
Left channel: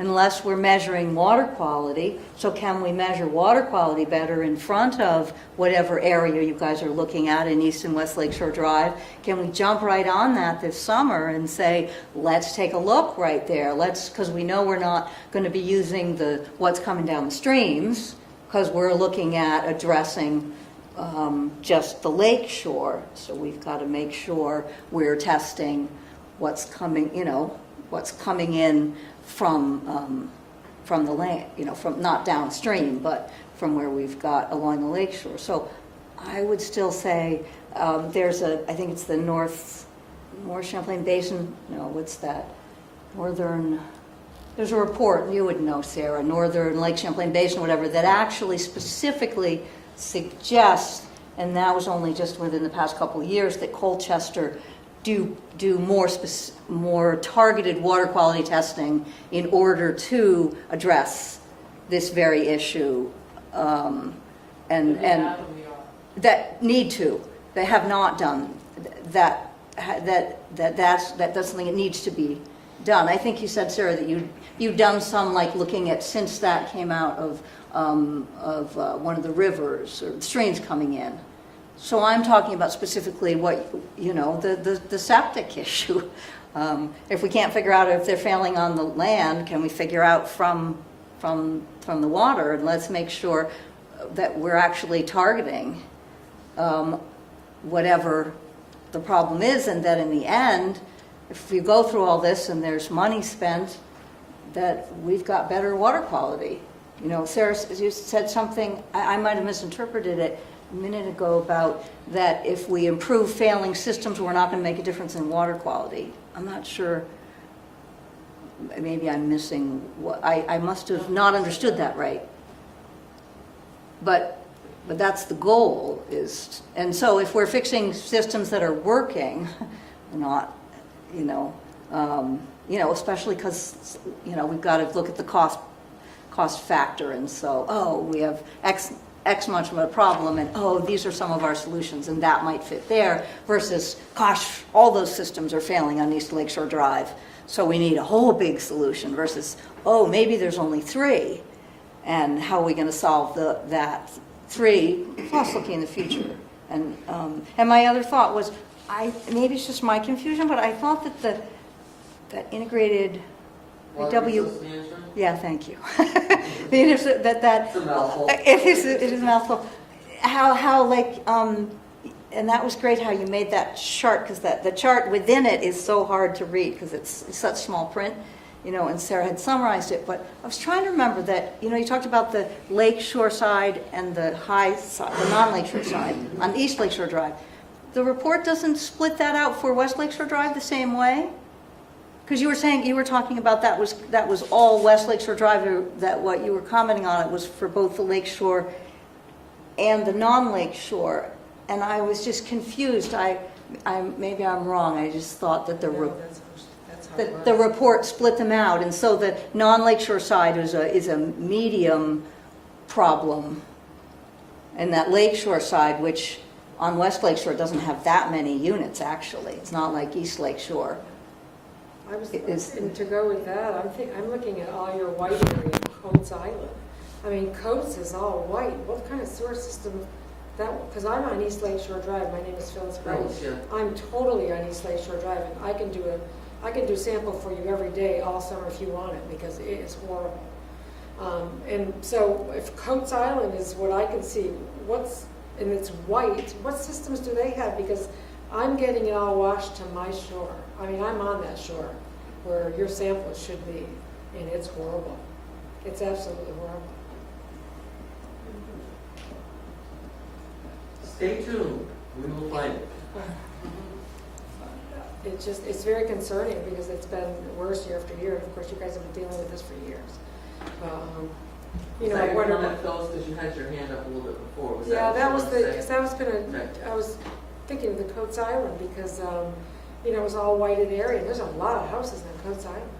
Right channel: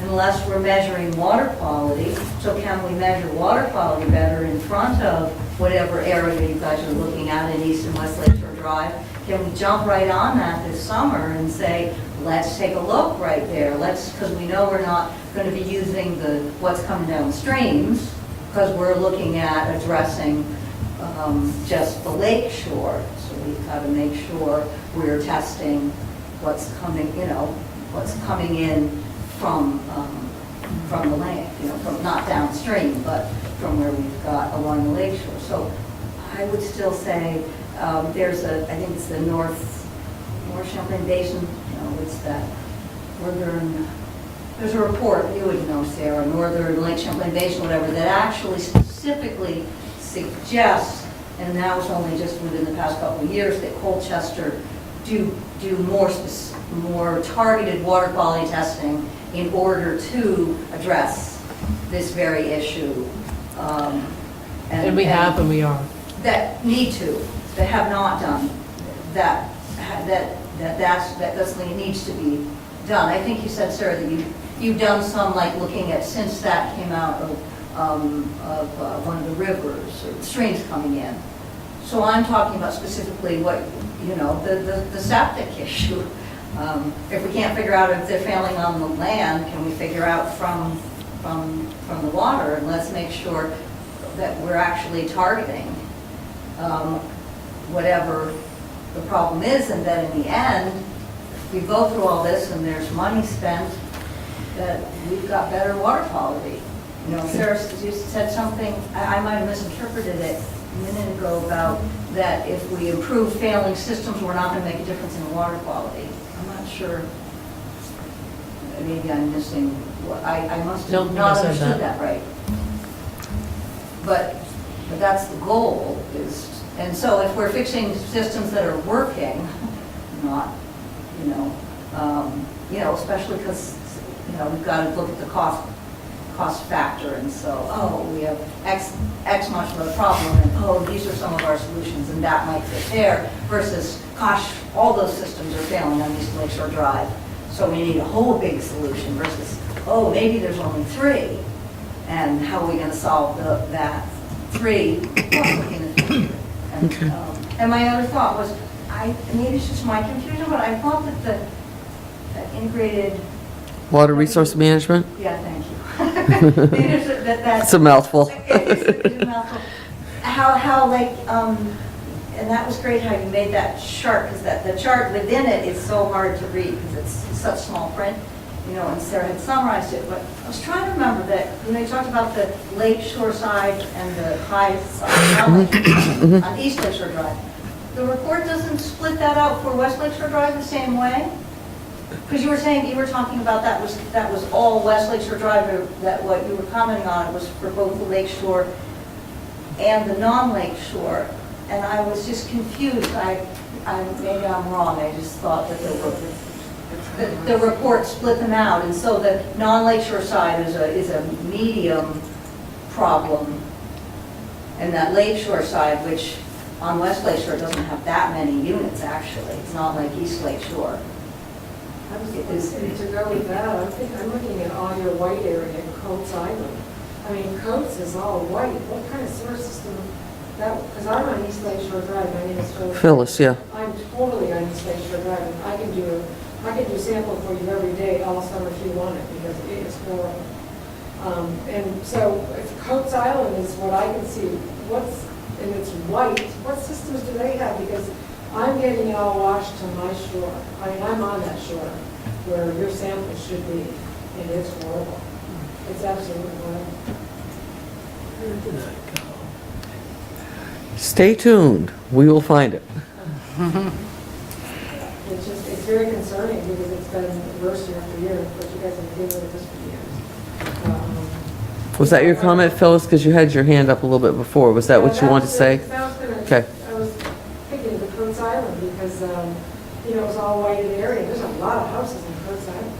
Unless we're measuring water quality. So can we measure water quality better in front of whatever area you guys are looking at in East and West Lakeshore Drive? Can we jump right on that this summer and say, let's take a look right there, because we know we're not going to be using what's coming down the streams, because we're looking at addressing just the lake shore. So we've got to make sure we're testing what's coming in from the lake, from not downstream, but from where we've got along the lake shore. So I would still say there's I think it's the North Champlain Basin, what's that, there's a report, you would know, Sarah, Northern Lake Champlain Basin, whatever, that actually specifically suggests, and that was only just within the past couple of years, that Colchester do more targeted water quality testing in order to address this very issue. And we have and we are. That need to. They have not done that. That doesn't mean it needs to be done. I think you said, Sarah, that you've done some, like looking at, since that came out of one of the rivers or streams coming in. So I'm talking about specifically what, the septic issue. If we can't figure out if they're failing on the land, can we figure out from the water? And let's make sure that we're actually targeting whatever the problem is, and that in the end, if we go through all this and there's money spent, that we've got better water quality. Sarah, you said something, I might have misinterpreted it a minute ago, about that if we improve failing systems, we're not going to make a difference in water quality. I'm not sure. Maybe I'm missing what I must have not understood that right. But that's the goal, is, and so if we're fixing systems that are working, not, especially because, we've got to look at the cost factor, and so, we have X much of a problem, and these are some of our solutions, and that might fit there, versus, gosh, all those systems are failing on East Lakeshore Drive, so we need a whole big solution, versus, maybe there's only 3, and how are we going to solve that 3 possibly in the future? And, and my other thought was, maybe it's just my confusion, but I thought that the integrated, Water W- resource management? yeah, thank you. That's It's a mouthful. It is a mouthful. How like, and that was great how you made that chart, because the chart within it is so hard to read, because it's such small print, and Sarah had summarized it, but I was trying to remember that, you talked about the Lake Shore side and the high side, not Lake Shore side, on East Lake Shore Drive. The report doesn't split that out for West Lake Shore Drive the same way? Because you were talking about that was all West Lake Shore Drive, or that what you were commenting on, it was for both the Lake Shore and the non-Lake Shore. And I was just confused. Maybe I'm wrong. I just thought that the report split them out. And so the non-Lake Shore side is a medium problem. And that Lake Shore side, which on West Lake Shore doesn't have that many units, actually. It's not like East Lake Shore. And to go with that, I'm looking at all your white area in Coates Island. I mean, Coates is all white. What kind of sewer system that, because I'm on East Lake Shore Drive, my name is Phyllis. Phyllis, yeah. I'm totally on East Lake Shore Drive, and I can do sample for you every day, all summer if you want it, because it is horrible. And so if Coates Island is what I can see, and it's white, what systems do they have? Because I'm getting it all washed to my shore. I mean, I'm on that shore where your sample should be, and it's horrible. It's absolutely horrible. Stay tuned. We will find it. It's very concerning because it's been worse year after year. Of course, you guys have been dealing with this for years. Was that your comment, Phyllis? Because you had your hand up a little bit before. Was that what you wanted to say? Okay. I was thinking of the Coates Island because, it was all whited area. There's a lot of houses in Coates Island.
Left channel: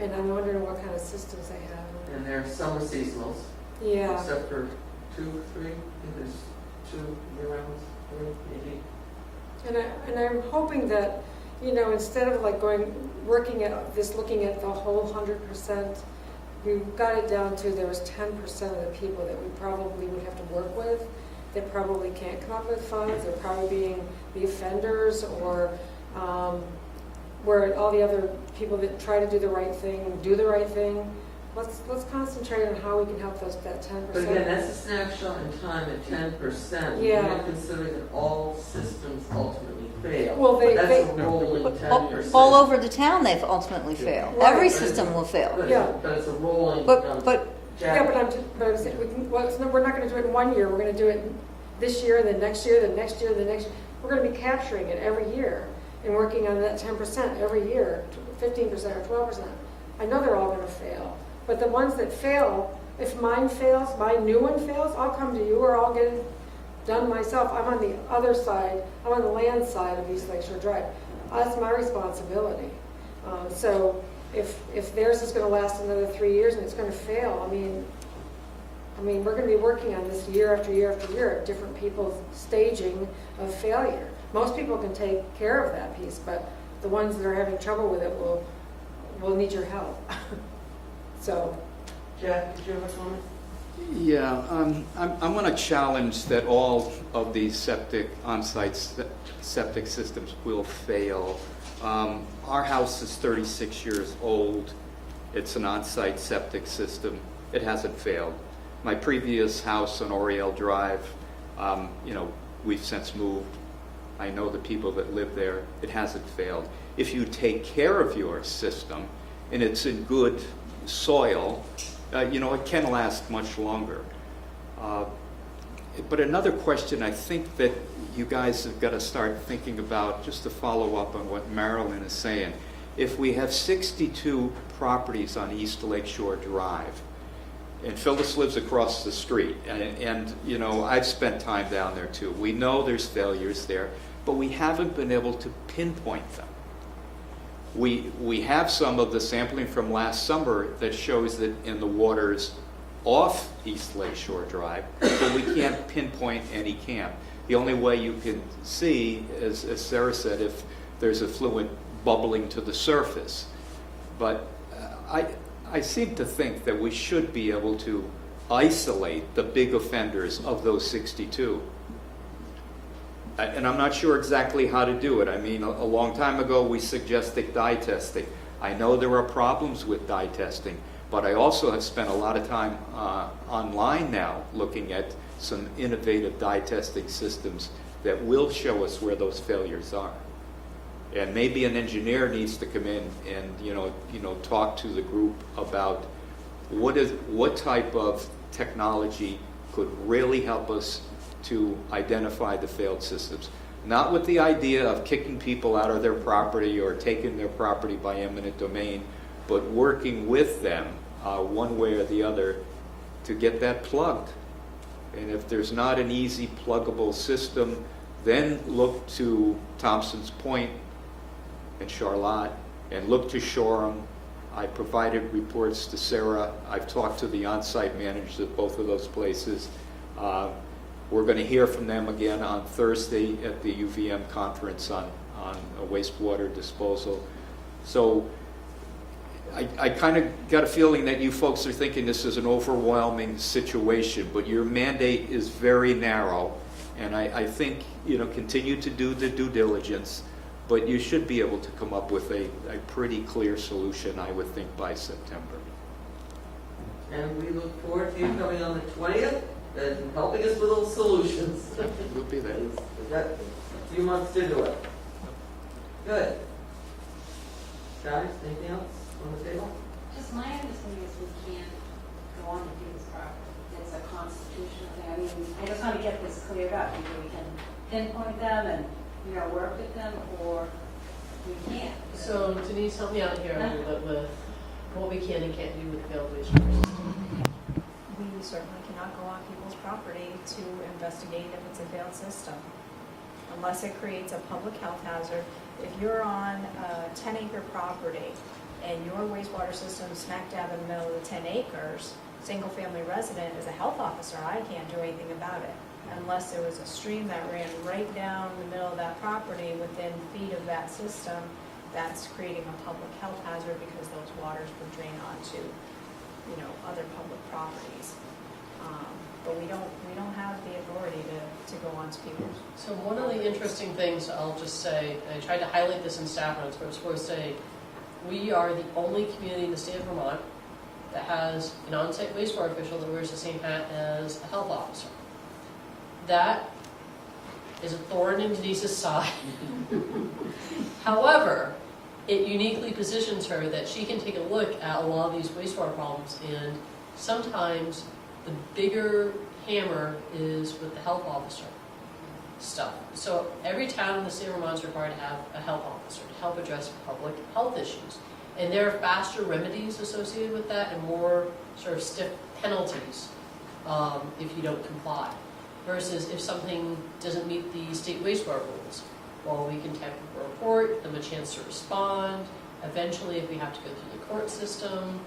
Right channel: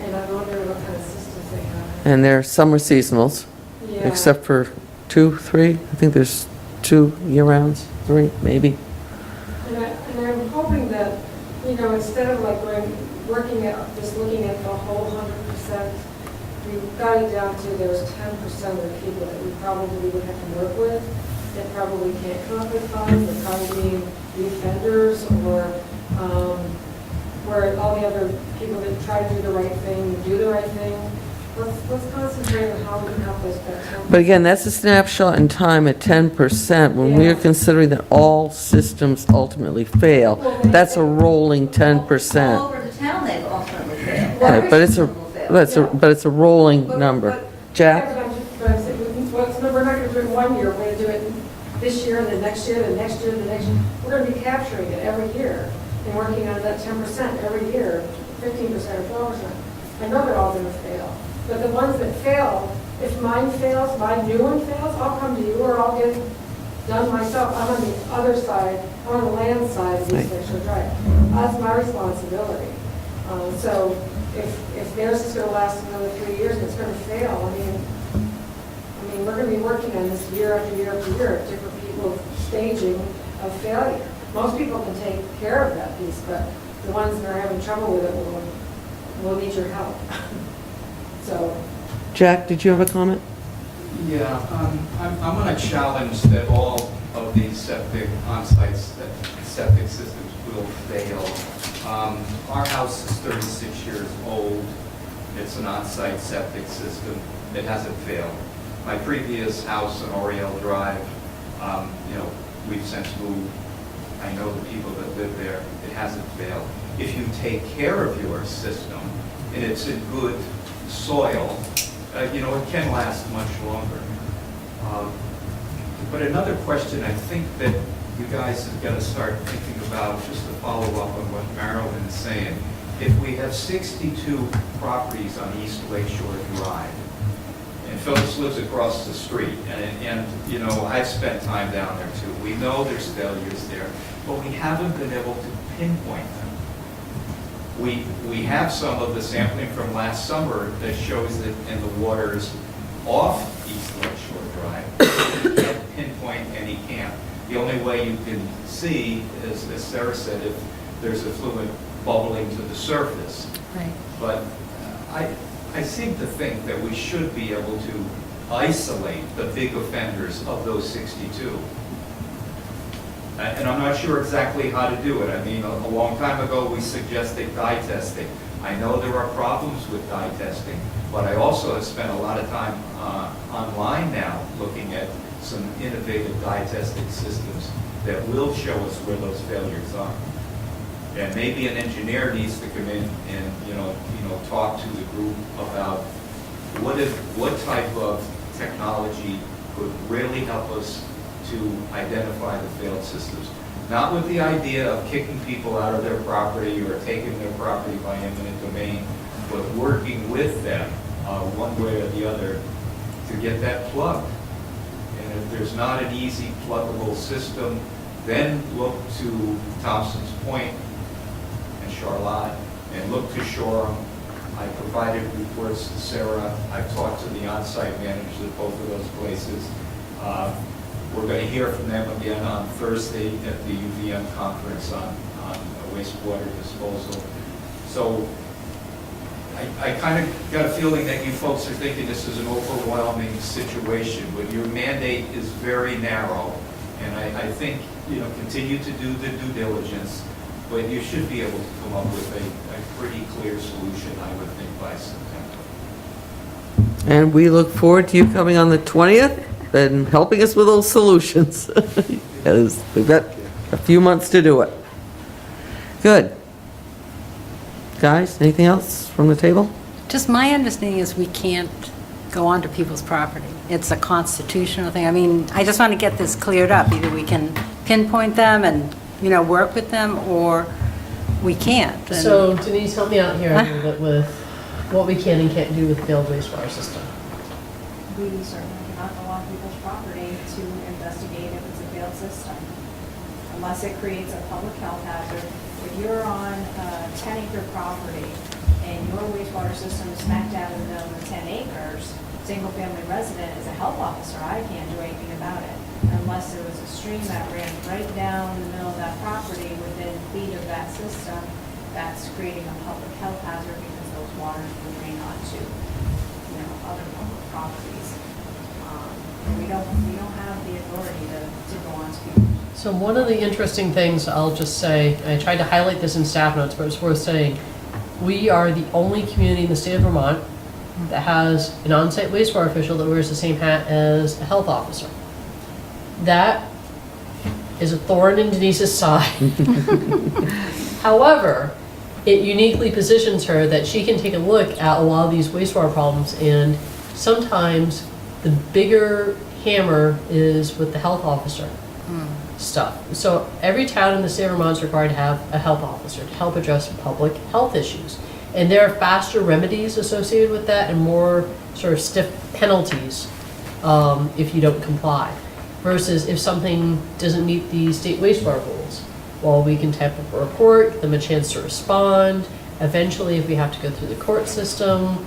And I'm wondering what kind of systems they have. And they're summer seasonals, Yeah. except for 2, 3. I think there's 2 year-rounds, 3 maybe. And I'm hoping that, instead of like looking at the whole 100%, we got it down to there's 10% of the people that we probably would have to work with that probably can't come up with funds. They're probably being the offenders or where all the other people that try to do the right thing, do the right thing. Let's concentrate on how we can help those that 10%. But again, that's a snapshot in time at 10%. When we are considering that all systems ultimately fail, Well, that's a rolling 10%. All over the town, they've ultimately failed. Right, Every but it's system will fail. But it's a rolling But- number. but- Jack? Yeah, but we're not going to do it in 1 year. We're going to do it this year, and the next year, the next year, the next year. We're going to be capturing it every year and working on that 10% every year, 15% or 12%. I know they're all going to fail. But the ones that fail, if mine fails, my new one fails, I'll come to you, or I'll get it done myself. I'm on the other side, I'm on the land side of East Lake Shore Drive. That's my responsibility. So if theirs is gonna last another 3 years and it's gonna fail, I mean, we're gonna be working on this year after year after year, different people's staging of failure. Most people can take care of that piece, but the ones that are having trouble with it will need your help. So, Jack, did you have a comment? Yeah, I want to challenge that all of these on-site septic systems will fail. Our house is 36 years old. It's an on-site septic system. It hasn't failed. My previous house on Oriel Drive, we've since moved. I know the people that live there. It hasn't failed. If you take care of your system and it's in good soil, it can last much longer. But another question I think that you guys have got to start thinking about, just to follow up on what Marilyn is saying, if we have 62 properties on East Lake Shore Drive, and Phyllis lives across the street, and I've spent time down there too. We know there's failures there, but we haven't been able to pinpoint them. We have some of the sampling from last summer that shows that in the waters off East Lake Shore Drive, so we can't pinpoint any camp. The only way you can see, as Sarah said, if there's a fluid bubbling to the surface. Right. But I seem to think that we should be able to isolate the big offenders of those 62. And I'm not sure exactly how to do it. I mean, a long time ago, we suggested dye testing. I know there are problems with dye testing, but I also have spent a lot of time online now looking at some innovative dye testing systems that will show us where those failures are. And maybe an engineer needs to come in and, talk to the group about what type of technology could really help us to identify the failed systems. Not with the idea of kicking people out of their property or taking their property by eminent domain, but working with them one way or the other to get that plugged. And if there's not an easy pluggable system, then look to Thompson's Point and Charlotte, and look to Shoreham. I provided reports to Sarah. I've talked to the on-site managers at both of those places. We're going to hear from them again on Thursday at the UVM conference on wastewater disposal. So I kind of got a feeling that you folks are thinking this is an overwhelming situation, but your mandate is very narrow, and I think, continue to do the due diligence, but you should be able to come up with a pretty clear solution, I would think, by September. And we look forward to you coming on the 20th and helping us with those solutions. Because we've got a few months to do it. Good. Guys, anything else from the table? Just my understanding is we can't go onto people's property. It's a constitutional thing. I mean, I just want to get this cleared up. Either we can pinpoint them and, work with them, or we can't. And So Denise, help me out here a little bit with what we can and can't do with failed wastewater system. We certainly cannot go on people's property to investigate if it's a failed system, unless it creates a public health hazard. If you're on a 10-acre property and your wastewater system is smack dab in the middle of the 10 acres, single-family resident, as a health officer, I can't do anything about it, unless there was a stream that ran right down the middle of that property within feet of that system. That's creating a public health hazard because those waters will drain onto, other public properties. But we don't have the authority to go on to people. So one of the interesting things I'll just say, and I tried to highlight this in staff notes, but it's worth saying, we are the only community in the state of Vermont that has an on-site wastewater official that wears the same hat as a health officer. That is a thorn in Denise's side. However, it uniquely positions her that she can take a look at a lot of these wastewater problems, and sometimes the bigger hammer is with the health officer stuff. So every town in the state of Vermont is required to have a health officer to help address public health issues. And there are faster remedies associated with that and more sort of stiff penalties if you don't comply. Versus if something doesn't meet the state wastewater rules. Well, we can type up a report, give them a chance to respond. Eventually, if we have to go through the court system,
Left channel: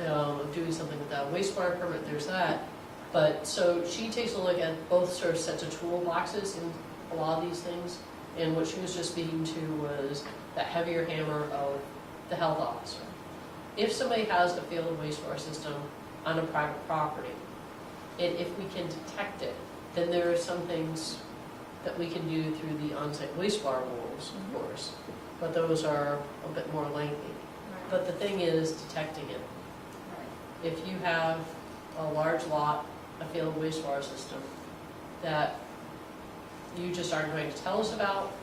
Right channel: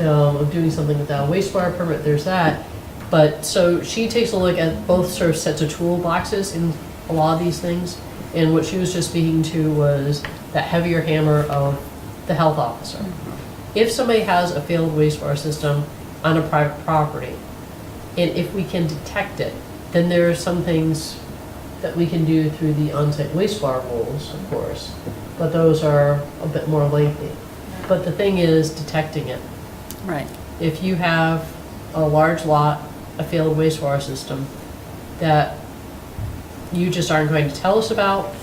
of doing something without a wastewater permit, there's that. But so she takes a look at both sort of sets of toolboxes in a lot of these things. And what she was just speaking to was that heavier hammer of the health officer. If somebody has a failed wastewater system on a private property, and if we can detect it, then there are some things that we can do through the on-site wastewater rules, of course, but those are a bit more lengthy. But the thing is detecting it. Right. If you have a large lot, a failed wastewater system that you just aren't going to tell us about,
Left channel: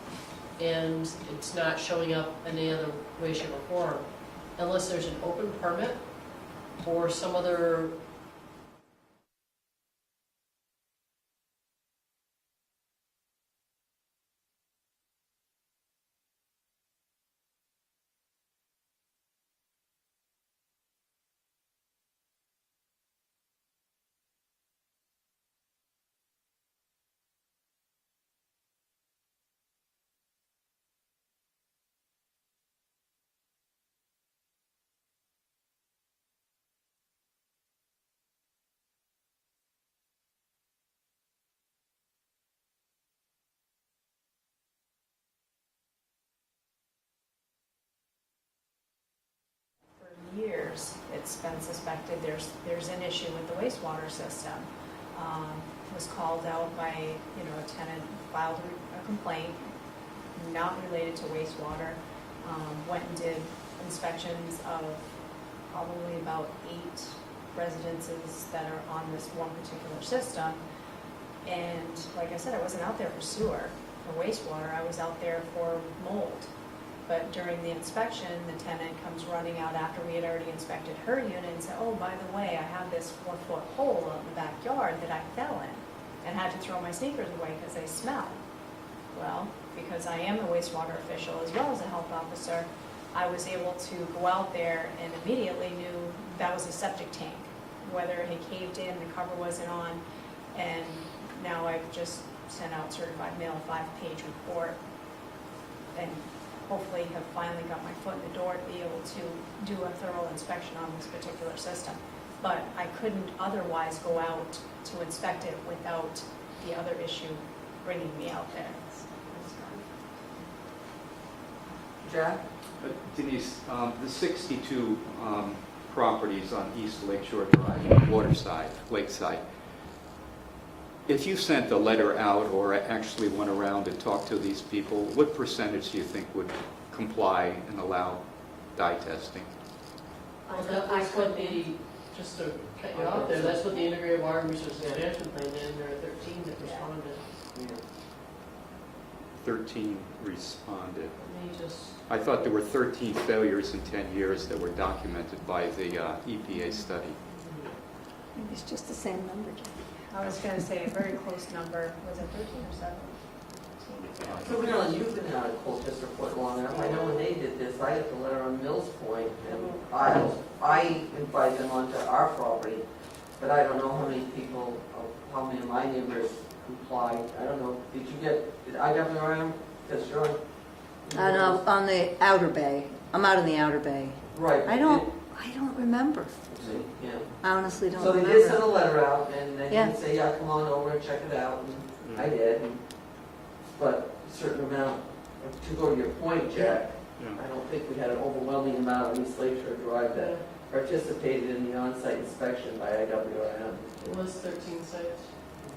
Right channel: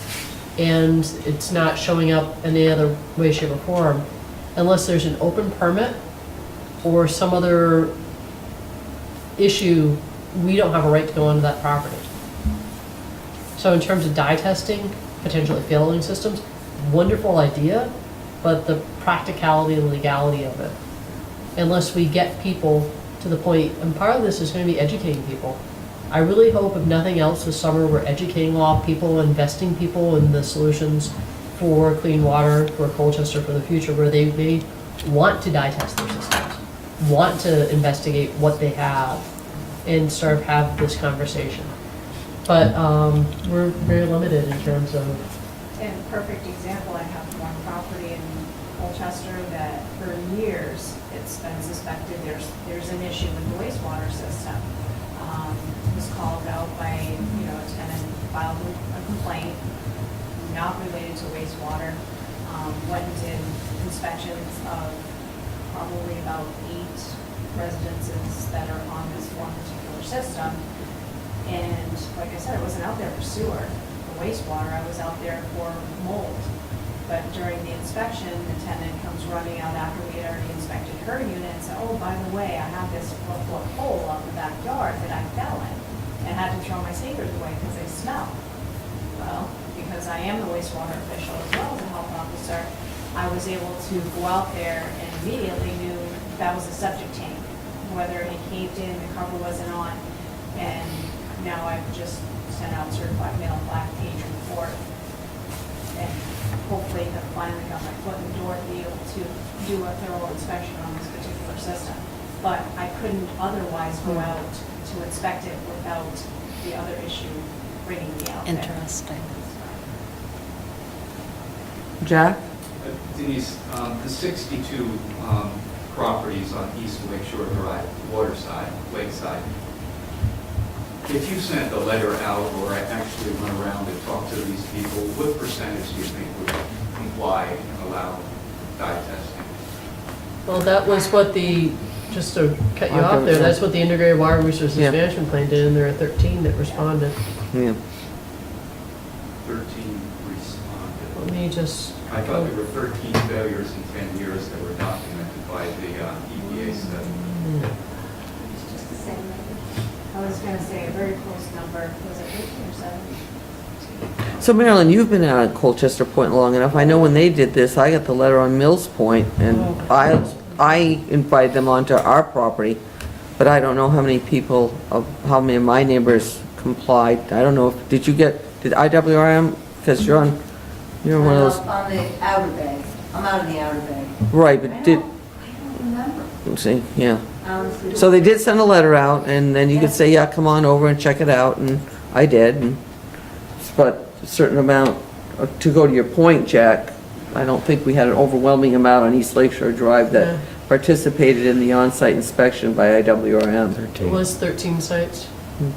and it's not showing up in any other way, shape, or form, unless there's an open permit or some other issue, we don't have a right to go onto that property. So in terms of dye testing, potentially failing systems, wonderful idea, but the practicality and legality of it, unless we get people to the point, and part of this is going to be educating people. I really hope, if nothing else, this summer we're educating a lot of people, investing people in the solutions for clean water, for Colchester, for the future, where they may want to dye test their systems, want to investigate what they have, and sort of have this conversation. But we're very limited in terms of. And a perfect example, I have one property in Colchester that for years it's been suspected there's an issue with the wastewater system. Was called out by, a tenant, filed a not related to wastewater. Went and did inspections of probably about 8 residences that are on this one particular system. And like I said, I wasn't out there for sewer, for wastewater, I was out there for mold. But during the inspection, the tenant comes running out after we had already inspected her unit and said, oh, by the way, I have this 4-foot hole out in the backyard that I fell in and had to throw my sneakers away because they smell. Well, because I am the wastewater official as well as a health officer, I was able to go out there and immediately knew that was a septic tank, whether it had caved in, the cover wasn't on, and now I've just sent out certified mail 5-page report, and hopefully have finally got my foot in the door to be able to do a thorough inspection on this particular system. But I couldn't otherwise go out to inspect it without the other issue bringing me out there. Interesting. Jack? Denise, the 62 properties on East Lakeshore Drive, waterside, lakeside, if you sent a letter out or actually went around and talked to these people, what percentage do you think would comply and allow dye testing? Well, that was what just to cut you off there, that's what the Integrated Water Resources Yeah. Management Plan did, and there are 13 that responded. Yeah. 13 responded. Let me just. I thought there were 13 failures in 10 years that were documented by the EPA study. It's just the same. I was gonna say a very close number, was it 13 or 17? So Marilyn, you've been out at Colchester Point long enough. I know when they did this, I got the letter on Mills Point, and I invited them onto our property, but I don't know how many people, how many of my neighbors complied. I don't know, did IWRM, because you're one of those, On the outer bay. I'm out in the outer bay. right, I but don't remember, see, yeah. honestly. So they did send a letter out, and then you could Yeah. say, yeah, come on over and check it out, and I did. But a certain amount, to go to your point, Jack, I don't think we had an overwhelming amount on East Lakeshore Drive that Yeah. participated in the on-site inspection by IWRM. It was 13 sites. And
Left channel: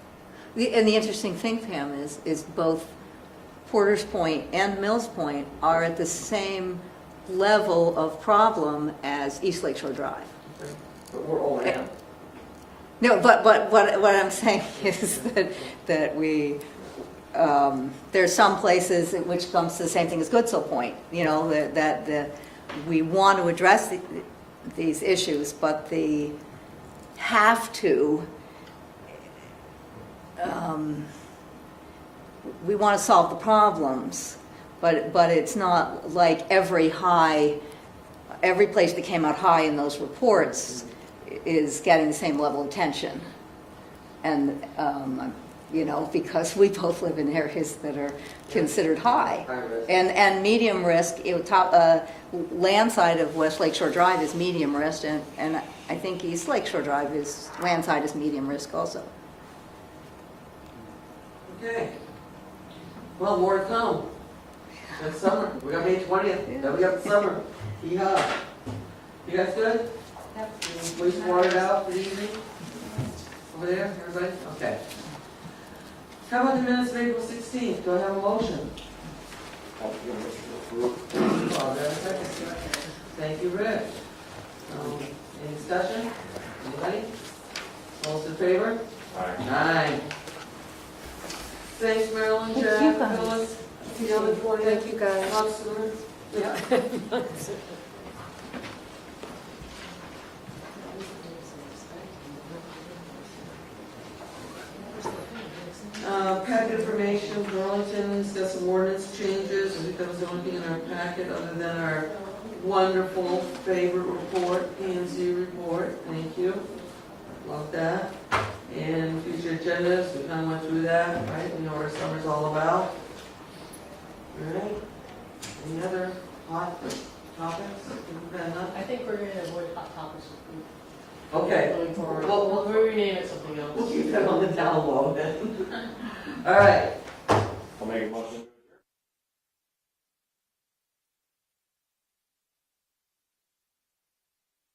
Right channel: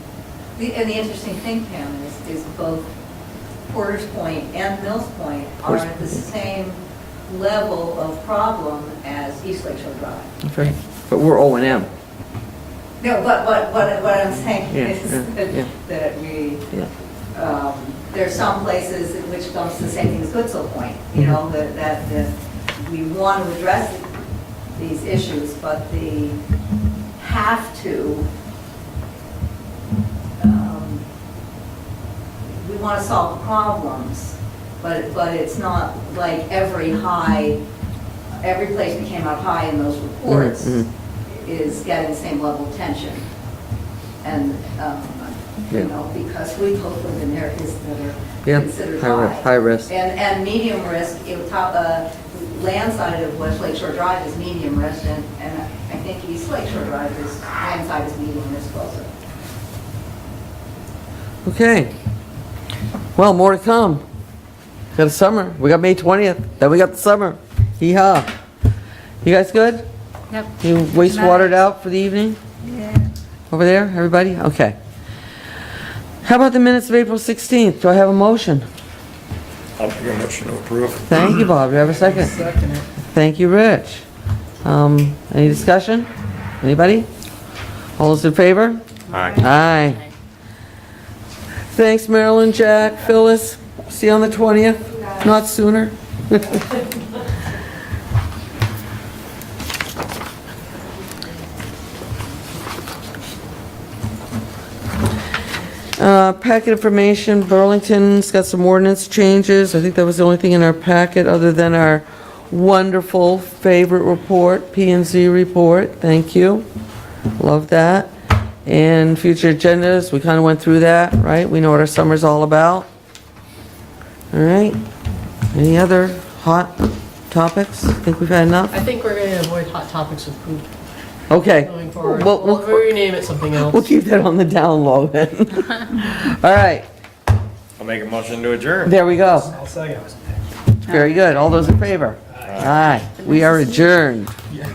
the interesting thing, Pam, is both Porter's Point and Mills Point are at the same level of problem as East Lakeshore Drive. Okay. But we're O&M. No, but what I'm saying Yeah, is yeah. that we, there are some places in which comes the same thing as Goodsell Point, you know, that we want to address these issues, but the have to, we want to solve the problems, but it's not like every place that came out high in those reports is getting the same level of tension. And, you know, because we both live in areas that are considered high. High risk. And medium risk, land side of West Lakeshore Drive is medium risk, and I think East Lakeshore Drive land side is medium risk also. Okay. Well, more to come. Got the summer. We got May 20th. Then we got the summer. Hee-haw. You guys good? Yep. You wastewatered out for the evening? Yeah. Over there, everybody? Okay. How about the minutes of April 16th? Do I have a motion? I'll make a motion to approve. Thank you, Bob. Do I have a second? Second. Thank you, Rich. Any discussion? Anybody? All those in favor? Aye. Aye. Thanks, Marilyn, Jack, Phyllis. See you on the 20th, not sooner. Packet information, Burlington's got some ordinance changes. I think that was the only thing in our packet other than our wonderful favorite report, P&Z report. Thank you. Love that. And future agendas, we kind of went through that, right? We know what our summer's all about. All right. Any other hot topics? Think we've had enough? I think we're gonna avoid hot topics with food Okay. going forward. Well, We'll rename it something else. We'll keep that on the down low then. All right. I'll make a motion to adjourn. There we go. I'll second. Very good. All those in favor? Aye. We are adjourned. Yeah.